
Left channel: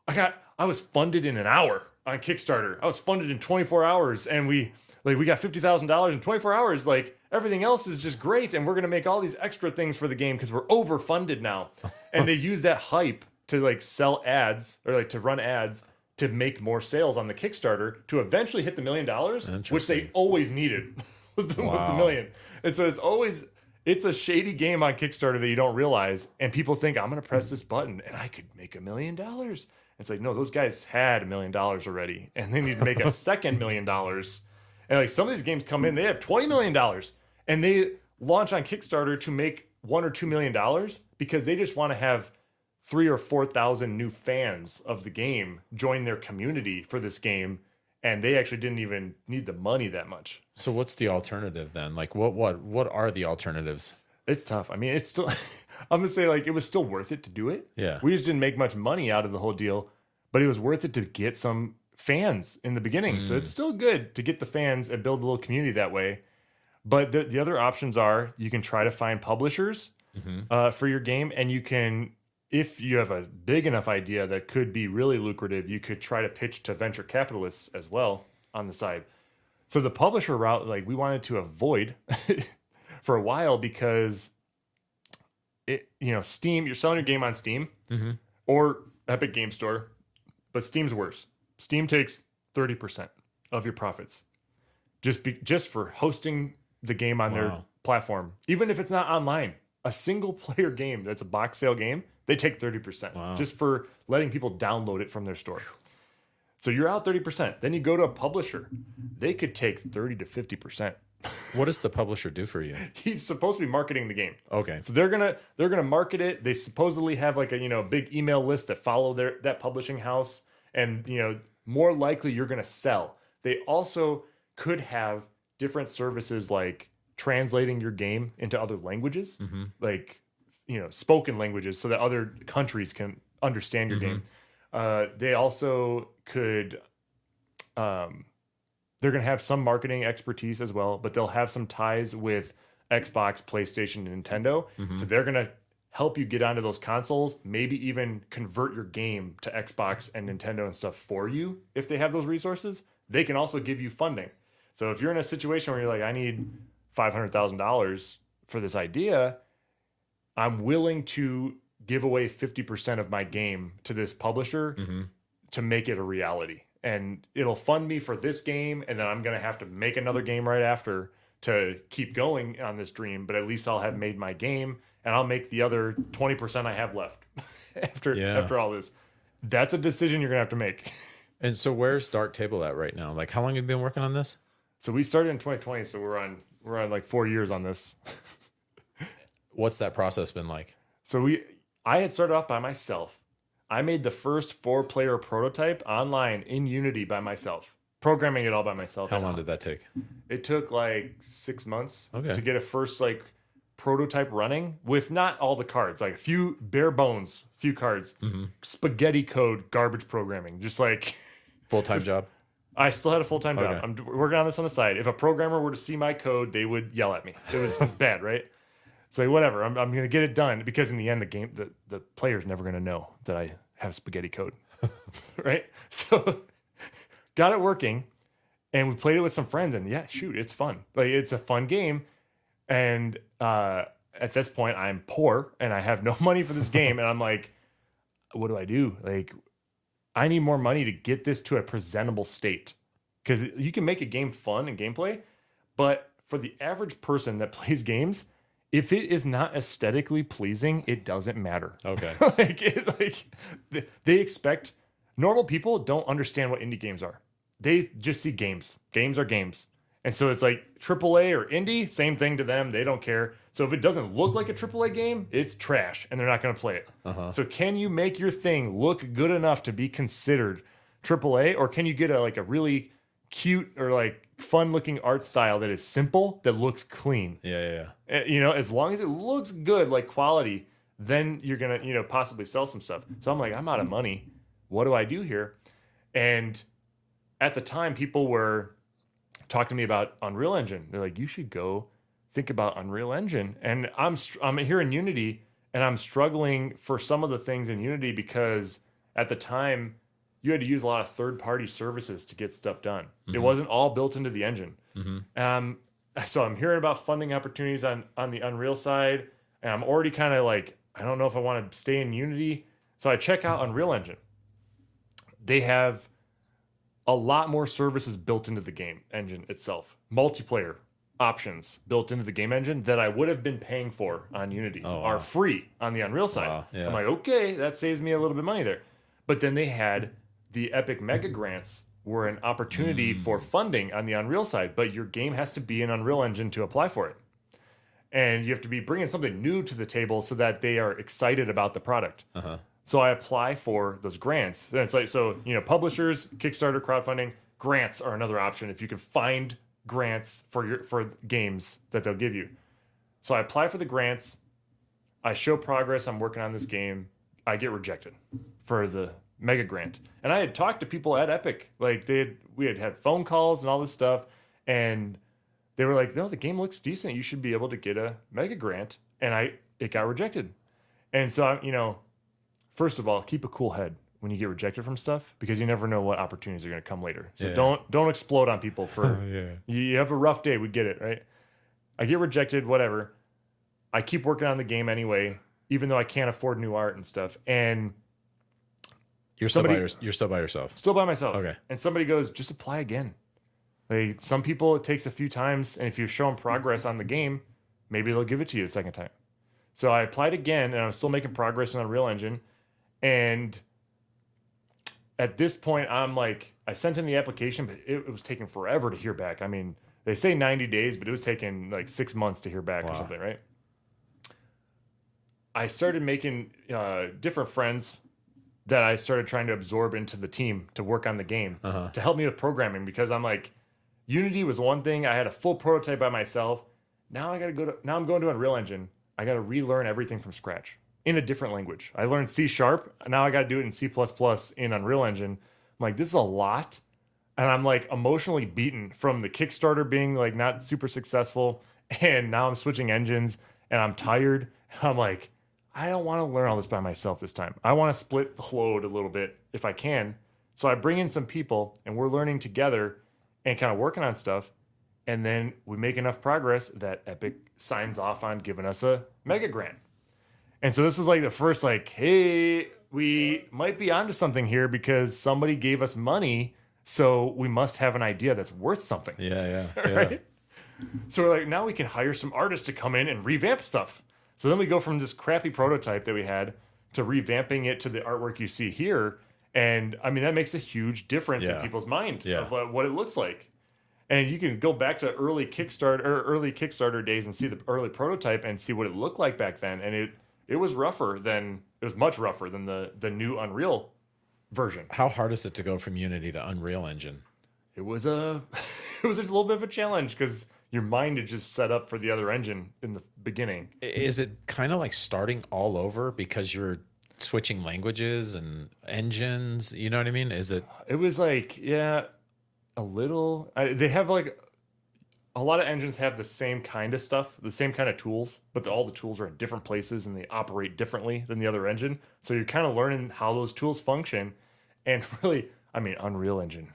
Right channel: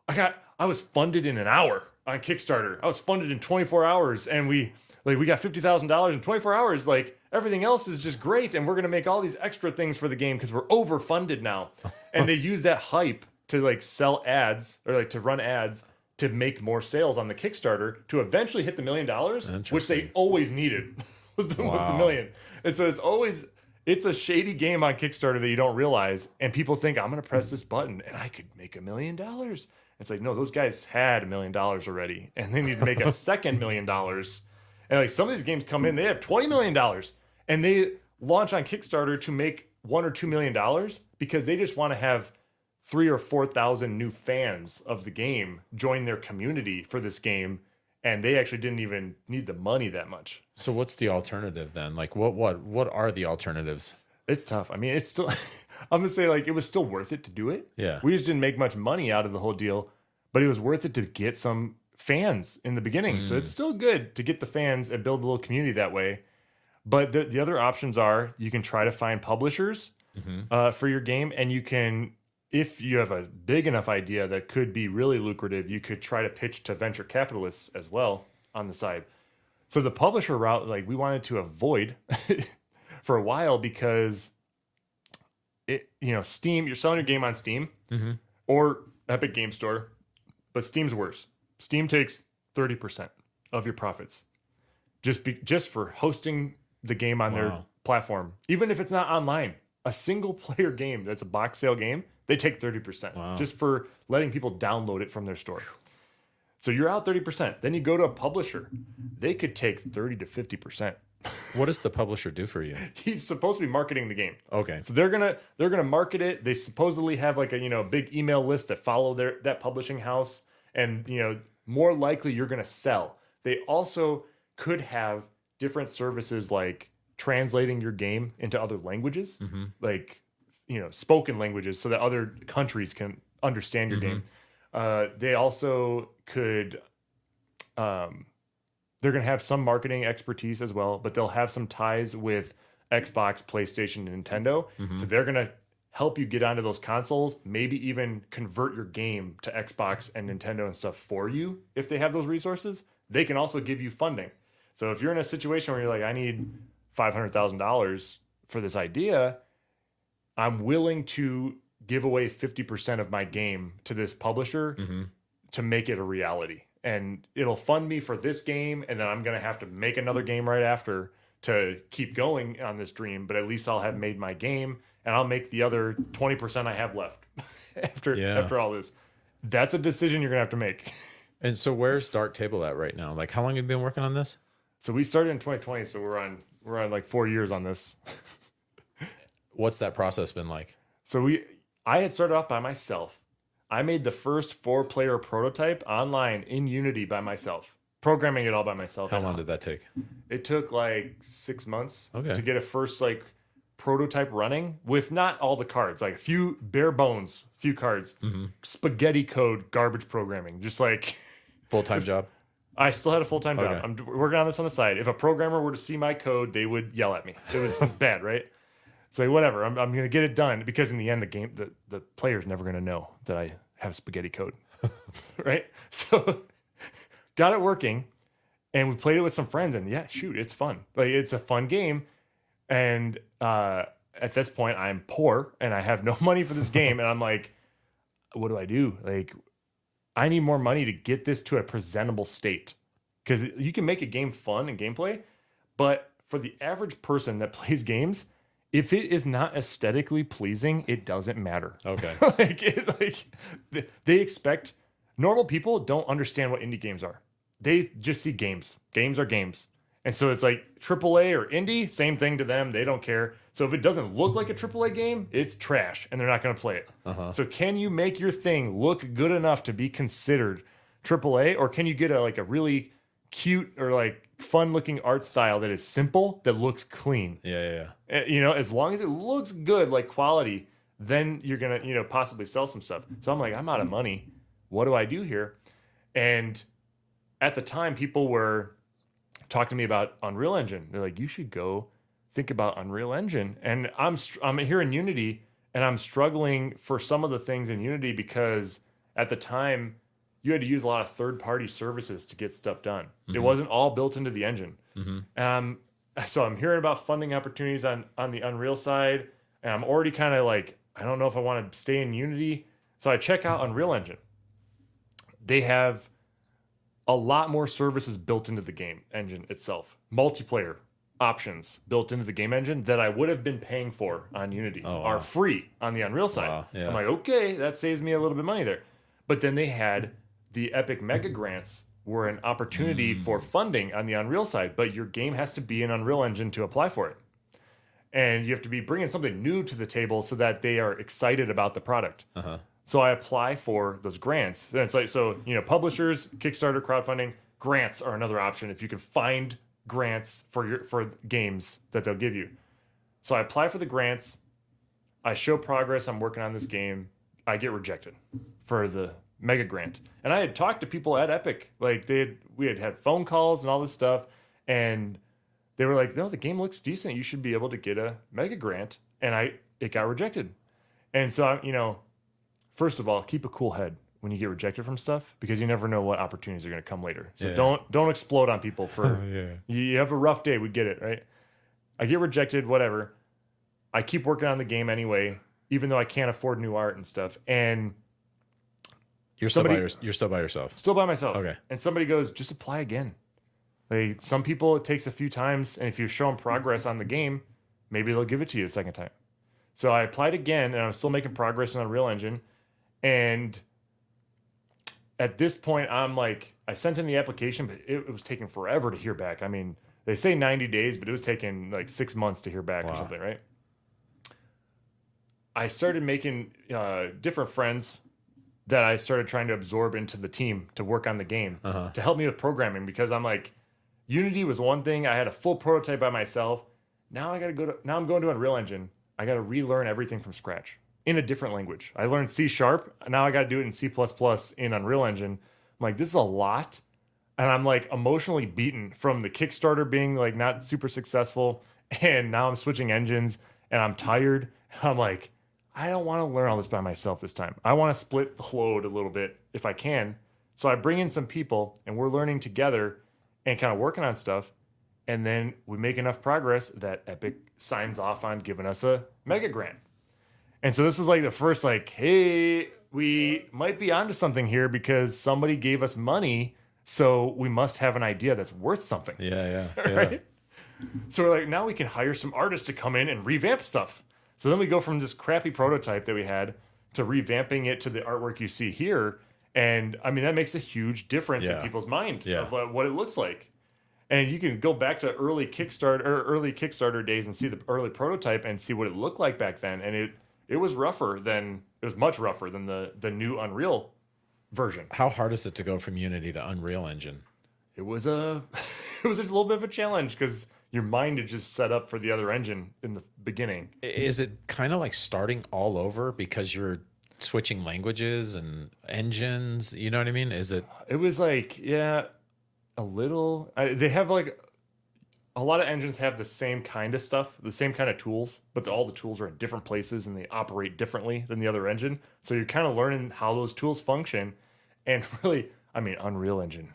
I was funded in an hour on Kickstarter. I was funded in 24 hours, and we got $50,000 in 24 hours. Like everything else is just great, and we're gonna make all these extra things for the game because we're overfunded now. And they use that hype to like sell ads or like to run ads to make more sales on the Kickstarter to eventually hit the $1 million, which they always needed was the million. And so it's a shady game on Kickstarter that you don't realize, and people think I'm gonna press this button and I could make $1 million. It's like, no, those guys had $1 million already, and they need to make a second $1 million. And like some of these games come in, they have $20 million, and they launch on Kickstarter to make $1 or $2 million because they just want to have 3,000 or 4,000 new fans of the game join their community for this game, and they actually didn't even need the money that much. So what's the alternative then? Like what are the alternatives? It's tough. I mean, it's still I'm gonna say like it was still worth it to do it. Yeah. We just didn't make much money out of the whole deal, but it was worth it to get some fans in the beginning. So it's still good to get the fans and build a little community that way. But the other options are you can try to find publishers for your game, and you can, if you have a big enough idea that could be really lucrative, you could try to pitch to venture capitalists as well on the side. So the publisher route, like we wanted to avoid for a while because Steam, you're selling your game on Steam or Epic Game Store, but Steam's worse. Steam takes 30% of your profits just for hosting the game on their platform. Even if it's not online, a single player game that's a box sale game, they take 30% just for letting people download it from their store. So you're out 30%. Then you go to a publisher, they could take 30 to 50%. What does the publisher do for you? He's supposed to be marketing the game. Okay. So they're gonna market it. They supposedly have like a big email list that follow that publishing house, and more likely you're gonna sell. They also could have different services like translating your game into other languages, like spoken languages, so that other countries can understand your game. They also could. They're going to have some marketing expertise as well, but they'll have some ties with Xbox, PlayStation, and Nintendo. So they're going to help you get onto those consoles, maybe even convert your game to Xbox and Nintendo and stuff for you if they have those resources. They can also give you funding. So if you're in a situation where you're like, I need $500,000 for this idea, I'm willing to give away 50% of my game to this publisher to make it a reality. And it'll fund me for this game, and then I'm going to have to make another game right after to keep going on this dream. But at least I'll have made my game, and I'll make the other 20% I have left after all this. That's a decision you're going to have to make. And so where's Dark Table at right now? Like, how long have you been working on this? So we started in 2020, so we're on like 4 years on this. What's that process been like? So I had started off by myself. I made the first 4-player prototype online in Unity by myself, programming it all by myself. How long did that take? It took like 6 months Okay. to get a first like prototype running with not all the cards, like a few bare bones, few cards, spaghetti code, garbage programming, just like Full-time job? I still had a full-time job. Okay. I'm working on this on the side. If a programmer were to see my code, they would yell at me. It was bad, right? So whatever, I'm going to get it done because in the end, the player's never going to know that I have spaghetti code, right? So got it working, and we played it with some friends, and yeah, shoot, it's fun. Like it's a fun game, and at this point, I'm poor and I have no money for this game, and I'm like, what do I do? Like, I need more money to get this to a presentable state because you can make a game fun and gameplay, but for the average person that plays games, if it is not aesthetically pleasing, it doesn't matter. Okay. They expect normal people don't understand what indie games are. They just see games. Games are games. And so it's like AAA or indie, same thing to them. They don't care. So if it doesn't look like a AAA game, it's trash and they're not going to play it. So can you make your thing look good enough to be considered AAA, or can you get a really cute or like fun looking art style that is simple, that looks clean? Yeah. You know, as long as it looks good, like quality, then you're going to, possibly sell some stuff. So I'm like, I'm out of money. What do I do here? And at the time, people were talking to me about Unreal Engine. They're like, you should go think about Unreal Engine. And I'm here in Unity, and I'm struggling for some of the things in Unity because at the time you had to use a lot of third-party services to get stuff done. It wasn't all built into the engine. So I'm hearing about funding opportunities on the Unreal side, and I'm already kind of like, I don't know if I want to stay in Unity. So I check out Unreal Engine. They have a lot more services built into the game engine itself. Multiplayer options built into the game engine that I would have been paying for on Unity are free on the Unreal side. I'm like, okay, that saves me a little bit of money there. But then they had the Epic Mega Grants were an opportunity for funding on the Unreal side, but your game has to be in Unreal Engine to apply for it. And you have to be bringing something new to the table so that they are excited about the product. So I apply for those grants. That's like, publishers, Kickstarter, crowdfunding, grants are another option if you can find grants for games that they'll give you. So I apply for the grants. I show progress. I'm working on this game. I get rejected for the mega grant. And I had talked to people at Epic. Like we had phone calls and all this stuff. And they were like, no, the game looks decent. You should be able to get a mega grant. And it got rejected. And so, first of all, keep a cool head when you get rejected from stuff, because you never know what opportunities are going to come later. So don't explode on people for you have a rough day. We get it, right? I get rejected, whatever. I keep working on the game anyway, even though I can't afford new art and stuff. And you're still by yourself. Still by myself. Okay. And somebody goes, just apply again. Like, some people, it takes a few times, and if you show them progress on the game, maybe they'll give it to you the second time. So I applied again, and I was still making progress on Unreal Engine. And at this point, I'm like, I sent in the application, but it was taking forever to hear back. I mean, they say 90 days, but it was taking like 6 months to hear back or something, right? I started making different friends that I started trying to absorb into the team to work on the game to help me with programming, because I'm like, Unity was one thing. I had a full prototype by myself. Now I'm going to Unreal Engine. I got to relearn everything from scratch in a different language. I learned C#. Now I got to do it in C++ in Unreal Engine. I'm like, this is a lot. And I'm like emotionally beaten from the Kickstarter being like not super successful. And now I'm switching engines and I'm tired. I'm like, I don't want to learn all this by myself this time. I want to split the load a little bit if I can. So I bring in some people and we're learning together and kind of working on stuff. And then we make enough progress that Epic signs off on giving us a mega grant. And so this was like the first, like, hey, we might be onto something here because somebody gave us money, so we must have an idea that's worth something. Yeah. Right? So we're like, now we can hire some artists to come in and revamp stuff. So then we go from this crappy prototype that we had to revamping it to the artwork you see here. And I mean, that makes a huge difference in people's mind of what it looks like. And you can go back to early Kickstarter days and see the early prototype and see what it looked like back then. And it was much rougher than the new Unreal version. How hard is it to go from Unity to Unreal Engine? It was a it was a little bit of a challenge because your mind is just set up for the other engine in the beginning. Is it kind of like starting all over because you're switching languages and engines? You know what I mean? Is it? It was like, yeah, a little. They have like a lot of engines have the same kind of stuff, the same kind of tools, but all the tools are in different places and they operate differently than the other engine. So you're kind of learning how those tools function. And really, I mean, Unreal Engine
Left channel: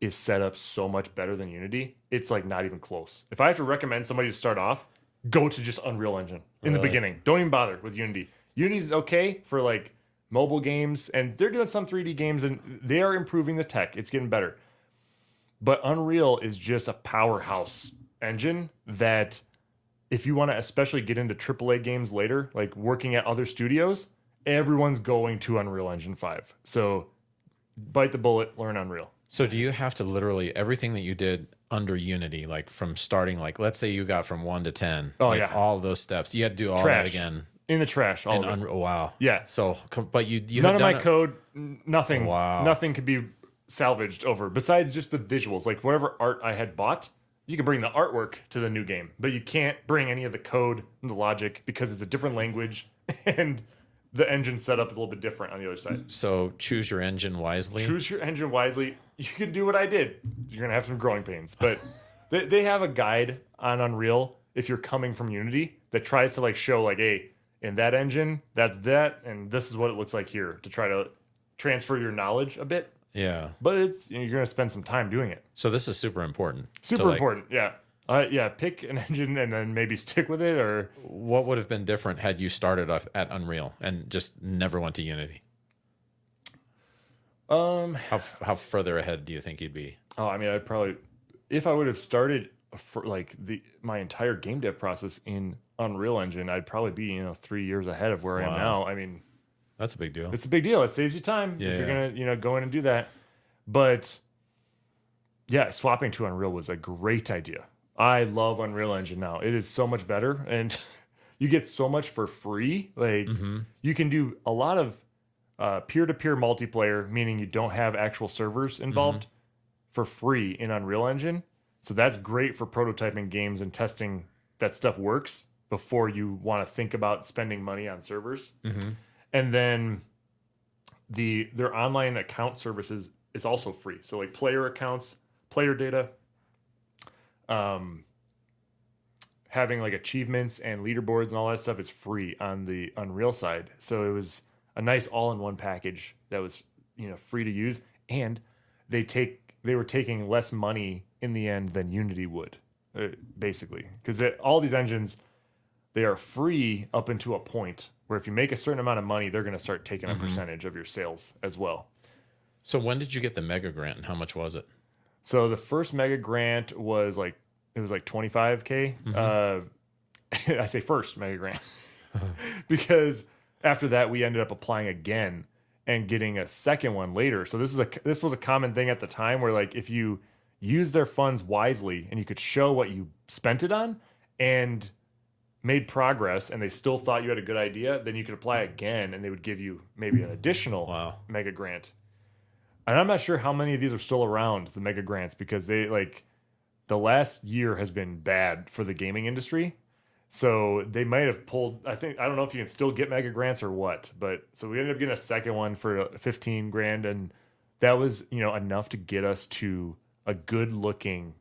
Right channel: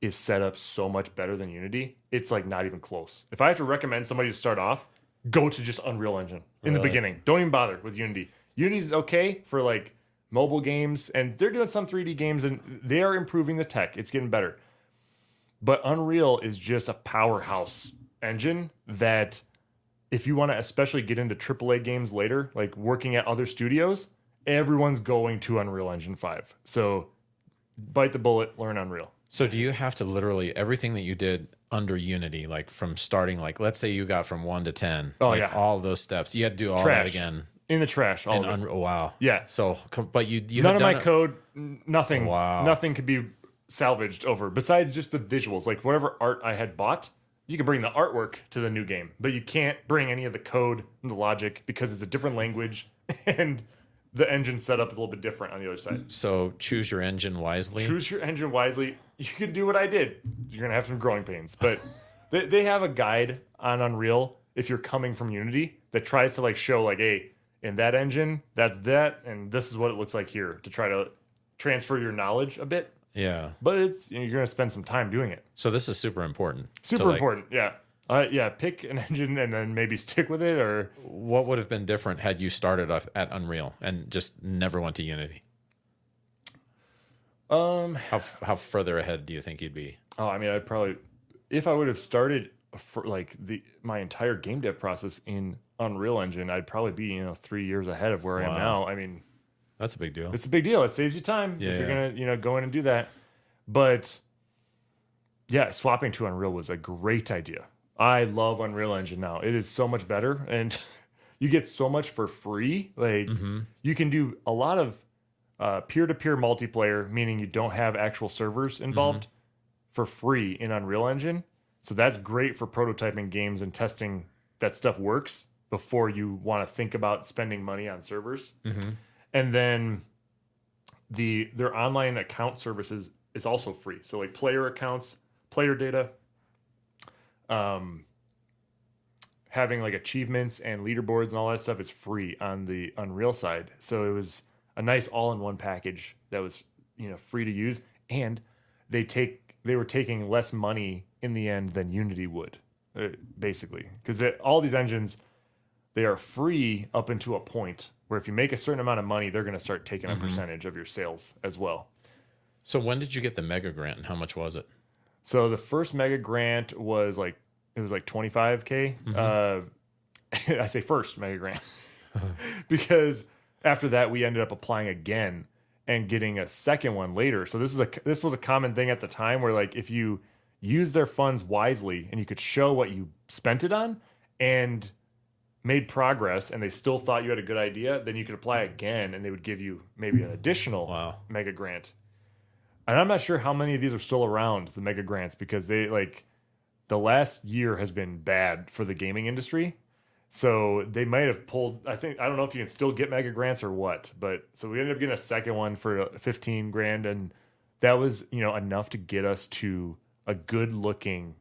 is set up so much better than Unity. It's like not even close. If I have to recommend somebody to start off, go to just Unreal Engine in the beginning. Don't even bother with Unity. Unity's okay for like mobile games, and they're doing some 3D games, and they are improving the tech. It's getting better. But Unreal is just a powerhouse engine that if you want to especially get into AAA games later, like working at other studios, everyone's going to Unreal Engine 5. So bite the bullet, learn Unreal. So do you have to literally everything that you did under Unity, like from starting, like let's say you got from 1 to 10, all of those steps, you had to do all that again. In the trash. Wow. Yeah. So, but you none of my code, nothing. Wow. Nothing could be salvaged over besides just the visuals. Like whatever art I had bought, you can bring the artwork to the new game, but you can't bring any of the code and the logic because it's a different language and the engine's set up a little bit different on the other side. So choose your engine wisely. Choose your engine wisely. You can do what I did. You're gonna have some growing pains, but they have a guide on Unreal if you're coming from Unity that tries to like show like, hey, in that engine, that's that, and this is what it looks like here to try to transfer your knowledge a bit. Yeah. But you're going to spend some time doing it. So this is super important. Super important, yeah. Pick an engine and then maybe stick with it. Or what would have been different had you started off at Unreal and just never went to Unity? How further ahead do you think you'd be? Oh, I mean, I'd probably, if I would have started for like my entire game dev process in Unreal Engine, I'd probably be 3 years ahead of where I am now. I mean, that's a big deal. It's a big deal. It saves you time if you're gonna go in and do that. But yeah, swapping to Unreal was a great idea. I love Unreal Engine now. It is so much better, and you get so much for free. Like you can do a lot of peer-to-peer multiplayer, meaning you don't have actual servers involved, for free in Unreal Engine. So that's great for prototyping games and testing that stuff works before you want to think about spending money on servers. And then their online account services is also free. So like player accounts, player data, having like achievements and leaderboards and all that stuff is free on the Unreal side. So it was a nice all-in-one package that was free to use, and they were taking less money in the end than Unity would, basically, because all these engines, they are free up into a point where if you make a certain amount of money, they're going to start taking a percentage of your sales as well. So when did you get the mega grant and how much was it? So the first mega grant was like $25K. I say first mega grant because after that we ended up applying again and getting a second one later. So this was a common thing at the time where like if you use their funds wisely and you could show what you spent it on and made progress and they still thought you had a good idea, then you could apply again and they would give you maybe an additional mega grant. And I'm not sure how many of these are still around, the mega grants, because the last year has been bad for the gaming industry. So they might have pulled, I don't know if you can still get mega grants or what, but so we ended up getting a second one for 15 grand, and that was, enough to get us to a good looking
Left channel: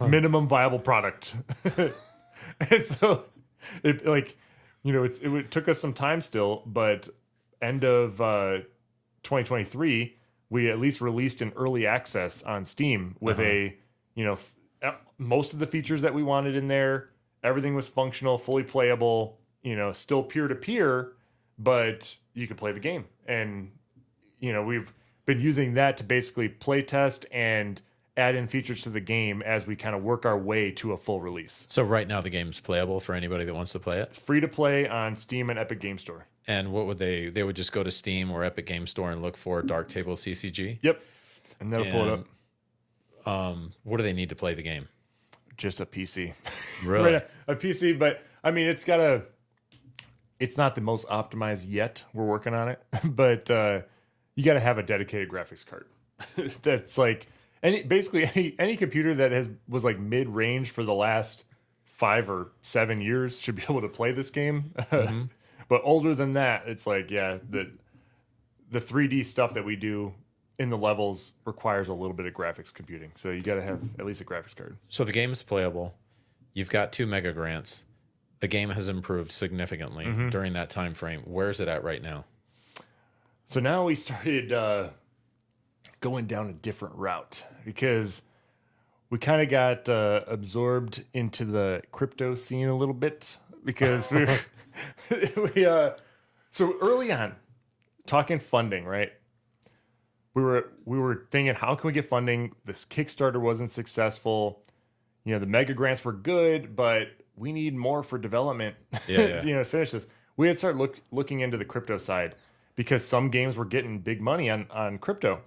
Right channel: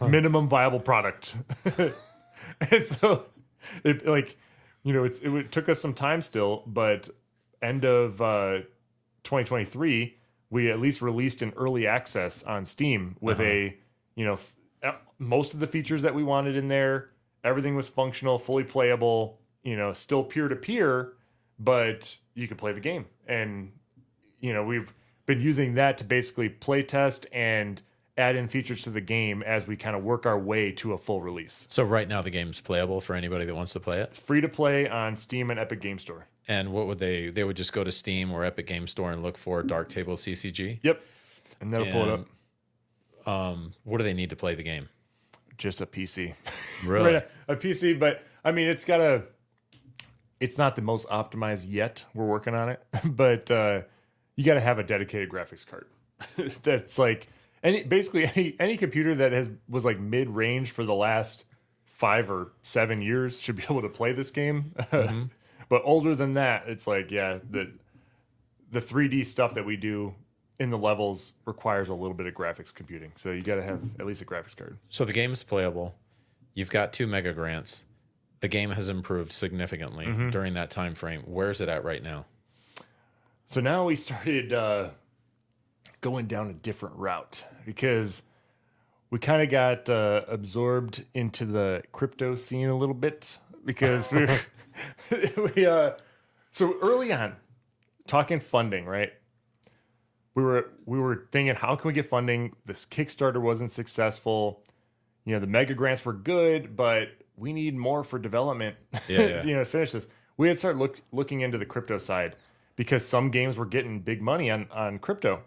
minimum viable product. And so it took us some time still, but end of 2023, we at least released an early access on Steam with most of the features that we wanted in there. Everything was functional, fully playable, still peer-to-peer, but you could play the game. And, we've been using that to basically play test and add in features to the game as we kind of work our way to a full release. So right now the game's playable for anybody that wants to play it? Free to play on Steam and Epic Game Store. And what would they would just go to Steam or Epic Game Store and look for Dark Table CCG? Yep. And that'll pull it up. What do they need to play the game? Just a PC. Really? A PC, but I mean, it's not the most optimized yet. We're working on it, but you got to have a dedicated graphics card. That's like any computer that was like mid-range for the last 5 or 7 years should be able to play this game. Mm-hmm. But older than that, it's like, yeah, the 3D stuff that we do in the levels requires a little bit of graphics computing. So you got to have at least a graphics card. So the game is playable. You've got 2 mega grants. The game has improved significantly during that time frame. Where's it at right now? So now we started going down a different route because we kind of got absorbed into the crypto scene a little bit because so early on, talking funding, right? We were thinking, how can we get funding? This Kickstarter wasn't successful. You know, the mega grants were good, but we need more for development. Yeah. To finish this. We had started looking into the crypto side because some games were getting big money on crypto.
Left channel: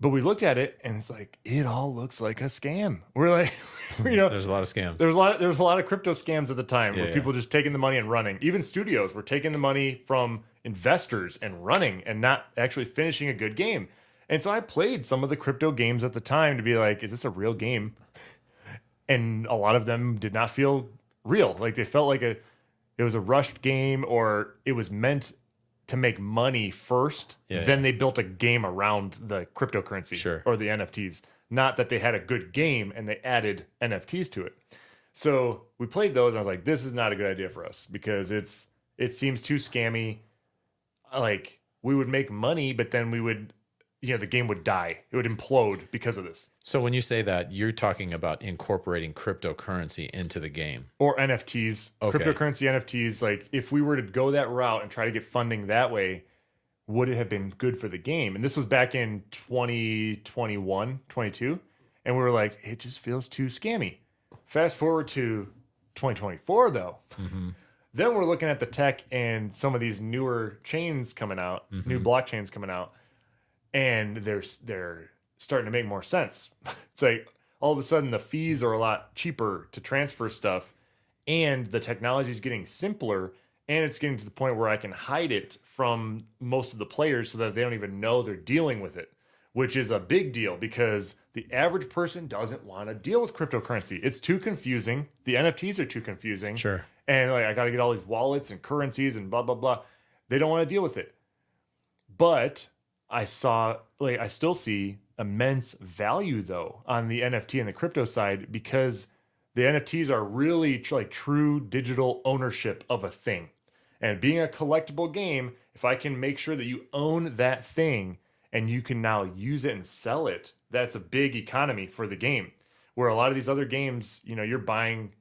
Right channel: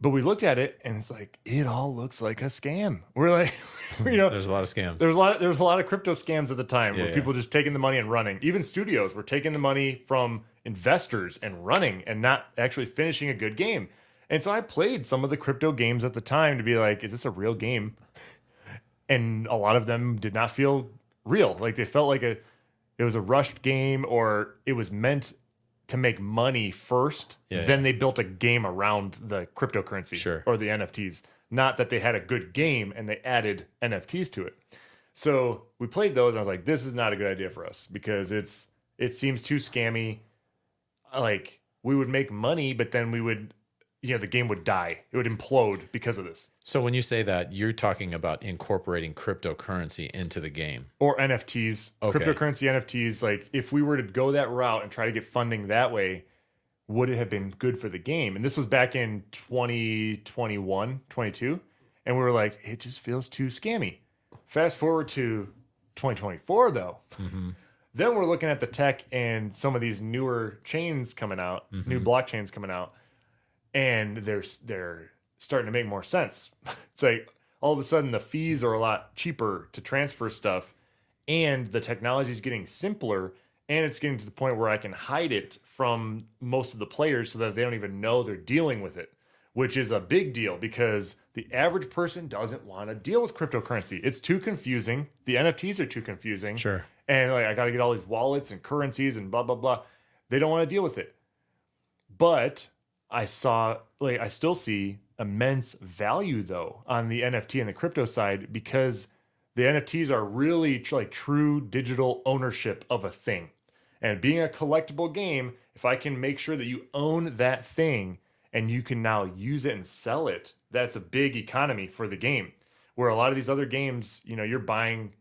But we looked at it and it's like, it all looks like a scam. We're like, there's a lot of scams. There was a lot of crypto scams at the time where people just taking the money and running. Even studios were taking the money from investors and running and not actually finishing a good game. And so I played some of the crypto games at the time to be like, is this a real game? And a lot of them did not feel real. Like they felt like it was a rushed game, or it was meant to make money first. Then they built a game around the cryptocurrency or the NFTs. Not that they had a good game and they added NFTs to it. So we played those and I was like, this is not a good idea for us because it seems too scammy. Like we would make money, but then we would, the game would die. It would implode because of this. So when you say that, you're talking about incorporating cryptocurrency into the game. Or NFTs. Okay. Cryptocurrency NFTs. Like if we were to go that route and try to get funding that way, would it have been good for the game? And this was back in 2021, 22. And we were like, it just feels too scammy. Fast forward to 2024 though. Then we're looking at the tech and some of these newer chains coming out, new blockchains coming out. And they're starting to make more sense. It's like all of a sudden the fees are a lot cheaper to transfer stuff, and the technology is getting simpler, and it's getting to the point where I can hide it from most of the players so that they don't even know they're dealing with it, which is a big deal because the average person doesn't want to deal with cryptocurrency. It's too confusing. The NFTs are too confusing. Sure. And like I got to get all these wallets and currencies and blah, blah, blah. They don't want to deal with it. But I still see immense value though on the NFT and the crypto side because the NFTs are really like true digital ownership of a thing. And being a collectible game, if I can make sure that you own that thing and you can now use it and sell it, that's a big economy for the game. Where a lot of these other games, you're buying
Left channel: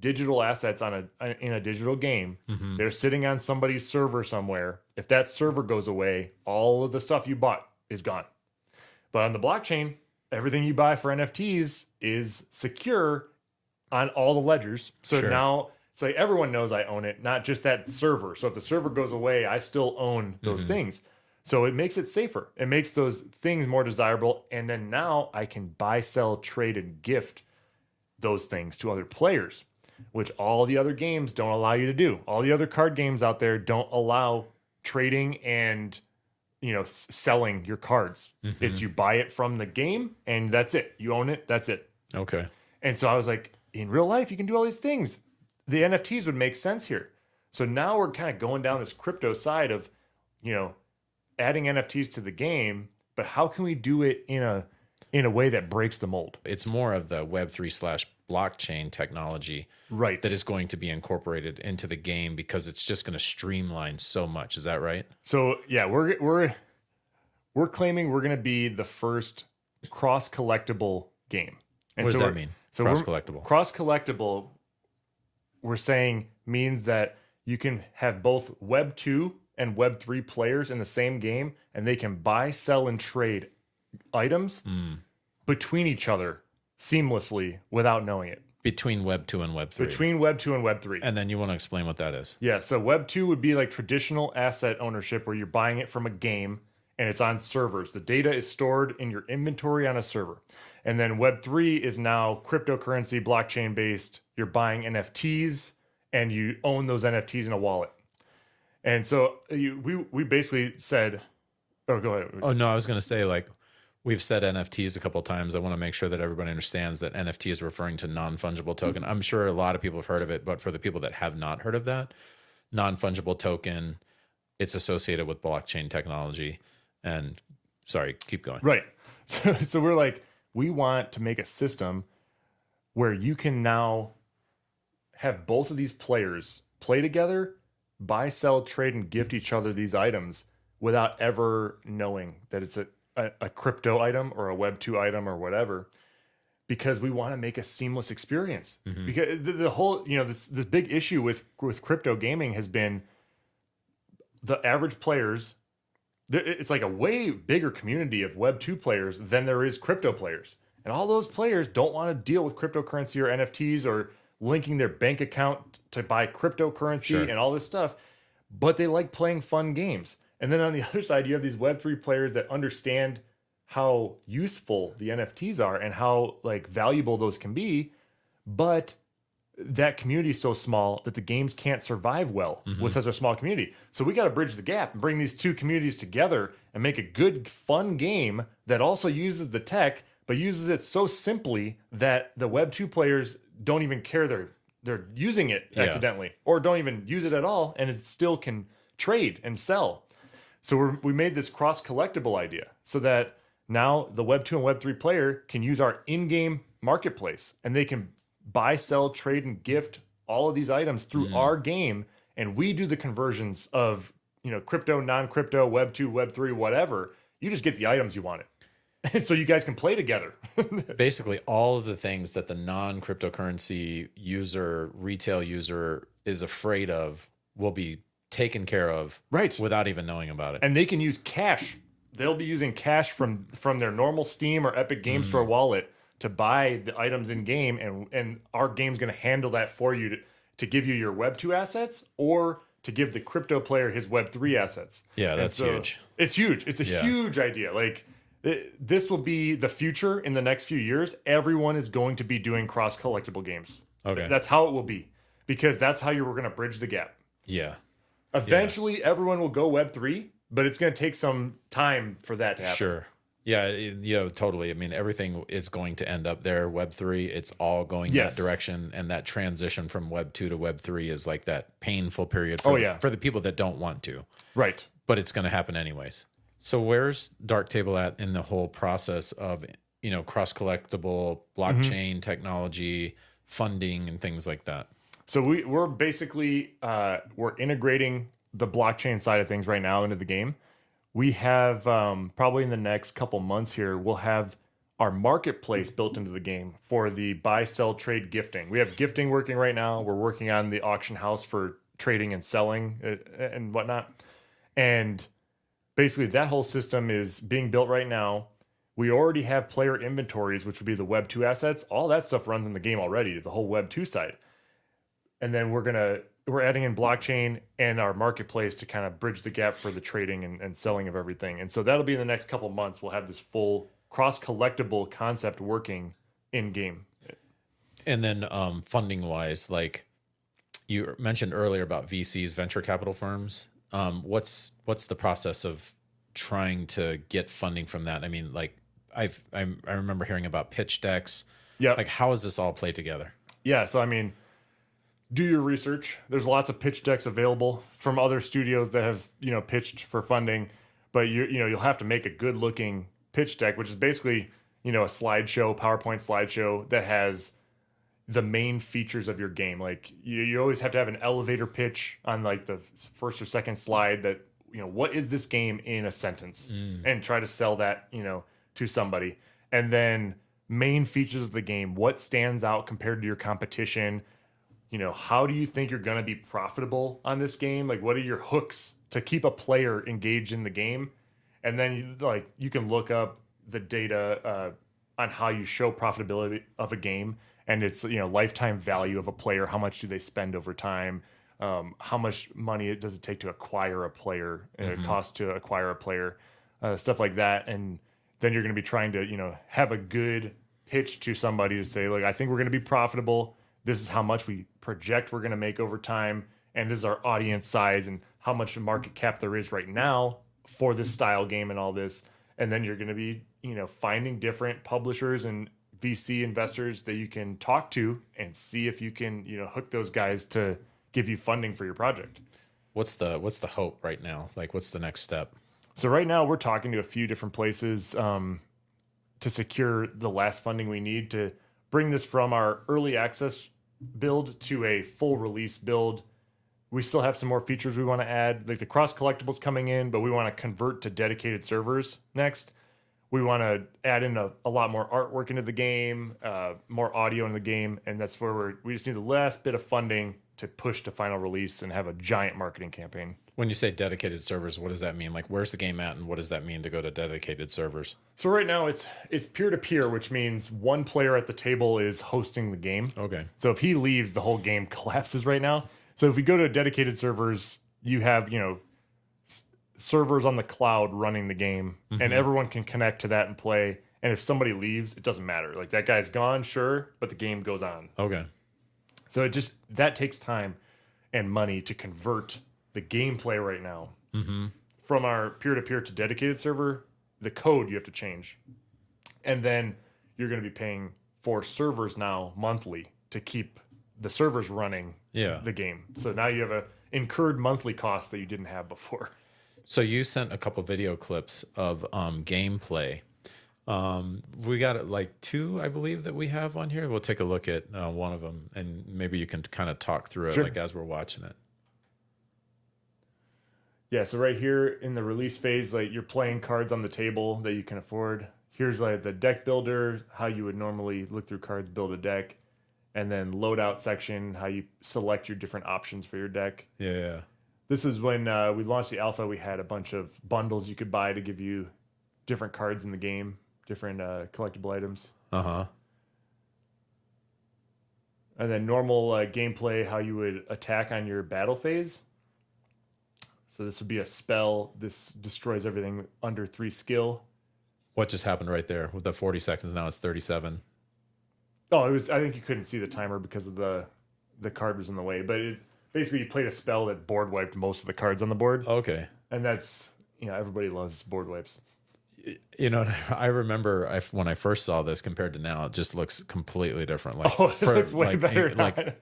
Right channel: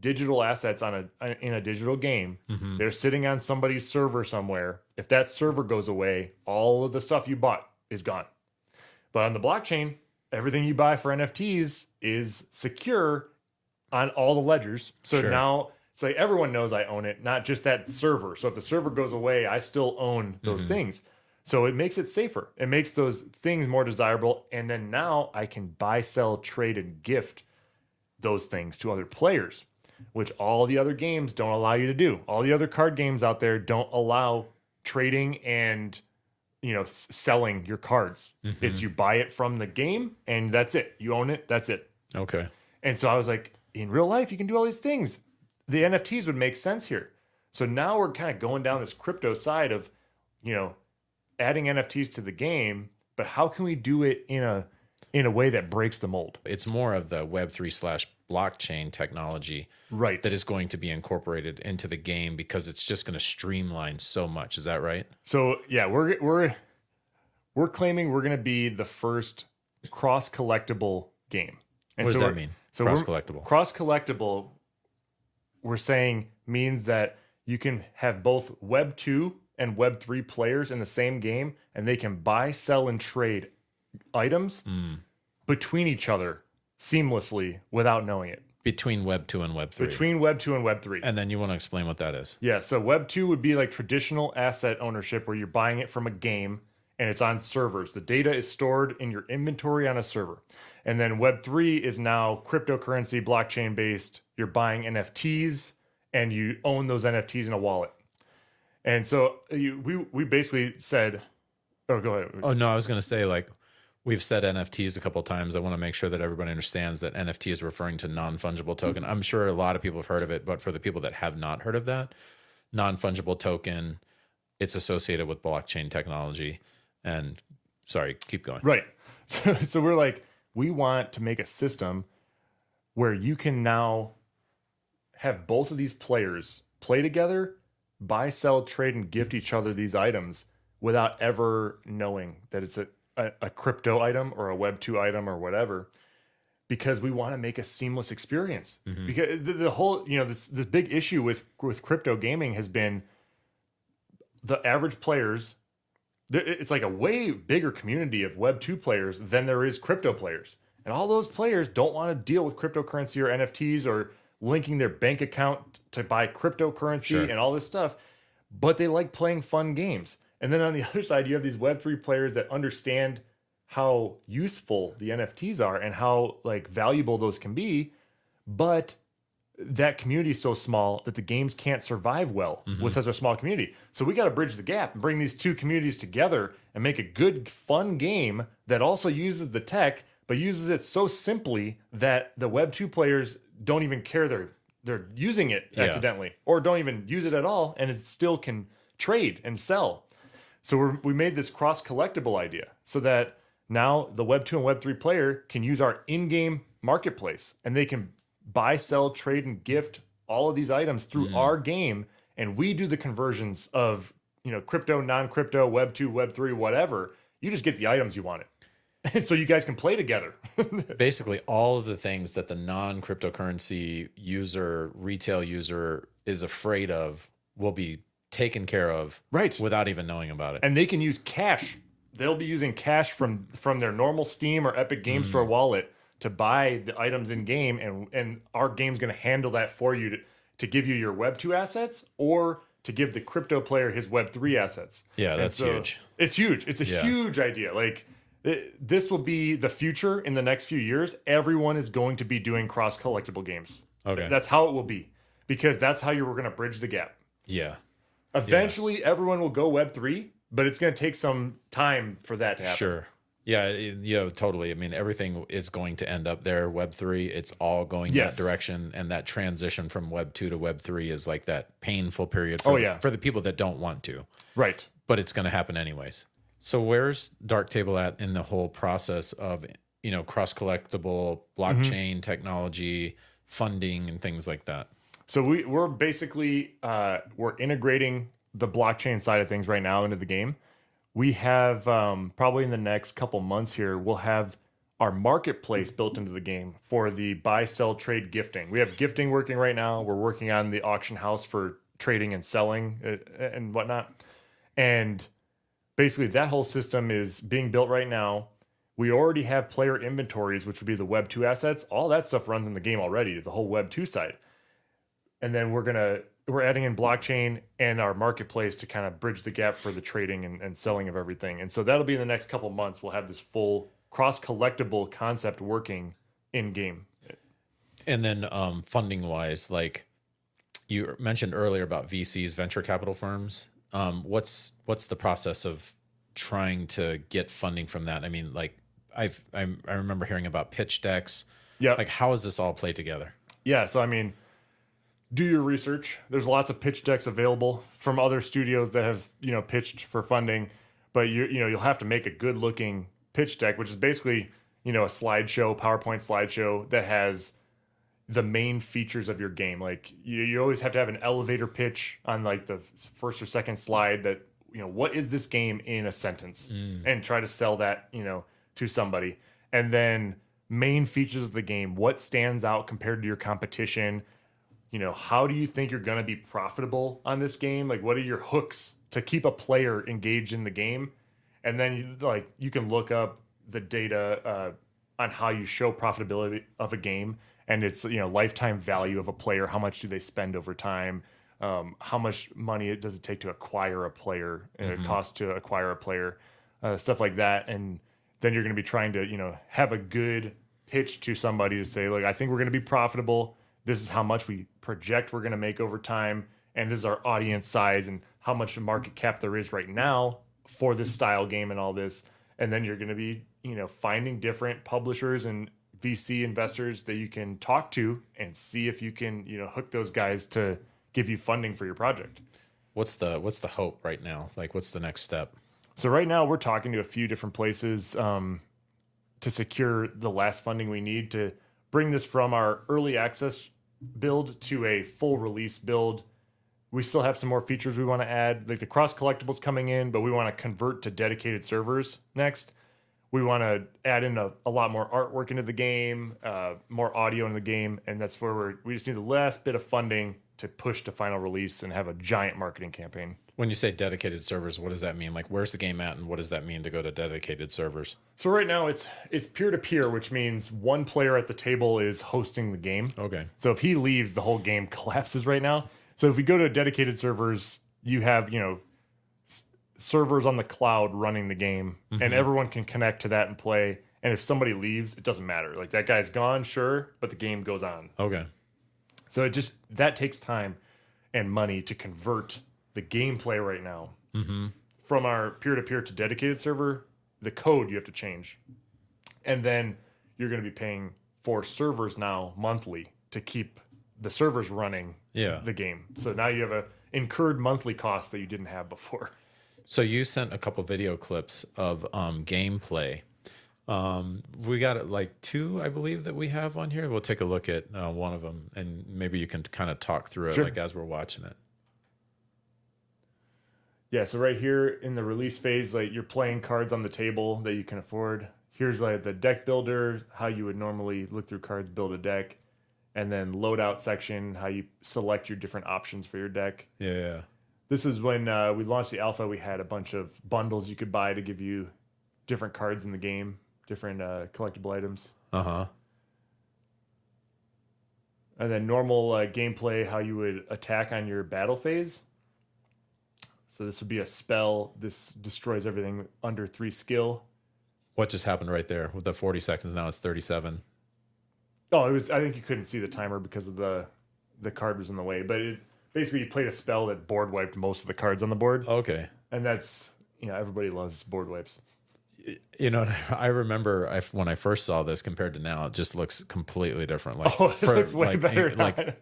digital assets in a digital game. They're sitting on somebody's server somewhere. If that server goes away, all of the stuff you bought is gone. But on the blockchain, everything you buy for NFTs is secure on all the ledgers. So now it's like everyone knows I own it, not just that server. So if the server goes away, I still own those things. So it makes it safer. It makes those things more desirable. And then now I can buy, sell, trade, and gift those things to other players, which all the other games don't allow you to do. All the other card games out there don't allow trading and selling your cards. It's you buy it from the game and that's it. You own it. That's it. Okay. And so I was like, in real life, you can do all these things. The NFTs would make sense here. So now we're kind of going down this crypto side of, adding NFTs to the game, but how can we do it in a way that breaks the mold? It's more of the Web3 / blockchain technology that is going to be incorporated into the game because it's just going to streamline so much. Is that right? So yeah, we're claiming we're going to be the first cross collectible game. And what does that mean? So cross collectible. Cross collectible, we're saying means that you can have both Web2 and Web3 players in the same game, and they can buy, sell, and trade items between each other seamlessly without knowing it. Between Web2 and Web3. Between Web2 and Web3. And then you want to explain what that is. Yeah, so Web2 would be like traditional asset ownership where you're buying it from a game and it's on servers. The data is stored in your inventory on a server. And then Web3 is now cryptocurrency, blockchain based. You're buying NFTs and you own those NFTs in a wallet. And so we basically said, oh, go ahead. Oh, no, I was going to say, like, we've said NFTs a couple of times. I want to make sure that everybody understands that NFT is referring to non-fungible token. I'm sure a lot of people have heard of it, but for the people that have not heard of that, non-fungible token, it's associated with blockchain technology. And sorry, keep going. Right. So we're like, we want to make a system where you can now have both of these players play together, buy, sell, trade, and gift each other these items without ever knowing that it's a crypto item or a Web2 item or whatever, because we want to make a seamless experience. Mm-hmm. Because the whole, this big issue with crypto gaming has been the average players. It's like a way bigger community of Web2 players than there is crypto players. And all those players don't want to deal with cryptocurrency or NFTs or linking their bank account to buy cryptocurrency and all this stuff, but they like playing fun games. And then on the other side, you have these Web3 players that understand how useful the NFTs are and how like valuable those can be, but that community is so small that the games can't survive well with such a small community. So we got to bridge the gap and bring these two communities together and make a good, fun game that also uses the tech, but uses it so simply that the Web2 players don't even care they're using it accidentally, or don't even use it at all, and it still can trade and sell. So we made this cross-collectible idea so that now the Web2 and Web3 player can use our in-game marketplace, and they can buy, sell, trade, and gift all of these items through our game, and we do the conversions of crypto, non-crypto, Web2, Web3, whatever. You just get the items you wanted. And so you guys can play together. Basically, all of the things that the non-cryptocurrency user, retail user is afraid of will be taken care of without even knowing about it. And they can use cash. They'll be using cash from their normal Steam or Epic Game Store wallet to buy the items in game, and our game's going to handle that for you to give you your Web2 assets or to give the crypto player his Web3 assets. Yeah, that's huge. It's huge. It's a huge idea. Like, this will be the future in the next few years. Everyone is going to be doing cross-collectible games. Okay. That's how it will be, because that's how you're going to bridge the gap. Yeah. Eventually, everyone will go Web3, but it's going to take some time for that to happen. Sure. Yeah, totally. I mean, everything is going to end up there. Web3, it's all going that direction, and that transition from Web2 to Web3 is like that painful period for the people that don't want to. Right. But it's going to happen anyways. So where's Dark Table at in the whole process of, cross-collectible blockchain technology, funding, and things like that? So we're basically we're integrating the blockchain side of things right now into the game. We have probably in the next couple months here, we'll have our marketplace built into the game for the buy, sell, trade, gifting. We have gifting working right now. We're working on the auction house for trading and selling and whatnot. And basically that whole system is being built right now. We already have player inventories, which would be the Web2 assets. All that stuff runs in the game already, the whole Web2 side. And then we're adding in blockchain and our marketplace to kind of bridge the gap for the trading and selling of everything. And so that'll be in the next couple of months. We'll have this full cross-collectible concept working in-game. And then funding-wise, like you mentioned earlier about VCs, venture capital firms, what's the process of trying to get funding from that? I mean, like I remember hearing about pitch decks. Yeah. Like, how does this all play together? Yeah, so I mean, do your research. There's lots of pitch decks available from other studios that have, pitched for funding, but you'll have to make a good looking pitch deck, which is basically, a slideshow, PowerPoint slideshow that has the main features of your game. Like you always have to have an elevator pitch on like the first or second slide that, what is this game in a sentence, and try to sell that, to somebody. And then main features of the game, what stands out compared to your competition. How do you think you're going to be profitable on this game? Like, what are your hooks to keep a player engaged in the game? And then, you can look up the data on how you show profitability of a game. And it's, lifetime value of a player. How much do they spend over time? How much money does it take to acquire a player? And it costs to acquire a player. stuff like that. And then you're going to be trying to, have a good pitch to somebody to say, like, I think we're going to be profitable. This is how much we project we're going to make over time. And this is our audience size and how much market cap there is right now for this style game and all this. And then you're going to be, finding different publishers and VC investors that you can talk to and see if you can, hook those guys to give you funding for your project. What's the hope right now? Like, what's the next step? So right now we're talking to a few different places to secure the last funding we need to bring this from our early access build to a full release build. We still have some more features we want to add, like the cross collectibles coming in, but we want to convert to dedicated servers next. We want to add in a lot more artwork into the game, more audio in the game, and that's where we just need the last bit of funding to push to final release and have a giant marketing campaign. When you say dedicated servers, what does that mean? Like, where's the game at, and what does that mean to go to dedicated servers? So right now it's peer-to-peer, which means one player at the table is hosting the game. Okay. So if he leaves, the whole game collapses right now. So if we go to dedicated servers, you have, servers on the cloud running the game, and everyone can connect to that and play. And if somebody leaves, it doesn't matter. Like, that guy's gone, sure, but the game goes on. Okay. So that takes time and money to convert the gameplay right now. From our peer-to-peer to dedicated server, the code you have to change. And then you're going to be paying for servers now monthly to keep the servers running the game. So now you have a incurred monthly cost that you didn't have before. So you sent a couple video clips of gameplay. We got like 2, I believe, that we have on here. We'll take a look at one of them, and maybe you can kind of talk through it like as we're watching it. Yeah, so right here in the release phase, like, you're playing cards on the table that you can afford. Here's like the deck builder, how you would normally look through cards, build a deck. And then loadout section, how you select your different options for your deck. Yeah. This is when we launched the alpha. We had a bunch of bundles you could buy to give you different cards in the game, different collectible items. Uh-huh. And then normal gameplay, how you would attack on your battle phase. So this would be a spell. This destroys everything under 3 skill. What just happened right there? With the 40 seconds, now it's 37. Oh, I think you couldn't see the timer because of the card was in the way. But basically, you played a spell that board wiped most of the cards on the board. Okay. And that's, everybody loves board wipes. I remember when I first saw this compared to now, it just looks completely different. Like, it looks way better. Like,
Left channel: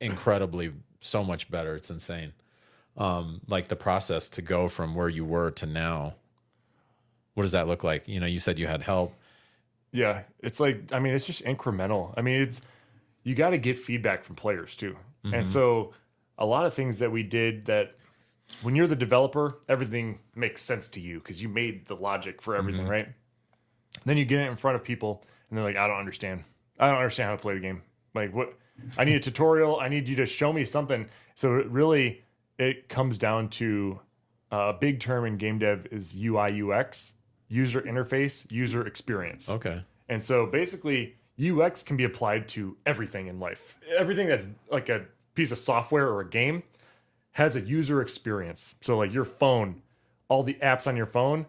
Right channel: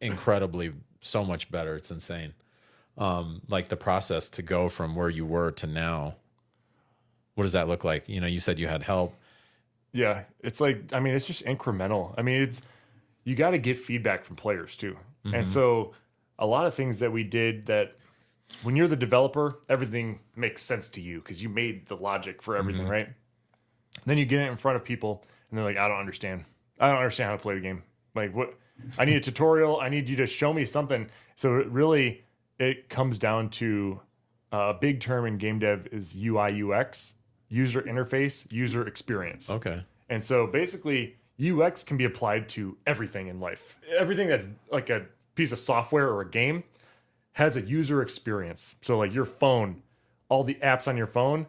incredibly, so much better. It's insane. Like, the process to go from where you were to now, what does that look like? You said you had help. Yeah, it's like, it's just incremental. You got to get feedback from players too. And so a lot of things that we did that when you're the developer, everything makes sense to you because you made the logic for everything, right? Then you get it in front of people and they're like, I don't understand. I don't understand how to play the game. Like, what? I need a tutorial. I need you to show me something. So it comes down to a big term in game dev is UI UX. User interface, user experience. Okay. And so basically, UX can be applied to everything in life. Everything that's like a piece of software or a game has a user experience. So like your phone, all the apps on your phone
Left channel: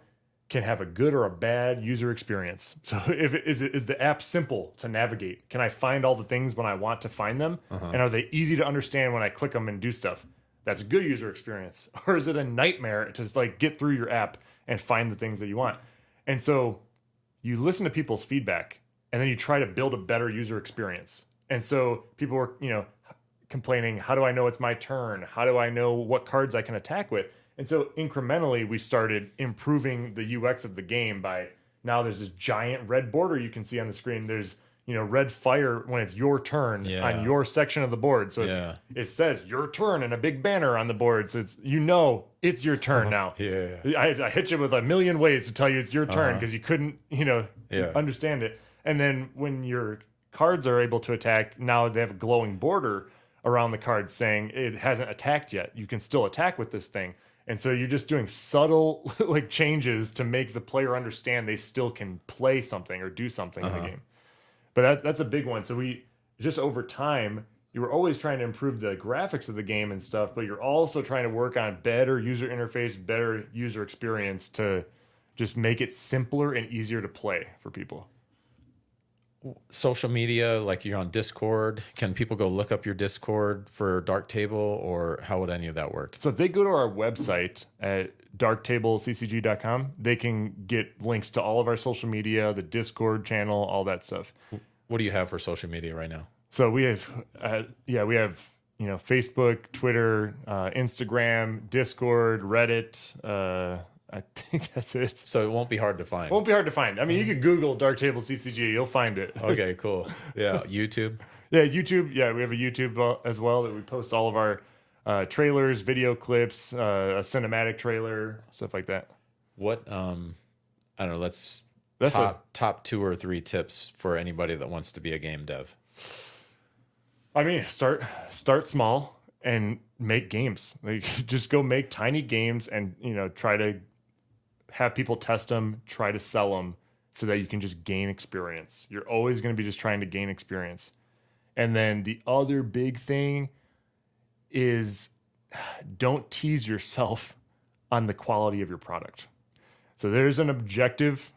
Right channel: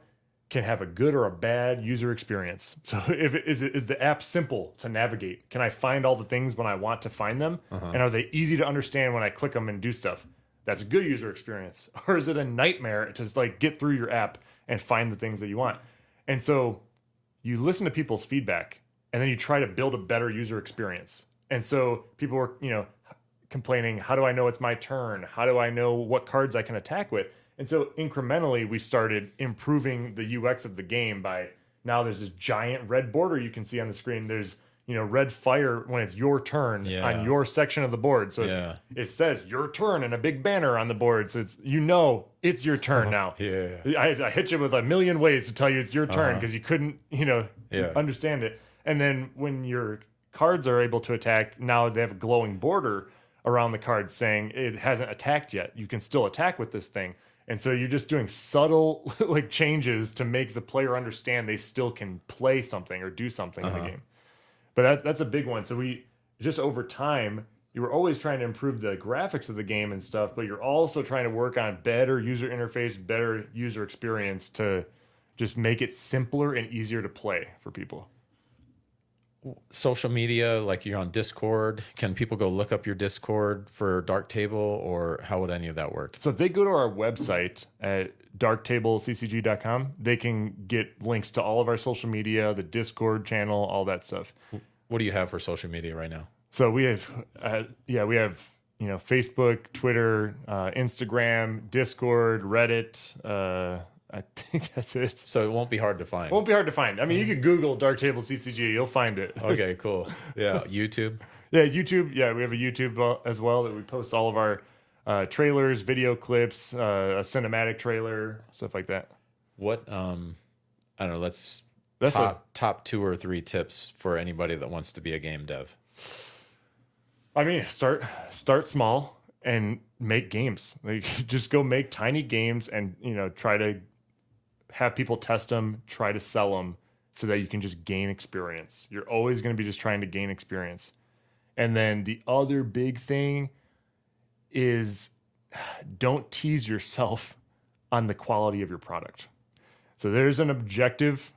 can have a good or a bad user experience. So is the app simple to navigate? Can I find all the things when I want to find them? And are they easy to understand when I click them and do stuff? That's a good user experience. Or is it a nightmare to like get through your app and find the things that you want? And so you listen to people's feedback and then you try to build a better user experience. And so people were, complaining, how do I know it's my turn? How do I know what cards I can attack with? And so incrementally we started improving the UX of the game by now there's this giant red border you can see on the screen. There's, red fire when it's your turn on your section of the board. So it says your turn and a big banner on the board. So it's your turn now. I hit you with a million ways to tell you it's your turn because you couldn't, understand it. And then when your cards are able to attack, now they have a glowing border around the card saying it hasn't attacked yet. You can still attack with this thing. And so you're just doing subtle like changes to make the player understand they still can play something or do something in the game. But that's a big one. So we just over time, you were always trying to improve the graphics of the game and stuff, but you're also trying to work on better user interface, better user experience to just make it simpler and easier to play for people. Social media, like you're on Discord. Can people go look up your Discord for Dark Table, or how would any of that work? So if they go to our website at darktablecccg.com, they can get links to all of our social media, the Discord channel, all that stuff. What do you have for social media right now? So we have, Facebook, Twitter, Instagram, Discord, Reddit. I think that's it. So it won't be hard to find. Won't be hard to find. I mean, you can Google Dark Table CCG, you'll find it. Okay, cool. Yeah, YouTube. Yeah, YouTube. Yeah, we have a YouTube as well that we post all of our trailers, video clips, a cinematic trailer, stuff like that. What I don't know. Let's top 2 or 3 tips for anybody that wants to be a game dev. I mean, start small and make games. Like, just go make tiny games and try to have people test them, try to sell them, so that you can just gain experience. You're always going to be just trying to gain experience. And then the other big thing is, don't tease yourself on the quality of your product. So there's an objective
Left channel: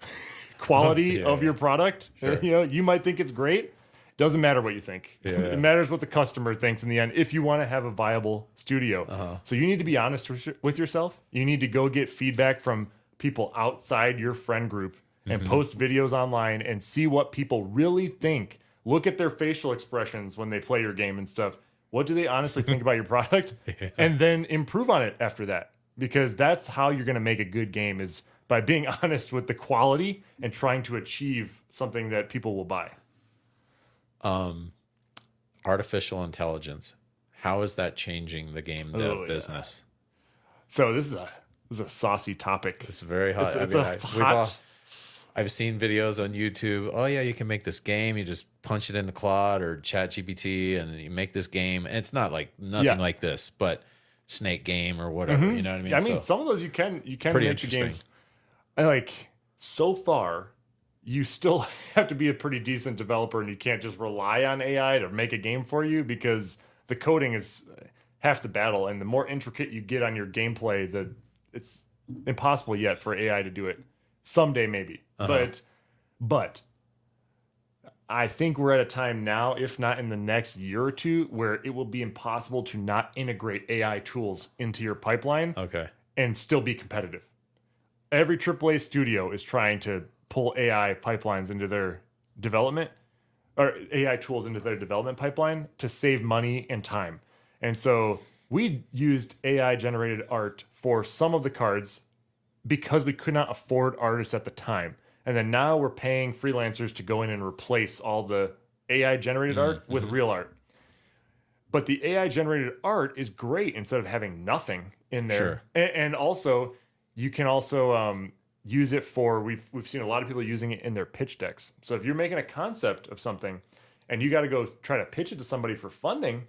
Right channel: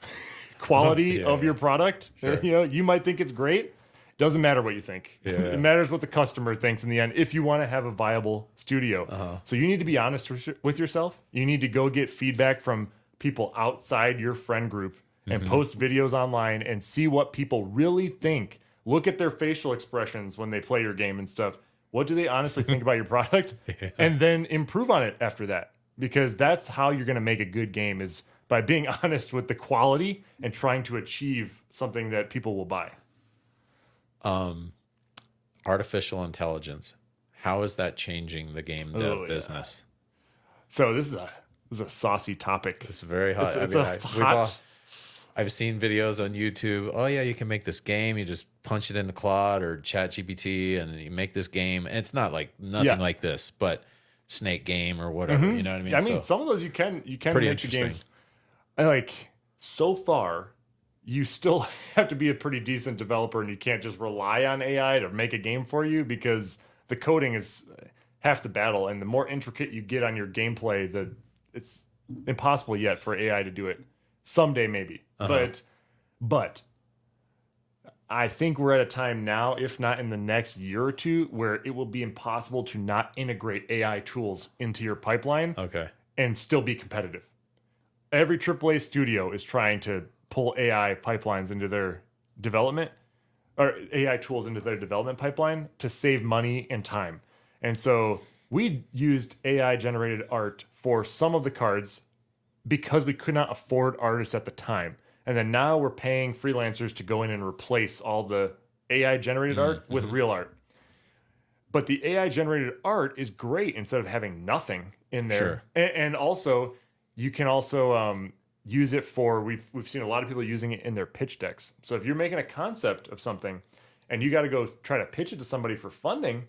quality of your product. Sure. You might think it's great. Doesn't matter what you think. Yeah. It matters what the customer thinks in the end if you want to have a viable studio. So you need to be honest with yourself. You need to go get feedback from people outside your friend group and post videos online and see what people really think. Look at their facial expressions when they play your game and stuff. What do they honestly think about your product? Yeah. And then improve on it after that. Because that's how you're going to make a good game, is by being honest with the quality and trying to achieve something that people will buy. Artificial intelligence. How is that changing the game dev business? So this is a saucy topic. It's very hot. I've seen videos on YouTube. Oh yeah, you can make this game. You just punch it into Claude or ChatGPT, and you make this game. And it's not like nothing like this, but Snake Game or whatever. You know what I mean? I mean, some of those you can make the games. And like, so far, you still have to be a pretty decent developer, and you can't just rely on AI to make a game for you, because the coding is half the battle. And the more intricate you get on your gameplay, it's impossible yet for AI to do it. Someday maybe, but I think we're at a time now, if not in the next year or two, where it will be impossible to not integrate AI tools into your pipeline and still be competitive. Every AAA studio is trying to pull AI pipelines into their development, or AI tools into their development pipeline, to save money and time. And so we used AI generated art for some of the cards because we could not afford artists at the time. And then now we're paying freelancers to go in and replace all the AI generated art with real art. But the AI generated art is great instead of having nothing in there. Sure. And also, you can also use it for, we've seen a lot of people using it in their pitch decks. So if you're making a concept of something and you got to go try to pitch it to somebody for funding,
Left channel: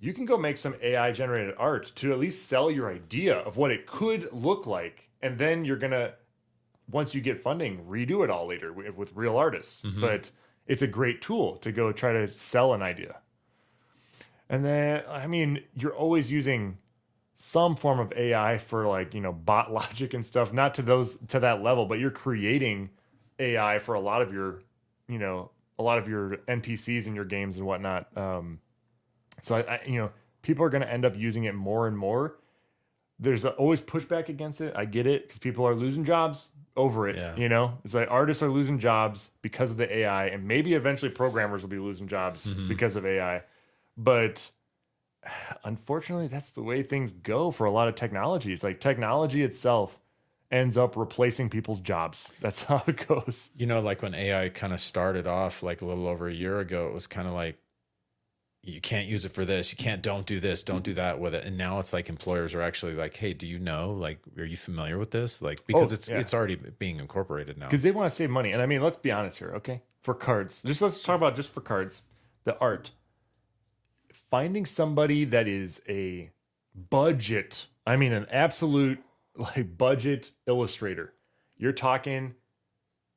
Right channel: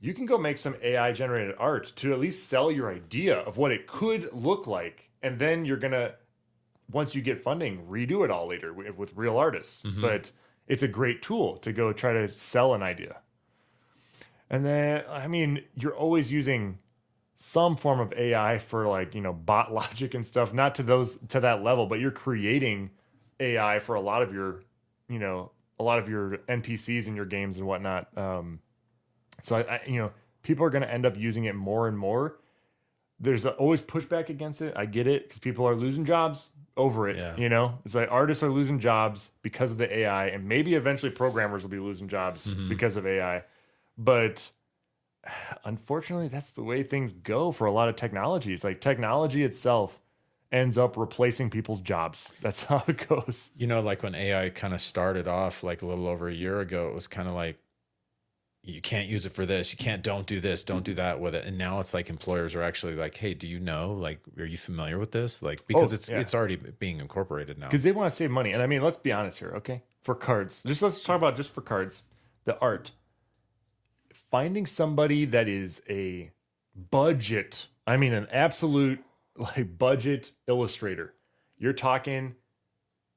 you can go make some AI generated art to at least sell your idea of what it could look like. And then you're going to, once you get funding, redo it all later with real artists. But it's a great tool to go try to sell an idea. And then, I mean, you're always using some form of AI for, like, bot logic and stuff, not to that level, but you're creating AI for a lot of your NPCs in your games and whatnot. So I people are going to end up using it more and more. There's always pushback against it. I get it, because people are losing jobs over it. Yeah. It's like artists are losing jobs because of the AI, and maybe eventually programmers will be losing jobs because of AI. But unfortunately, that's the way things go for a lot of technologies. Like, technology itself ends up replacing people's jobs. That's how it goes. Like when AI kind of started off, like a little over a year ago, it was kind of like, you can't use it for this. You can't, don't do this, don't do that with it. And now it's like employers are actually like, hey, do you know, like, are you familiar with this? Like, because it's already being incorporated now. Because they want to save money. And I mean, let's be honest here, okay? For cards, let's talk about just for cards, the art. Finding somebody that is a budget, an absolute like budget illustrator, you're talking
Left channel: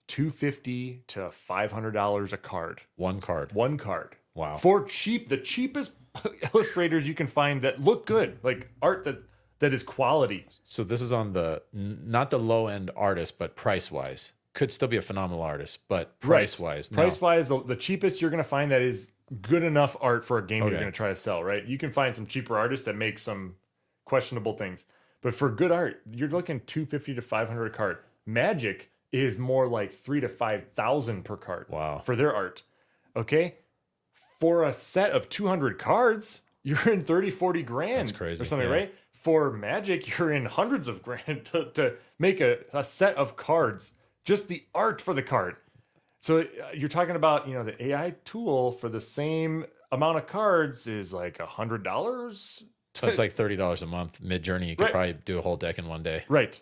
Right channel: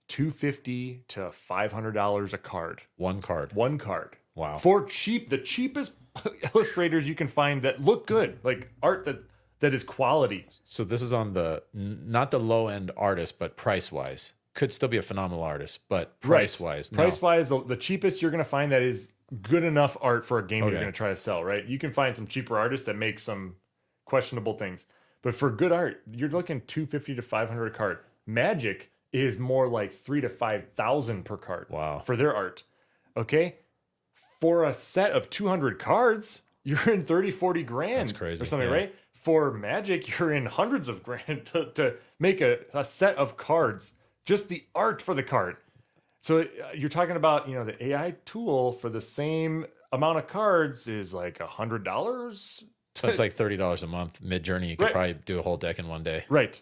$250 to $500 a card. One card. Wow. For cheap, the cheapest illustrators you can find that look good, like art that that is quality. So this is on the not the low end artist, but price wise, could still be a phenomenal artist, but price wise, no. Price wise, the cheapest you're going to find that is good enough art for a game you're going to try to sell, right? You can find some cheaper artists that make some questionable things, but for good art, you're looking 250 to 500 a card. Magic is more like 3,000 to 5,000 per card. Wow. For their art. Okay, for a set of 200 cards, you're in 30, 40 grand. That's crazy. Or something, right? For Magic, you're in hundreds of grand to make a set of cards. Just the art for the card. So you're talking about, the AI tool for the same amount of cards is like $100. So it's like $30 a month. Mid-Journey, you could probably do a whole deck in one day. Right.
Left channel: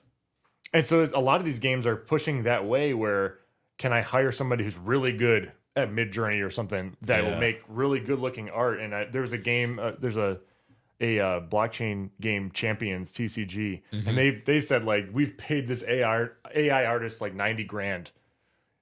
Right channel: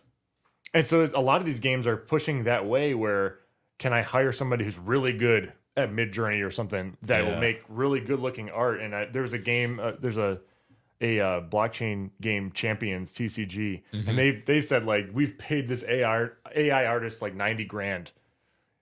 And so a lot of these games are pushing that way where can I hire somebody who's really good at Mid-Journey or something that will make really good looking art. And there's a game, there's a blockchain game, Champions TCG, and they said like we've paid this AI artist like 90 grand,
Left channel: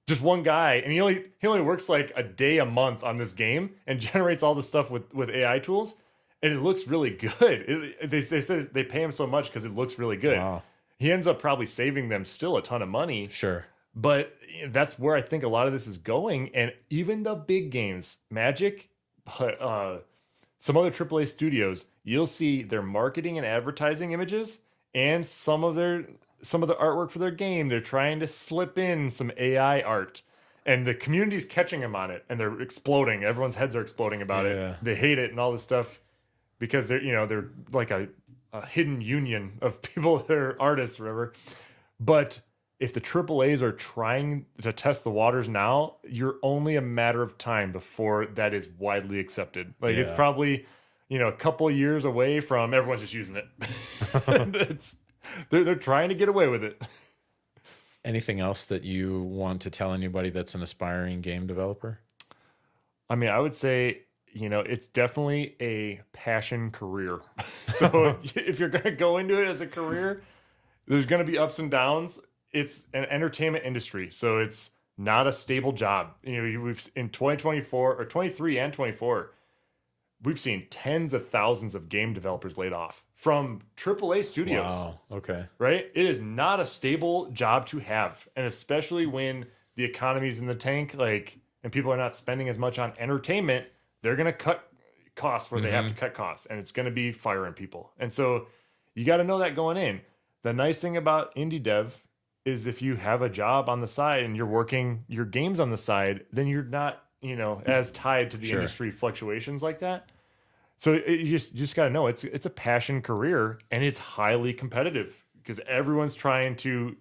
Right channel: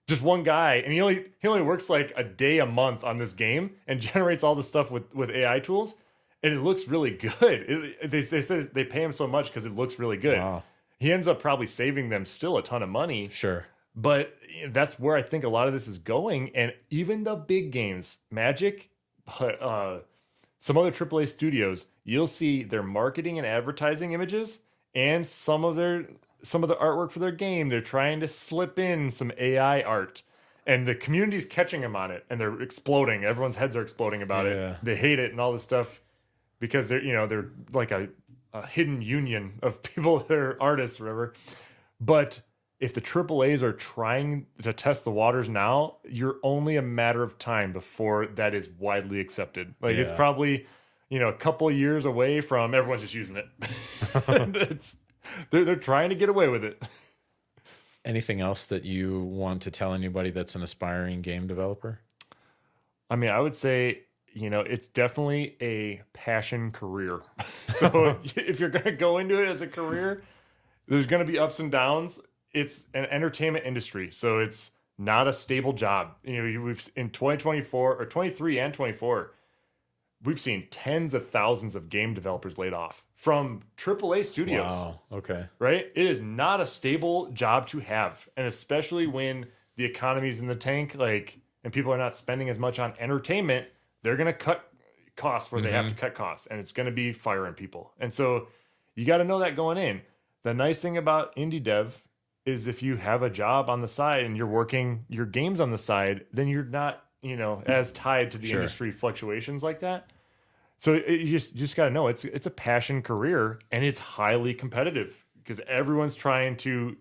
just one guy, and he only works like a day a month on this game and generates all the stuff with AI tools, and it looks really good. They say they pay him so much because it looks really good. Wow. He ends up probably saving them still a ton of money. Sure. But that's where I think a lot of this is going. And even the big games, Magic, some other AAA studios, you'll see their marketing and advertising images and some of the artwork for their game. They're trying to slip in some AI art. And the community's catching them on it. And they're exploding. Everyone's heads are exploding about it. They hate it and all this stuff because they're like a hidden union of people that are artists or whatever. But if the AAAs are trying to test the waters now, you're only a matter of time before that is widely accepted. Like it's probably, a couple of years away from everyone's just using it. And they're trying to get away with it. Anything else that you want to tell anybody that's an aspiring game developer? I mean, I would say, it's definitely a passion career. So if you're going to go into it as a career, there's going to be ups and downs. It's an entertainment industry, so it's not a stable job. We've in 2024 or 23 and 24, we've seen tens of thousands of game developers laid off from AAA studios. Wow. Okay. Right? It is not a stable job to have, and especially when the economy's in the tank, and people are not spending as much on entertainment, they're going to cut costs where they have to cut costs, and it's going to be firing people. And so you got to know that going in. The nice thing about indie dev is if you have a job on the side and you're working your games on the side, then you're not, as tied to the industry fluctuations like that. So you just got to know it's a passion career, and it's highly competitive because everyone's trying to,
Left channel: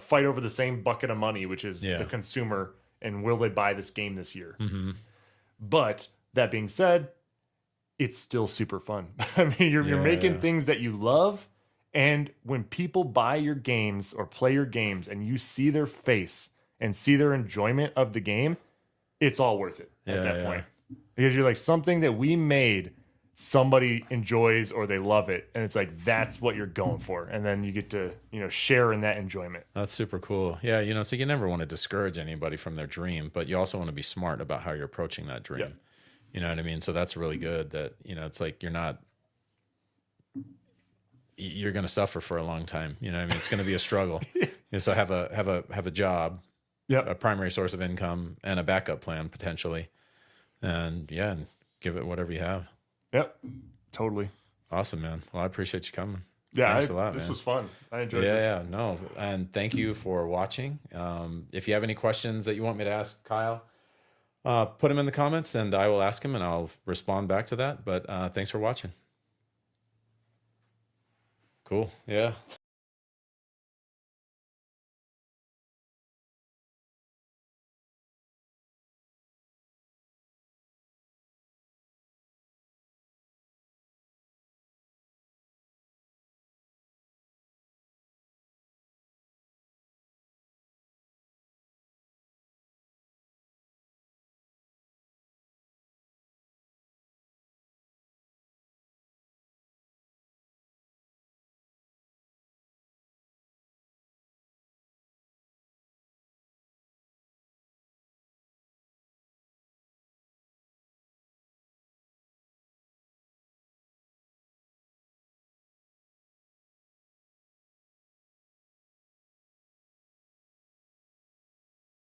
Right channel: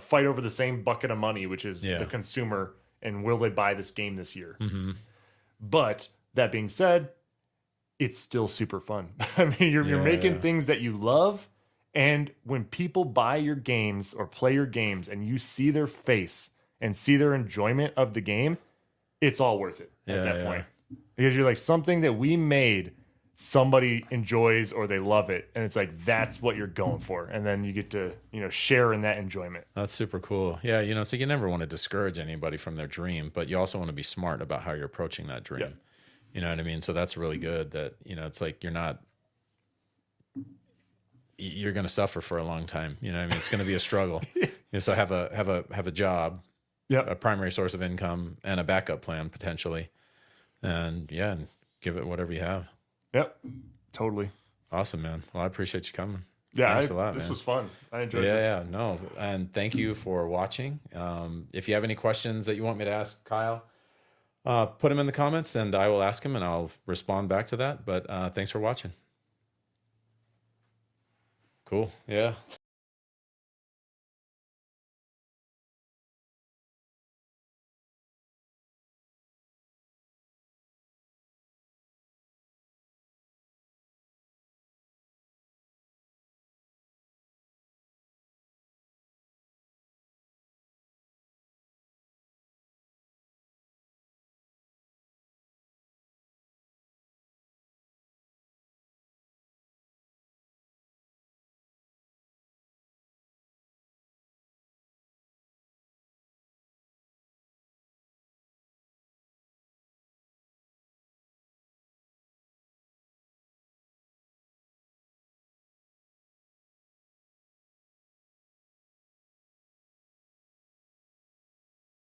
fight over the same bucket of money, which is the consumer, and will they buy this game this year? But that being said, it's still super fun. I mean, you're making things that you love. And when people buy your games or play your games and you see their face and see their enjoyment of the game, it's all worth it at that point. Because you're like, something that we made, somebody enjoys or they love it. And it's like, that's what you're going for. And then you get to, share in that enjoyment. That's super cool. Yeah, so you never want to discourage anybody from their dream, but you also want to be smart about how you're approaching that dream. Yep. You know what I mean? So that's really good that, it's like you're going to suffer for a long time. It's going to be a struggle. So have a job, a primary source of income, and a backup plan potentially, and give it whatever you have. Yep, totally. Awesome, man. Well, I appreciate you coming. Yeah, thanks a lot. This was fun. I enjoyed this. this. Yeah, no, and thank you for watching. If you have any questions that you want me to ask Kyle, put them in the comments, and I will ask him, and I'll respond back to that. But thanks for watching. Cool. Yeah.